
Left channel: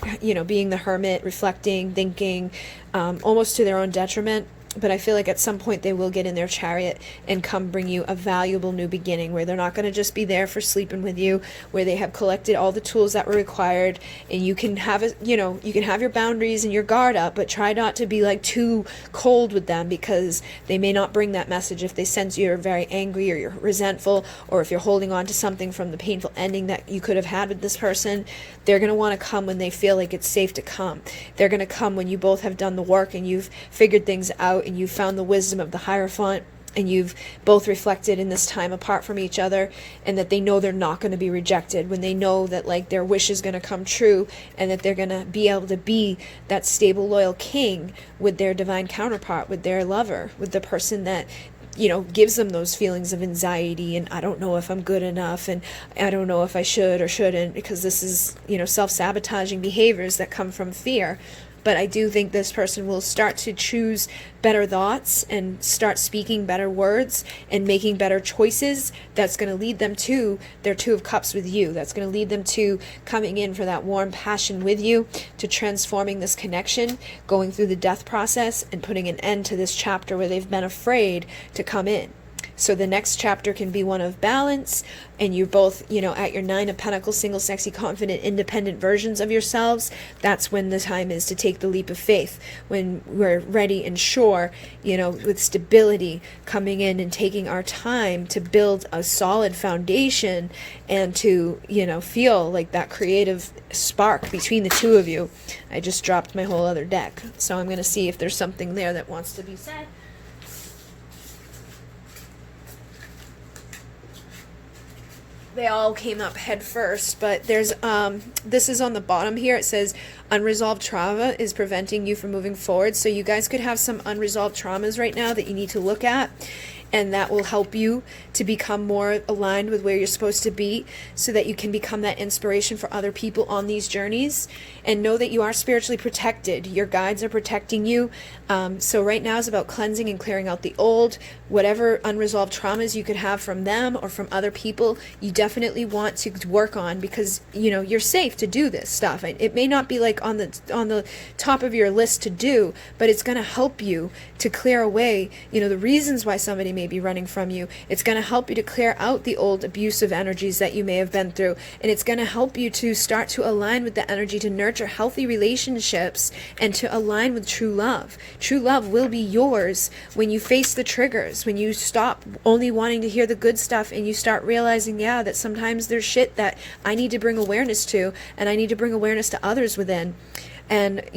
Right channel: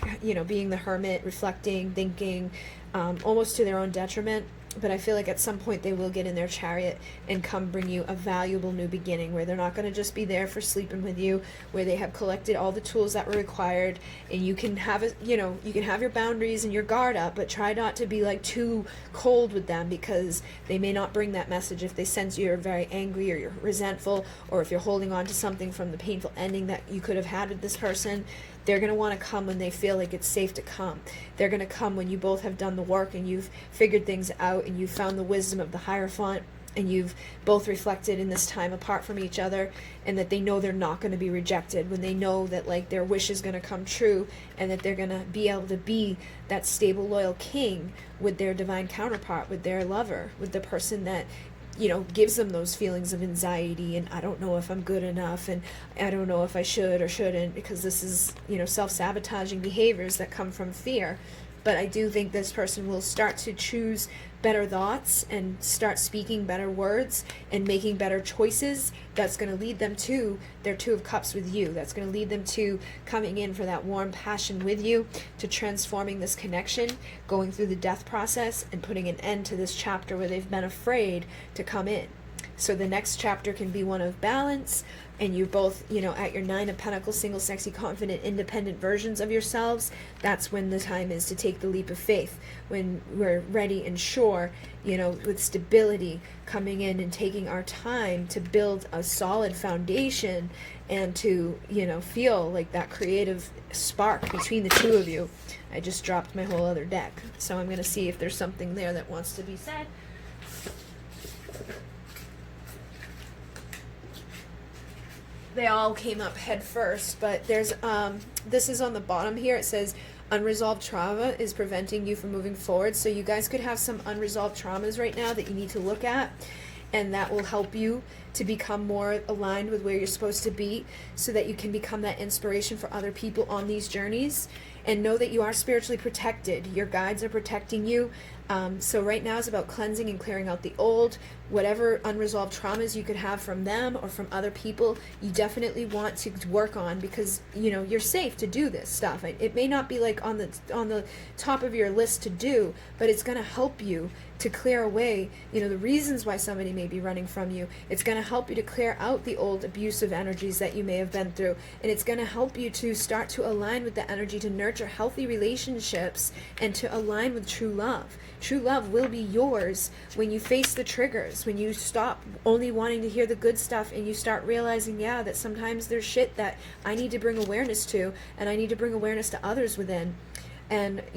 being the hermit, reflecting, thinking, almost to their own detriment. But I feel like at some point they will get in their chariot and come bring you a valuable new beginning, where they're not going to just be there for sleeping with you, where they have collected all the tools that were required, and you can have you can have your boundaries and your guard up, but try not to be like too cold with them, because they may not bring that message if they sense you're very angry, or you're resentful, or if you're holding on to something from the painful ending that you could have had with this person. They're going to want to come when they feel like it's safe to come. They're going to come when you both have done the work and you've figured things out and you've found the wisdom of the Hierophant, and you've both reflected in this time apart from each other, and that they know they're not going to be rejected, when they know that like their wish is going to come true, and that they're going to be able to be that stable, loyal king with their divine counterpart, with their lover, with the person that gives them those feelings of anxiety and I don't know if I'm good enough, and I don't know if I should or shouldn't, because this is, self-sabotaging behaviors that come from fear. But I do think this person will start to choose better thoughts and start speaking better words and making better choices. That's going to lead them to their Two of Cups with you. That's going to lead them to coming in for that warm passion with you, to transforming this connection, going through the death process, and putting an end to this chapter where they've been afraid to come in. So the next chapter can be one of balance, and you're both, at your Nine of Pentacles, single, sexy, confident, independent versions of yourselves. That's when the time is to take the leap of faith, when we're ready and sure, with stability, coming in and taking our time to build a solid foundation, and to, feel like that creative spark between the two of you. I just dropped my whole other deck, so I'm going to see if there's something there that wants to be said. They all came up head first, but there's this is on the bottom here. It says unresolved trauma is preventing you from moving forward. So you guys could have some unresolved traumas right now that you need to look at, and that will help you to become more aligned with where you're supposed to be, so that you can become that inspiration for other people on these journeys. And know that you are spiritually protected. Your guides are protecting you. So right now is about cleansing and clearing out the old. Whatever unresolved traumas you could have from them or from other people, you definitely want to work on, because you're safe to do this stuff. It may not be like on the top of your list to do, but it's going to help you to clear away the reasons why somebody may be running from you. It's going to help you to clear out the old abusive energies that you may have been through, and it's going to help you to start to align with the energy to nurture healthy relationships and to align with true love. True love will be yours when you face the triggers, when you stop only wanting to hear the good stuff and you start realizing, that sometimes there's shit that I need to bring awareness to, and I need to bring awareness to others within. And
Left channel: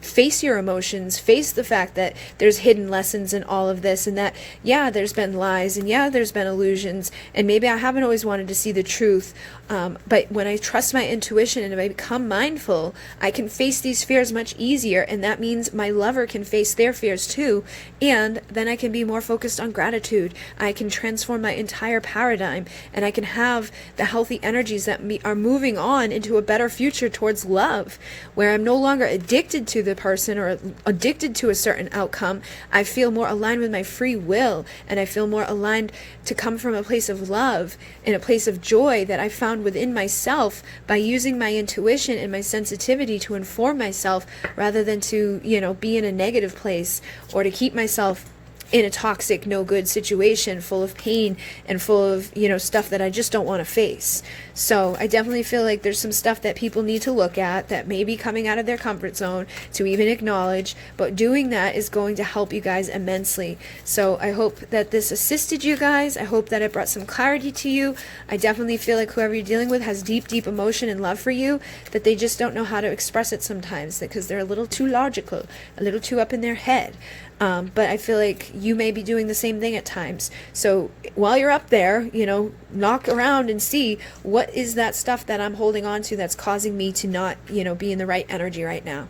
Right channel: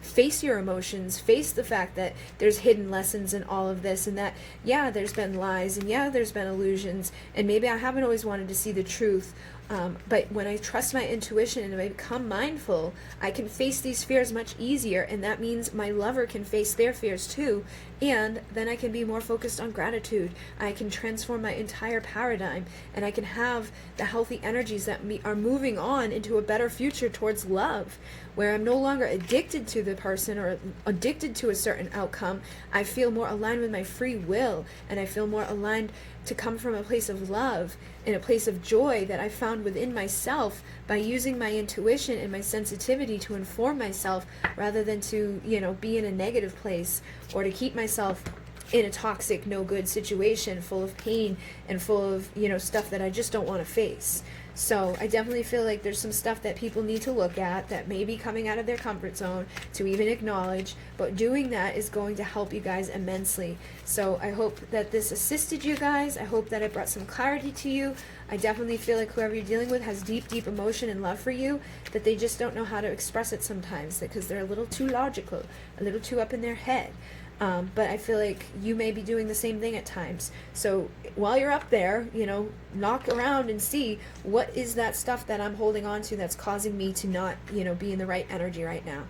face your emotions, face the fact that there's hidden lessons in all of this, and that, yeah, there's been lies, and yeah, there's been illusions, and maybe I haven't always wanted to see the truth. But when I trust my intuition and I become mindful, I can face these fears much easier, and that means my lover can face their fears too, and then I can be more focused on gratitude. I can transform my entire paradigm, and I can have the healthy energies that are moving on into a better future towards love, where I'm no longer addicted to the person or addicted to a certain outcome. I feel more aligned with my free will, and I feel more aligned to come from a place of love and a place of joy that I found within myself by using my intuition and my sensitivity to inform myself, rather than to, be in a negative place or to keep myself in a toxic, no good situation full of pain and full of, stuff that I just don't want to face. So I definitely feel like there's some stuff that people need to look at that may be coming out of their comfort zone to even acknowledge, but doing that is going to help you guys immensely. So I hope that this assisted you guys. I hope that it brought some clarity to you. I definitely feel like whoever you're dealing with has deep, deep emotion and love for you, that they just don't know how to express it sometimes because they're a little too logical, a little too up in their head. But I feel like you may be doing the same thing at times. So while you're up there, knock around and see what is that stuff that I'm holding on to that's causing me to not, be in the right energy right now.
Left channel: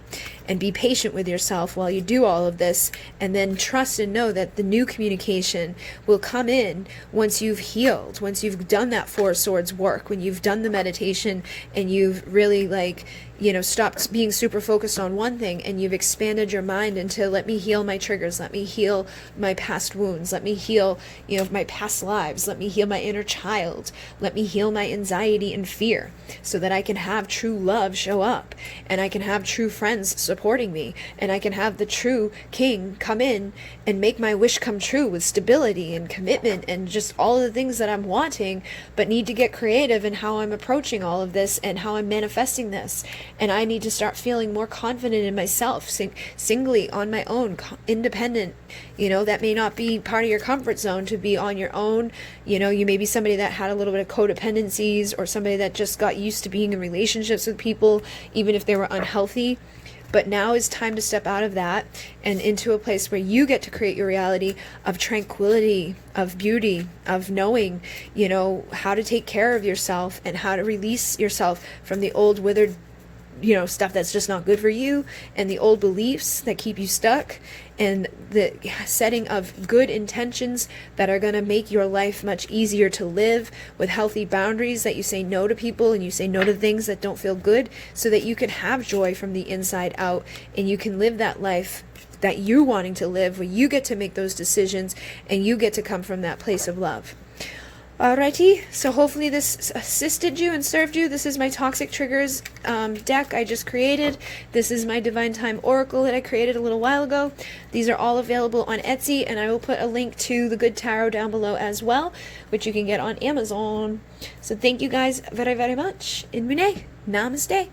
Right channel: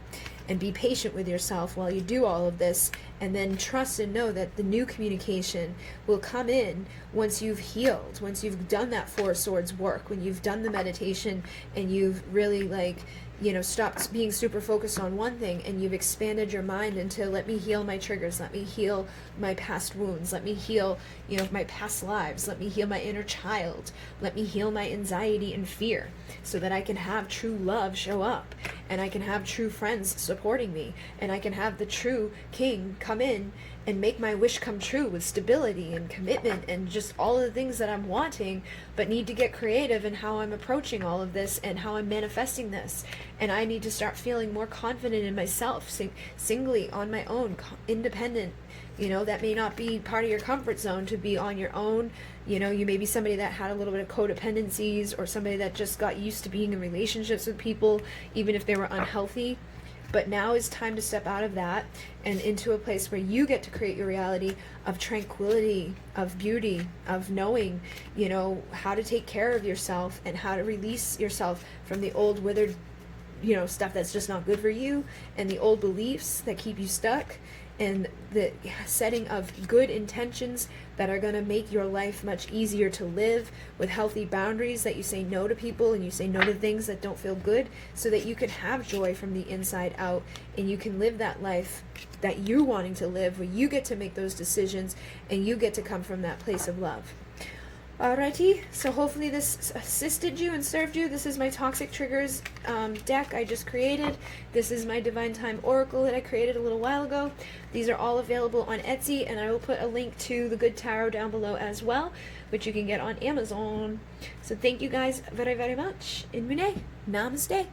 And be patient with yourself while you do all of this, and then trust and know that the new communication will come in once you've healed, once you've done that Four Swords work, when you've done the meditation and you've really stopped being super focused on one thing, and you've expanded your mind into, let me heal my triggers, let me heal my past wounds, let me heal, my past lives, let me heal my inner child, let me heal my anxiety and fear, so that I can have true love show up, and I can have true friends supporting me, and I can have the true king come in and make my wish come true with stability and commitment and just all of the things that I'm wanting, but need to get creative in how I'm approaching all of this and how I'm manifesting this. And I need to start feeling more confident in myself, singly on my own, independent. That may not be part of your comfort zone to be on your own. You may be somebody that had a little bit of codependencies, or somebody that just got used to being in relationships with people, even if they were unhealthy. But now is time to step out of that and into a place where you get to create your reality of tranquility, of beauty, of knowing, how to take care of yourself and how to release yourself from the old withered, stuff that's just not good for you, and the old beliefs that keep you stuck, and the setting of good intentions that are going to make your life much easier to live, with healthy boundaries that you say no to people and you say no to things that don't feel good, so that you can have joy from the inside out, and you can live that life that you're wanting to live, where you get to make those decisions and you get to come from that place of love. Alrighty, so hopefully this assisted you and served you. This is my Toxic Triggers deck I just created. This is my Divine Time Oracle that I created a little while ago. These are all available on Etsy, and I will put a link to the Good Tarot down below as well, which you can get on Amazon. So thank you guys very, very much. In Mune, namaste.